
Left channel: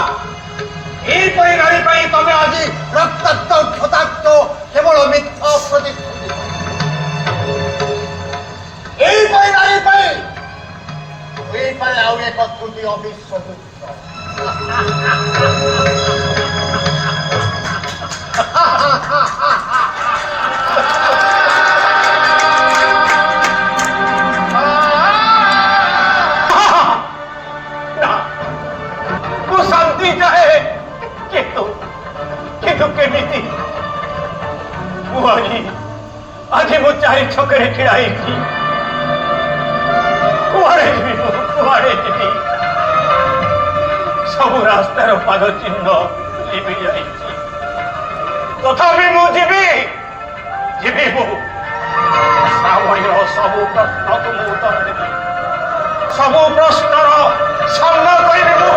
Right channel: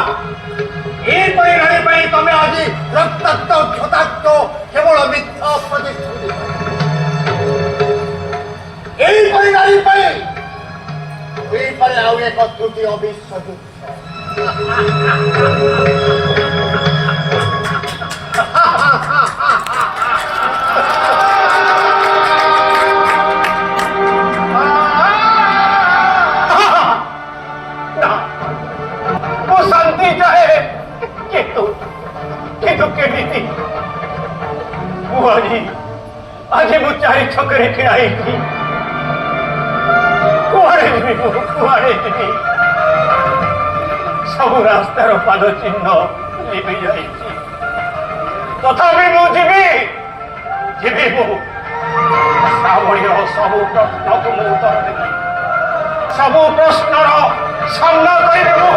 ଏହିପରି ନାରୀ ପାଇଁ ତମେ ଆଜି ରକ୍ତାକ୍ତ କ୍ଷତାକ୍ତ କେବଳ ମିଥ୍ୟା ପ୍ରତିଶ୍ରୁତି। ଏହିପରି ନାରୀ ପାଇଁ ଏହିପରି ଆଉ ଏକ ତ୍ରୁଟି ଅବିଶ୍ୱାସ। ମୁଁ ଶାନ୍ତି ଚାହେଁ, କିନ୍ତୁ କେମିତି? ମୁଁ ଆଜି ମୁଁ ଚାରି ଛକରେ ଠିଆ ହେଇଛି। କୁଆଡ଼େ ଯିବି ମୁଁ, କୁଆଡ଼େ ଯିବି? ସବୁ ରାସ୍ତାର ପାଦ ଚିହ୍ନ ଲିଭି ଯାଇଛି, ତଥାପି ମୁଁ ଯିବି ମୁଁ। ଶ୍ରାବଣୀର ସବୁ ପ୍ରଶ୍ନକୁ ମୁଁ ଉତ୍ତର ଦେବି, ସବୁ ପ୍ରଶ୍ନର ସାମ୍ନା କରିବି ମୁଁ।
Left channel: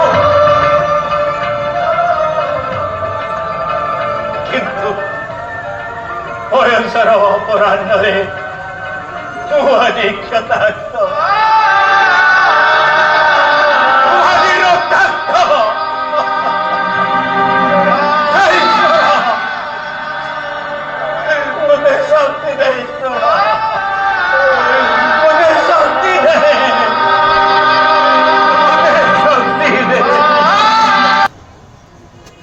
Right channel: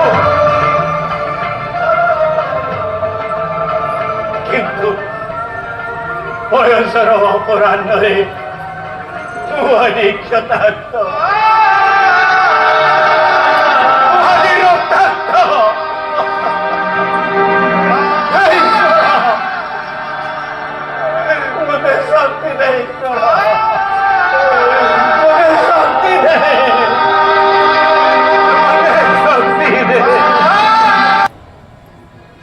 କିନ୍ତୁ ବୟସର ଅପରାହ୍ନରେ ମୁଁ ଆଜି କ୍ଷତାକ୍ତ, ମୋତେ ଶାନ୍ତି ଦେ ଈଶ୍ୱର, ମୋତେ ଶାନ୍ତି ଦେ, ମୋତେ ଶାନ୍ତି ଦେ।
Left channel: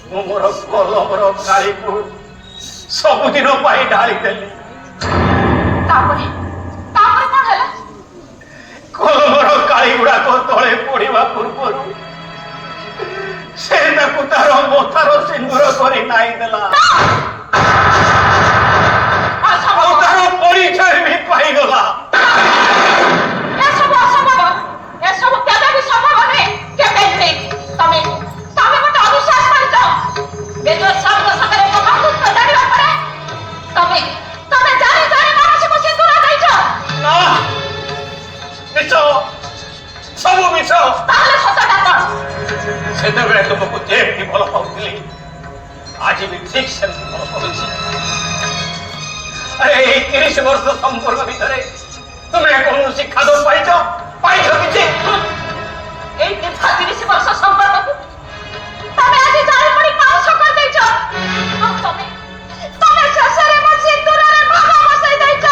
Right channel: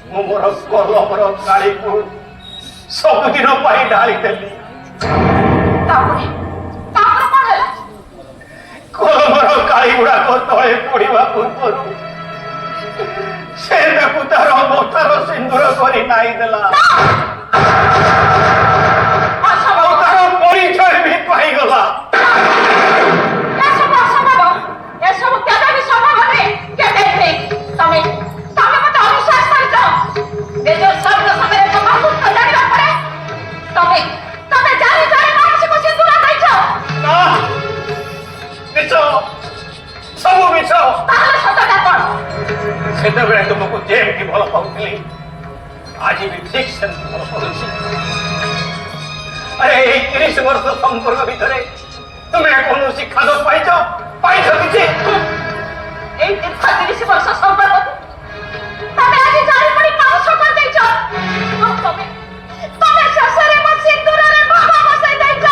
ମୁଁ ମୋର କଲମର କାଳିକୁ ସବୁଦିନ ପାଇଁ ଢାଳିଦେଲି। କଲମର କାଳି ଗୁଡାକ ତଳେ ପଡିବା ପୂର୍ବରୁ ସେ ତାକୁ ତାର ମଥାର ସିନ୍ଦୁର କରି ନାଇଁ ଦେଲା, ଆଉ ତାର ପରିଚୟ ବି ପାଇଗଲା। ସବୁ ମିଛ। ତାହେଲେ ସତଟା କଣ? ସେତେବେଳେ ତୁମକୁ ଯେମିତି ଭଲ ପାଉଥିଲି ଆଜି ବି ଠିକ ସେମିତି ଭଲ କରୁଛି। ଆରେ ଏଇ 30 ବର୍ଷ ସମ୍ପର୍କ ଭିତରେ ତୁମେ କୌଣସି ଖାଦ ପାଇଛ କିଛି? এই দীর্ঘ 30 ବର୍ଷ ସମ୍ପର୍କକୁ ତମେ ଆଜି ଜାଣିପରି ପାଉଛ କରିଦେଇଛ। ତମେ ଶେଷରେ ମୋ ସିନ୍ଦୁରରେ ବାହା ବସାଇ ଦେଇଛ।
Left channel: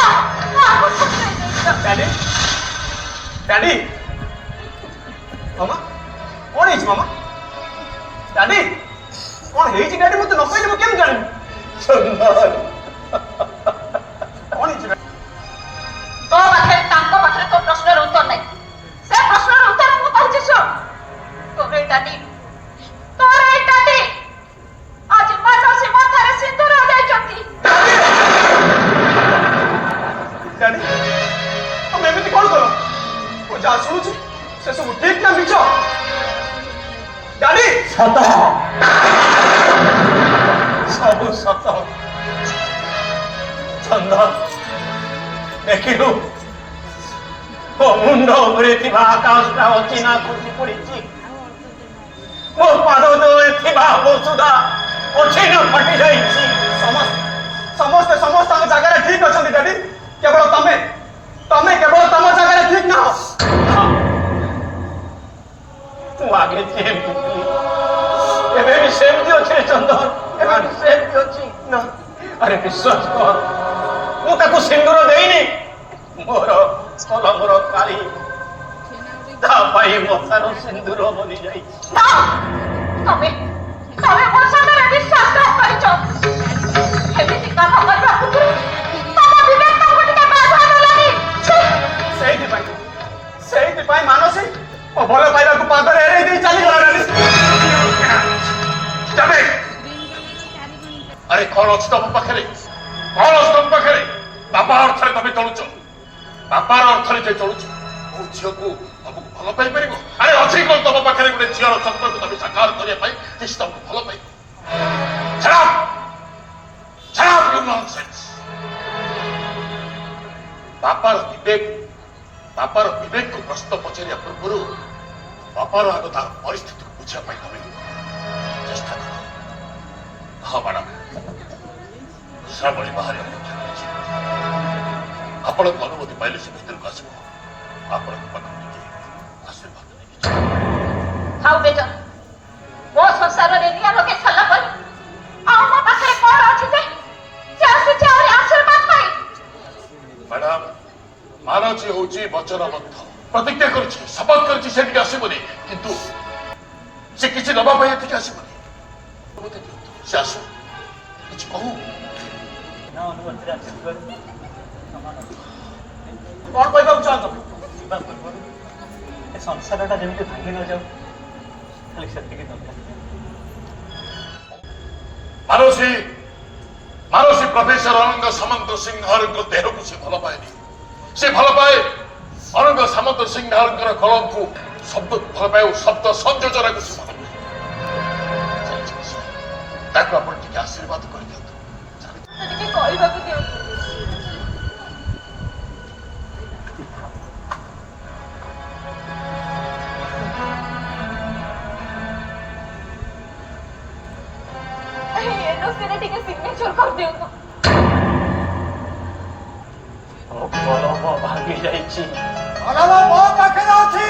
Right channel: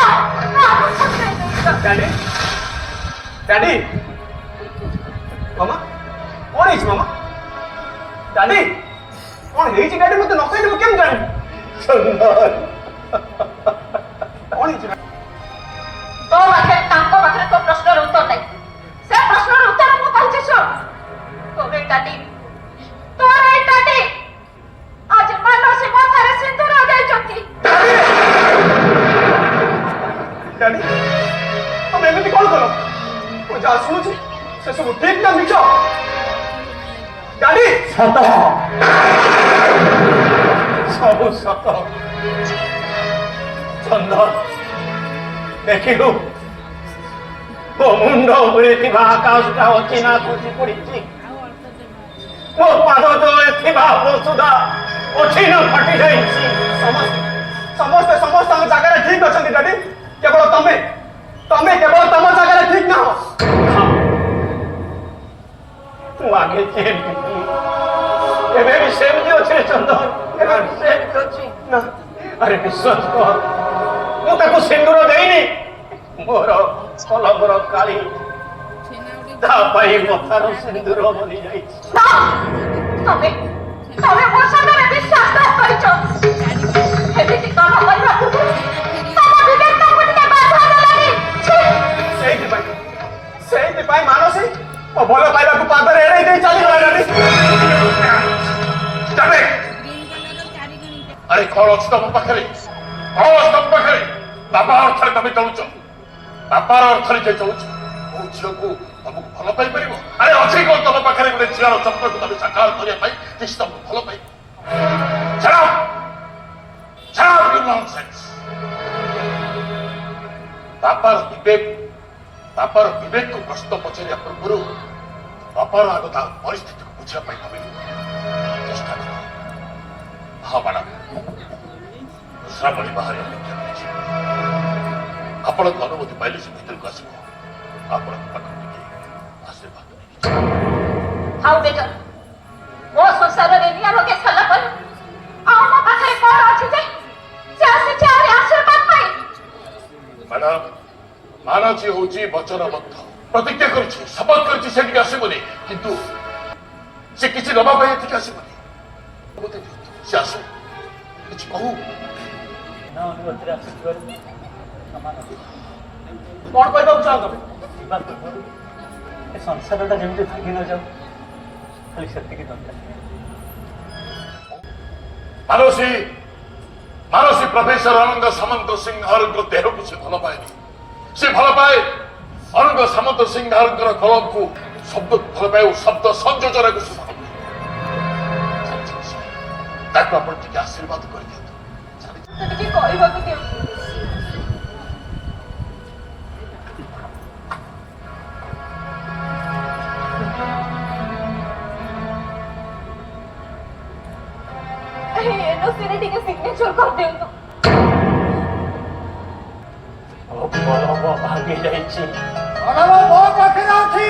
ଡାଡି ଡାଡି ମାମା କଣ ହେଇଛି ମାମା? ଡାଡି କଣ ହେଇଛି ଡାଡି? ମତେ ନ କହିଲେ ମୁଁ କେମିତି ଜାଣିବି? କଣ ହେଇଛି? ତୋ ପାଖରେ ତାଙ୍କ ପାଖରେ ତୋ ପ୍ରଶ୍ନର ଉତ୍ତର ନାହିଁ। ସେ ପ୍ରଶ୍ନର ଉତ୍ତର ମୁଁ କହୁଛି ଶୁଣ। ତୋର ଏଇ ଡାଡି ଆଜି ମାନସୀ ମାଥାରେ ସିନ୍ଦୁର ଦେଇଛନ୍ତି। ଡାଡି ତମେ ଏମିତି କଣ କର? ମୁଁ ଯାହା ଶୁଣୁଛି ସେସବୁ ଠିକ ନା ମିଛ? ଡାଡି ସତ, ସବୁ ସତ। ଚନ୍ଦ୍ର ଦେଖିଲୁ ମୋ ମୁଣ୍ଡ ଉପରେ ଥିବା ଆକାଶଟା ଅଚିହ୍ନା ଖସି ପଡିଛି। ମୋ ପାଦ ତଳେ ଥିବା ବସୁଧା ଅଚିହ୍ନା ଫଟି ଯାଇଛି। ସମସ୍ତେ ସମସ୍ତଙ୍କ ଜାଗାରେ ଠିକ ଅଛନ୍ତି ଡାଡି, କେବଳ ତମେ କେବଳ ତମ ଜାଗାରେ ଠିକ ନାହ। ମୁଁ ଆଗେ ସେମିତି ଥିଲି, ଏବେ ବି ସେମିତି ଅଛି ରେ ଚନ୍ଦନ, ଏବେ ବି ସେମିତି ଅଛି ନା? ଆରେ ବିଶ୍ୱାସ କର, ମୁଁ ତାକୁ ସିନ୍ଦୁର ଦେଇନି। ମୋର କଲମର କାଳି ତା ପାଇଁ ମଥାରୁ ସିନ୍ଦୁର ବନି ଯାଇଛି। ତମେ ମୋ ସାଙ୍ଗରେ ବିଶ୍ୱାସଘାତ କରିଛ। ଏମିତି କାମ କରିବା ପୂର୍ବରୁ ତମ ବିବେକକୁ ଟିକେ ବାଧା ଦେଲାନି। ସେଇଥିପାଇଁ ମାନସୀ ଓ ଭଲ ପାଇବାକୁ ପାଦରେ ଏଡ଼େଇ ଦେଇ ଚାଲିଗଲାଣି। ଆରେ କଣ ଅଛି ତମ ପାଖରେ? କଣ ଅଛି ତମ ପାଖରେ? ବାପା ଅର୍ଥରେ ତମେ ଚଳୁଛ, ବାପାର ଅର୍ଥରେ ଯେ ଚଳୁଛ। ମୋ ଝିଅକୁ ତମକୁ ଭଲ ପାଇପାରିବ? ଆରେ ଅଛି କଣ ତମ ପାଖରେ ଗୋଟେ ଝିଅର ଚକ୍ରକୁ ତମେ ସାକାର କରିବା ପାଇଁ ଯେ ସେ ତମକୁ ଭଲ ପାଇବ? ବାପାର ବିବେକକୁ ପ୍ରଶ୍ନ ପଚାରିବା ପୂର୍ବରୁ ବାପାର ଆଗ ତା ପରିସ୍ଥିତିକୁ ବୁଝିବା ପାଇଁ ତମେ ଚେଷ୍ଟା କର। ହଁ ମ୍ୟାଡାମ, ଶ୍ରାବଣୀ ବାହାରେ ଅପେକ୍ଷା କରିଛି। ଆପଣଙ୍କ ଅନୁମତି ପାଇଲେ ସେ ଭିତରକୁ ଆସିବ। ଆପଣଙ୍କ ପାଖରେ ଟିକେ ଆଶୀର୍ବାଦ ନେଇକି ଥାଉ ମେଜର, ମୋ ସଂସାରରେ ନିୟମ କେ ସାରିଲା ପରେ ଆଉ ମୋ ପାଖରେ କଣ ଅଛି ଯେ ସେ ଆସିଛି ଆହୁରି ଆଶୀର୍ବାଦ ପାଇଁ? ମ୍ୟାଡାମ, ମାନସୀ ହଉଛି ବଚନବଦ୍ଧ, ପ୍ରତିଜ୍ଞା କରିଛି, ଶପଥ କରିଛି ସେ ଟିକେ ଆସିବନି, କିନ୍ତୁ ସେ କିଛି ନେବା ପାଇଁ ଏଠିକି ଆସିବନି। ଅନୁମତି ଦିଅନ୍ତୁ, ସେ ଆସୁ, କିଛି କହୁ। ଅନୁମତିରେ ଆସିଥିବାରୁ କଣ କହିବାକୁ ଚାହୁଁଛ? ଯିବା ପୂର୍ବରୁ ଏ ସଂସାରଟା ଯେମିତି ଭାଙ୍ଗି ନ ଯାଉ, ଖାଲି ସେତିକି ଦରକାର। ମାନସୀ ପ୍ରଫେସର ଅନଙ୍ଗ ସାମନ୍ତ ସିଂହାରଙ୍କ ଦେହକୁ ସେ ଭଲ ପାଏନି। ସେ ଭଲ ପାଏ ଅନଙ୍ଗ ସାମନ୍ତ ସିଂହାରଙ୍କର କଳମକୁ, ଶବ୍ଦ ଭଲ ପାଏ ଓ ଶବ୍ଦ ସଂଯୋଜନାକୁ ସେ ଭଲ ପାଏ। ତାକୁ ଆପଣ ଟିକେ ଆଶୀର୍ବାଦ କରିଦିଅନ୍ତୁ। ଟିକେ କହିବାକୁ ଦିଅନ୍ତୁ। ଏନୋସିରେ ଟିକେ ସିଗ୍ନେଚର କରିଦିଅନ୍ତୁ। ମୋ କଲମ ଭାଙ୍ଗି ଯାଇଛି। କଲମ ମୋ ପାଖରେ ଅଛି।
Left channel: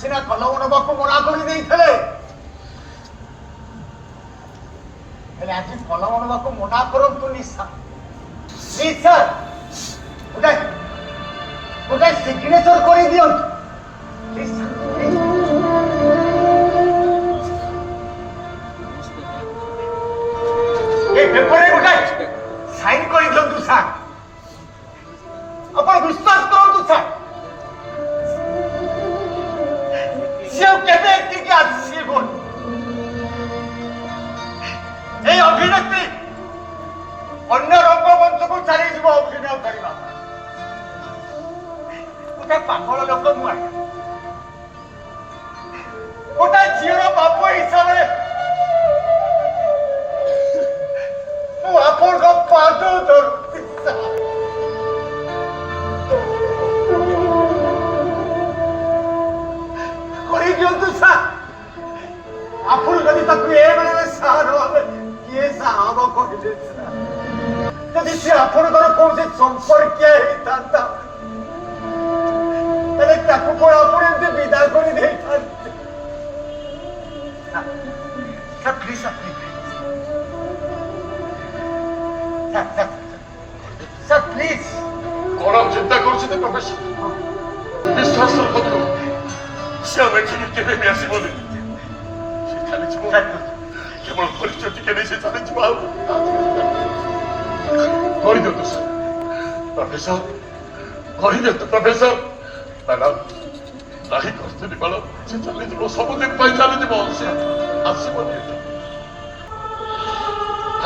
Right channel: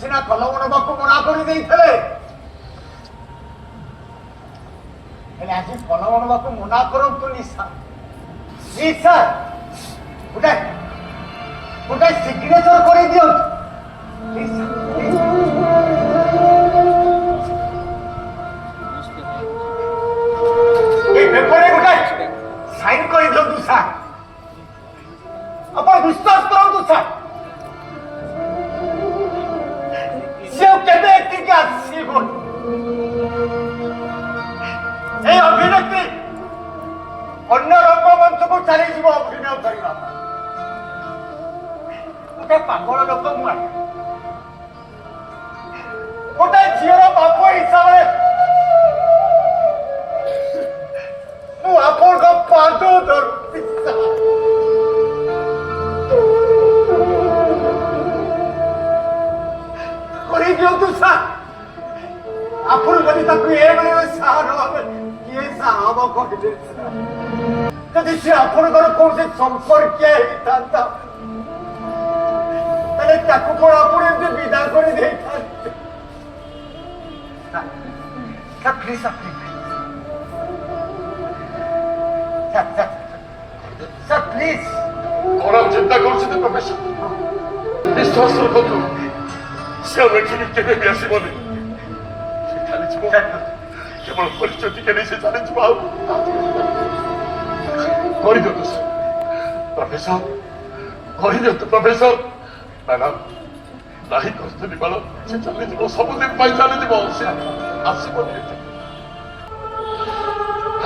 ସିନା କଲମ ନେବାକୁ ମନା କରିଦେଇଥିଲେ, ହେଲେ ଆଜି କଲମ ନେବାକୁ ମନା କରନ୍ତୁ ନିଶା। ଗୋଟେ ସିଗ୍ନେଚର କରିଦିଅନ୍ତୁ। ଏ ପେପରରେ ଗୋଟେ ସାଇନ୍ କରିଦିଅନ୍ତୁ ସାର୍। ଆପଣ ବିଶ୍ୱାସ କରନ୍ତୁ ସାର୍, ସେ କେବେ ଏଠିକି ଆସିବ? এই অভিনেত্রী অন্য রঙ্গমঞ্চକୁ ଚାଲିଯିବ ଅଭିନୟ କରିବା। ଗୋଟେ ପାଗଳ ଲୋକ ମୁଁ ଆଜ୍ଞା, ଗୋଟେ ଝିଅର ବାପ ହିସାବରେ ଆପଣଙ୍କ ପାଦ ଧରୁଛି ସାର୍। କରିଦିଅନ୍ତୁ ସାର୍। ଆପଣ ଯଦି ତାକୁ ଏଭଳି ସାର କିଏ ସାହବ କହିଲେ ସାର୍? ଯଦି ସେ ଆପଣଙ୍କର କୌଣସି ସମ୍ପର୍କୀୟ ହେଇଥାନ୍ତା ତାହେଲେ ତାକୁ କଣ ଆପଣ ଏମିତି ବିଦା କରି ଦେଇଥାନ୍ତେ? ସାର୍ ପ୍ଲିଜ ସାର୍ ପ୍ଲିଜ କଣ ଚିନ୍ତା କରୁଛନ୍ତି ପ୍ରଫେସର? ବିଶ୍ୱାସ ରଖନ୍ତୁ ସେ ଆଉ ଏଠିକି କେବେ ବି ଆସିବନି। ସେ ଚାଲିଯିବ କେବଳ ପରିଚୟ ଟିକେ ନେଇ ସେ ଚାଲିଯିବ। ଆଉ କହିଦିଅନ୍ତୁ ସାର୍ ପ୍ରଫେସର, କହିଦିଅନ୍ତୁ ପ୍ରଫେସର। ମ୍ୟାଡାମ ନାହିଁ କରିଥିଲି ମ୍ୟାଡାମ, ସେ ଚାଲିଯିବ, ସବୁଦିନ ପାଇଁ ଚାଲିଯିବ, ସେ ଆସିବନି ଏଠି।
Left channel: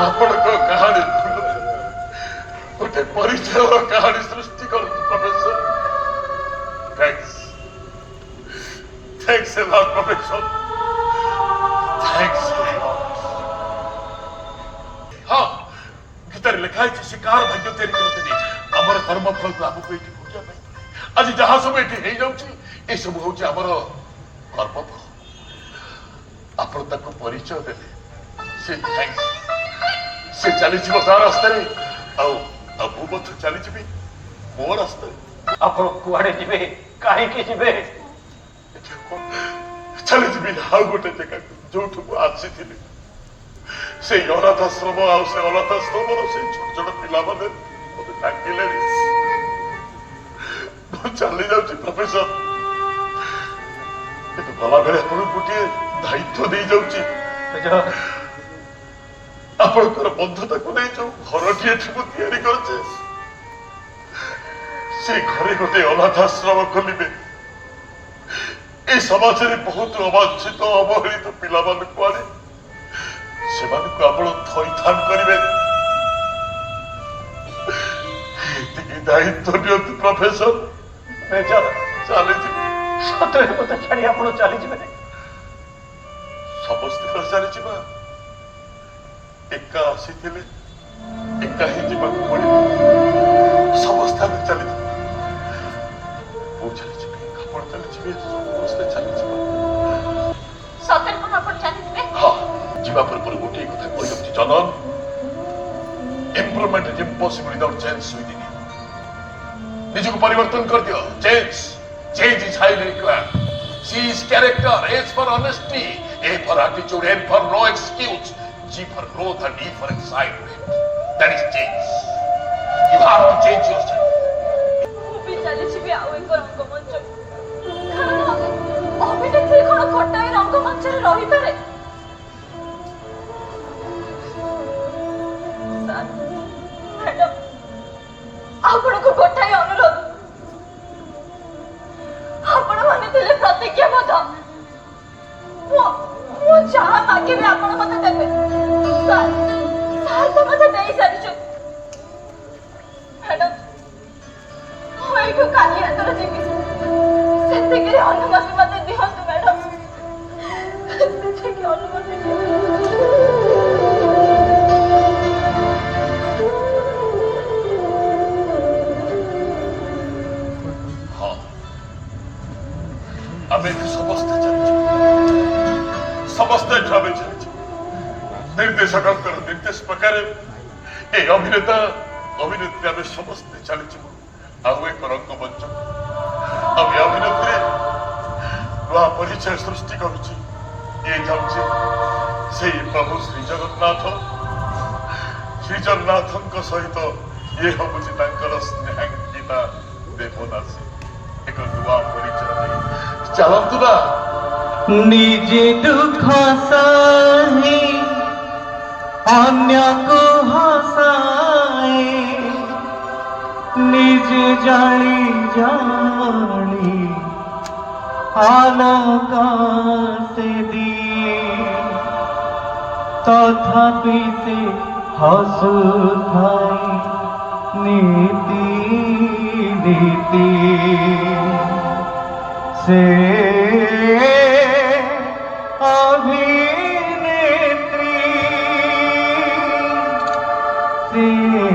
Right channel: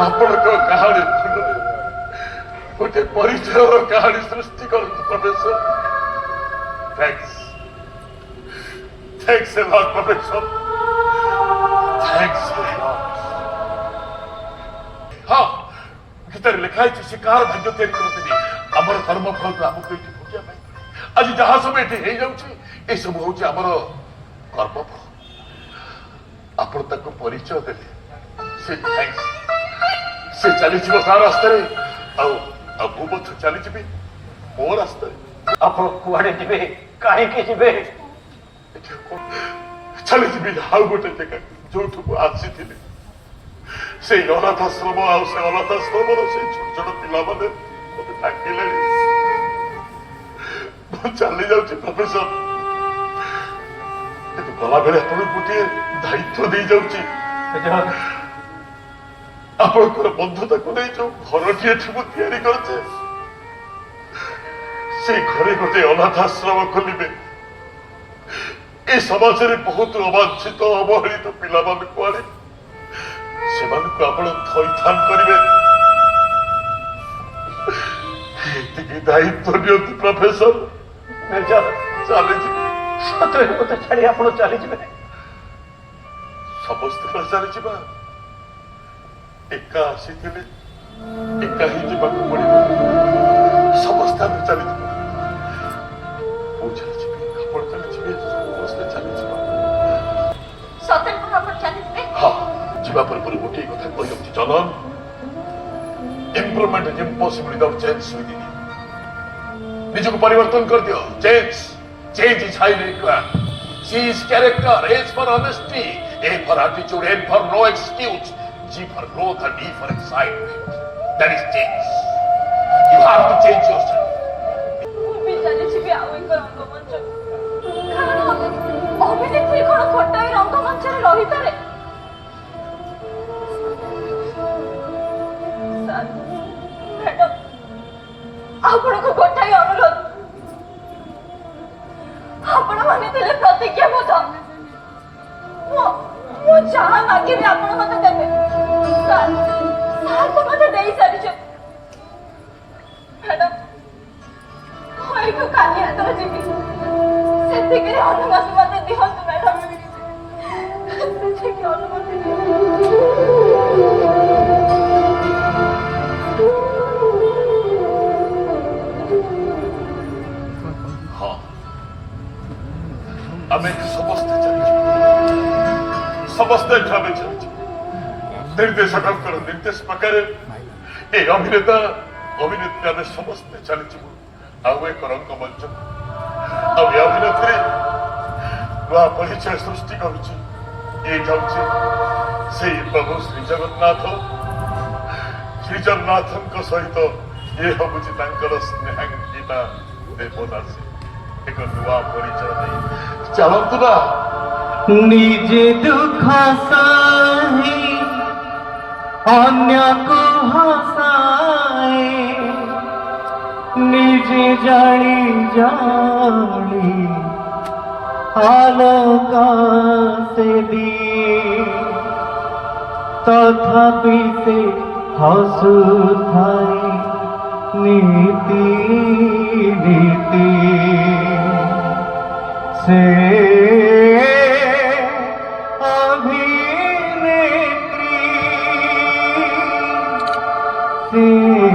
ଆପଣଙ୍କ କାହାଣୀ ଗୋଟେ ପରିଚୟର କାହାଣୀ ସୃଷ୍ଟି କରନ୍ତୁ professor. Thanks a lot, Professor. Thanks a lot. हाँ, गीताରେ ଲେଖା ହେଇଛି ସେ କାହାର ଭାଗ୍ୟ ତିଆରି କରନ୍ତିନି, ଆମର କର୍ମ ଫଳକୁ ଆମକୁ ଏଠି ଭୋଗିବା ପାଇଁ। ଆଜି ଯାହା ସବୁ ଏଠି ହେଇଯାଉଛି ଏସବୁ ହଉଛି ଆମର କର୍ମଫଳ। ଆପଣ ତାକୁ ପରିଚୟ ଦେଲେ, ସେ ଥ୍ୟାଙ୍କ୍ସ। ସେ ଚାଲିଯିବ ତା ରାସ୍ତାରେ, ଆଉ ମୁଁ ମଧ୍ୟ ଚାଲିଯିବି ମୋ ରାସ୍ତାରେ। ଆପଣ କୁଆଡେ ଯିବେ, କାହିଁକି ଯିବେ? ଚାଲିଯିବି ଆଉ ଗୋଟେ ଜାଗାକୁ ଯୋଉଠୁ ମୁଁ ଆସିଥିଲି। ସେଇ ଅନାଥାଶ୍ରମ, ଆଉ ସେ ଅନାଥାଶ୍ରମର ସେଇ ଛୋଟ ଛୋଟ ପିଲାମାନେ ମତେ ଡାକିଲେଣି। ମୁଁ ଚାଲି ଯାଉଛି ପ୍ରଫେସର, କିନ୍ତୁ ଗଲାବେଳେ ଆପଣଙ୍କୁ ଗୋଟିଏ ଦାୟିତ୍ୱ ଦେଇଯାଉଛି। ଆପଣଙ୍କର ବନ୍ଧୁତାକୁ ନେଇ ଯୋଉ ଘରଟି ଏଠି ମୁଁ ତିଆରି କରିଛି, ସେ ଘରେ ଗୋଟେ ଅନାଥାଶ୍ରମ ଖୋଲିବେ। ଏ ସମାଜରେ ବହୁତ ଅବାଞ୍ଛିତ ଅବହେଳିତ ପିଲାମାନଙ୍କୁ ଆଣି ସେମାନଙ୍କୁ ଆପଣ ଥଇଥାନ କରିବେ। ଏତିକି ଦାୟିତ୍ୱ ନିଅନ୍ତୁ ପ୍ରଫେସର। ଚାଲିଯିବେ। ସତରେ ମତେ ଛାଡି ଆପଣ ଚାଲିଯିବେ? ସମସ୍ତେ ଚାଲିଯିବା। ଏକା ଆସିଥିଲେ, ଏକା ହିଁ ଯିବାକୁ ପଡିବ। ସମସ୍ତେ ଆମେ ଚାଲିଯିବା। ମୁଁ ଚାଲିଯିବି, ଆପଣ ଚାଲିଯିବେ, ସମସ୍ତେ ଚାଲିଯିବା। ସତରେ କଣ ଆପଣ ଚାଲିଯିବେ? ହଁ, ଯିବା ପୂର୍ବରୁ ଗୋଟିଏ କଥା କହିଦେଉଛି ଜନନ, improvement is impossible without change within. ନିଜକୁ ପରିବର୍ତ୍ତନ କରିଦିଅ। Change is highly required. C is character, H for honesty, A for attitude, N for no excuse, G for growth, and E for excitement. That is change. You have to change yourself. ମୁଁ ବି ଚାଲିଯିବି ଆଉ ଏକ ରଙ୍ଗମଞ୍ଚ। କାରଣ ଅଭିନେତ୍ରୀ କଣ ଗୋଟାଏ ରଙ୍ଗମଞ୍ଚରେ ରହିପାରେ? ସାର୍, ମ୍ୟାଡାମ, ଆପଣଙ୍କୁ ଗୋଟାଏ ଅନୁରୋଧ। ଆପଣ ମାନେ ଥିଲେ ପ୍ରତିଜ୍ଞାବଦ୍ଧ। ମୁଁ ଯାହା ମାଗିବି ଆପଣ ମତେ ଦେବେ। ସାର୍ ତ ମତେ ଦେଇ ସାରିଛନ୍ତି। ମ୍ୟାଡାମ, ମୁଁ ଏଇଠୁ କାଲି ଯେତେବେଳେ ଯିବି ସେତିକି ଅନୁମତି ମତେ ଦିଅନ୍ତୁ ମ୍ୟାଡାମ। ସେତିକି ଅନୁମତି ହଁ, ଆମେ ଏଠି ସମସ୍ତେ ଚାଲିଯିବୁ। ସମସ୍ତେ ଏଠି ଆମେ ଚାଲିଯିବୁ। ନିର୍ଦ୍ଦେଶକଙ୍କର ନିର୍ଦ୍ଦେଶ ପ୍ରକାରେ ଏ ଅଭିନେତା ଅଭିନେତ୍ରୀ ଆମେ ସମସ୍ତେ ଚାଲିଯିବୁ ଆଉ ଏକ ରଙ୍ଗମଞ୍ଚ। ଆଉ ଏ ଅଭିନେତ୍ରୀ ନୂଆ ପରିଚୟ ସୃଷ୍ଟି କରୁଛି। ଇଏ ଯାଉଛି ସେଇ ପ୍ରଭୁ ଶ୍ରୀଜଗନ୍ନାଥଙ୍କ ସହିତ ଇଏ ହଉଛି ତାଙ୍କର ସ୍ନେହାଙ୍କିତା ଦେବଦାସୀ। ଏକ ନୂଆ ପରିଚୟ ନେଇ ଚାଲନ୍ତୁ ନା। ନିଜେ ଦୁଃଖ ସହି ଅନ୍ୟକୁ ହସାଏ, ନିଜେ ଜାଳି ଜାଳି ଆଲୋକ ସେ ଦିଏ, ତଥାପି ସେ ହସୁଥାଏ ନୀତି ନୀତି। ସେ ଅଭିନେତ୍ରୀ से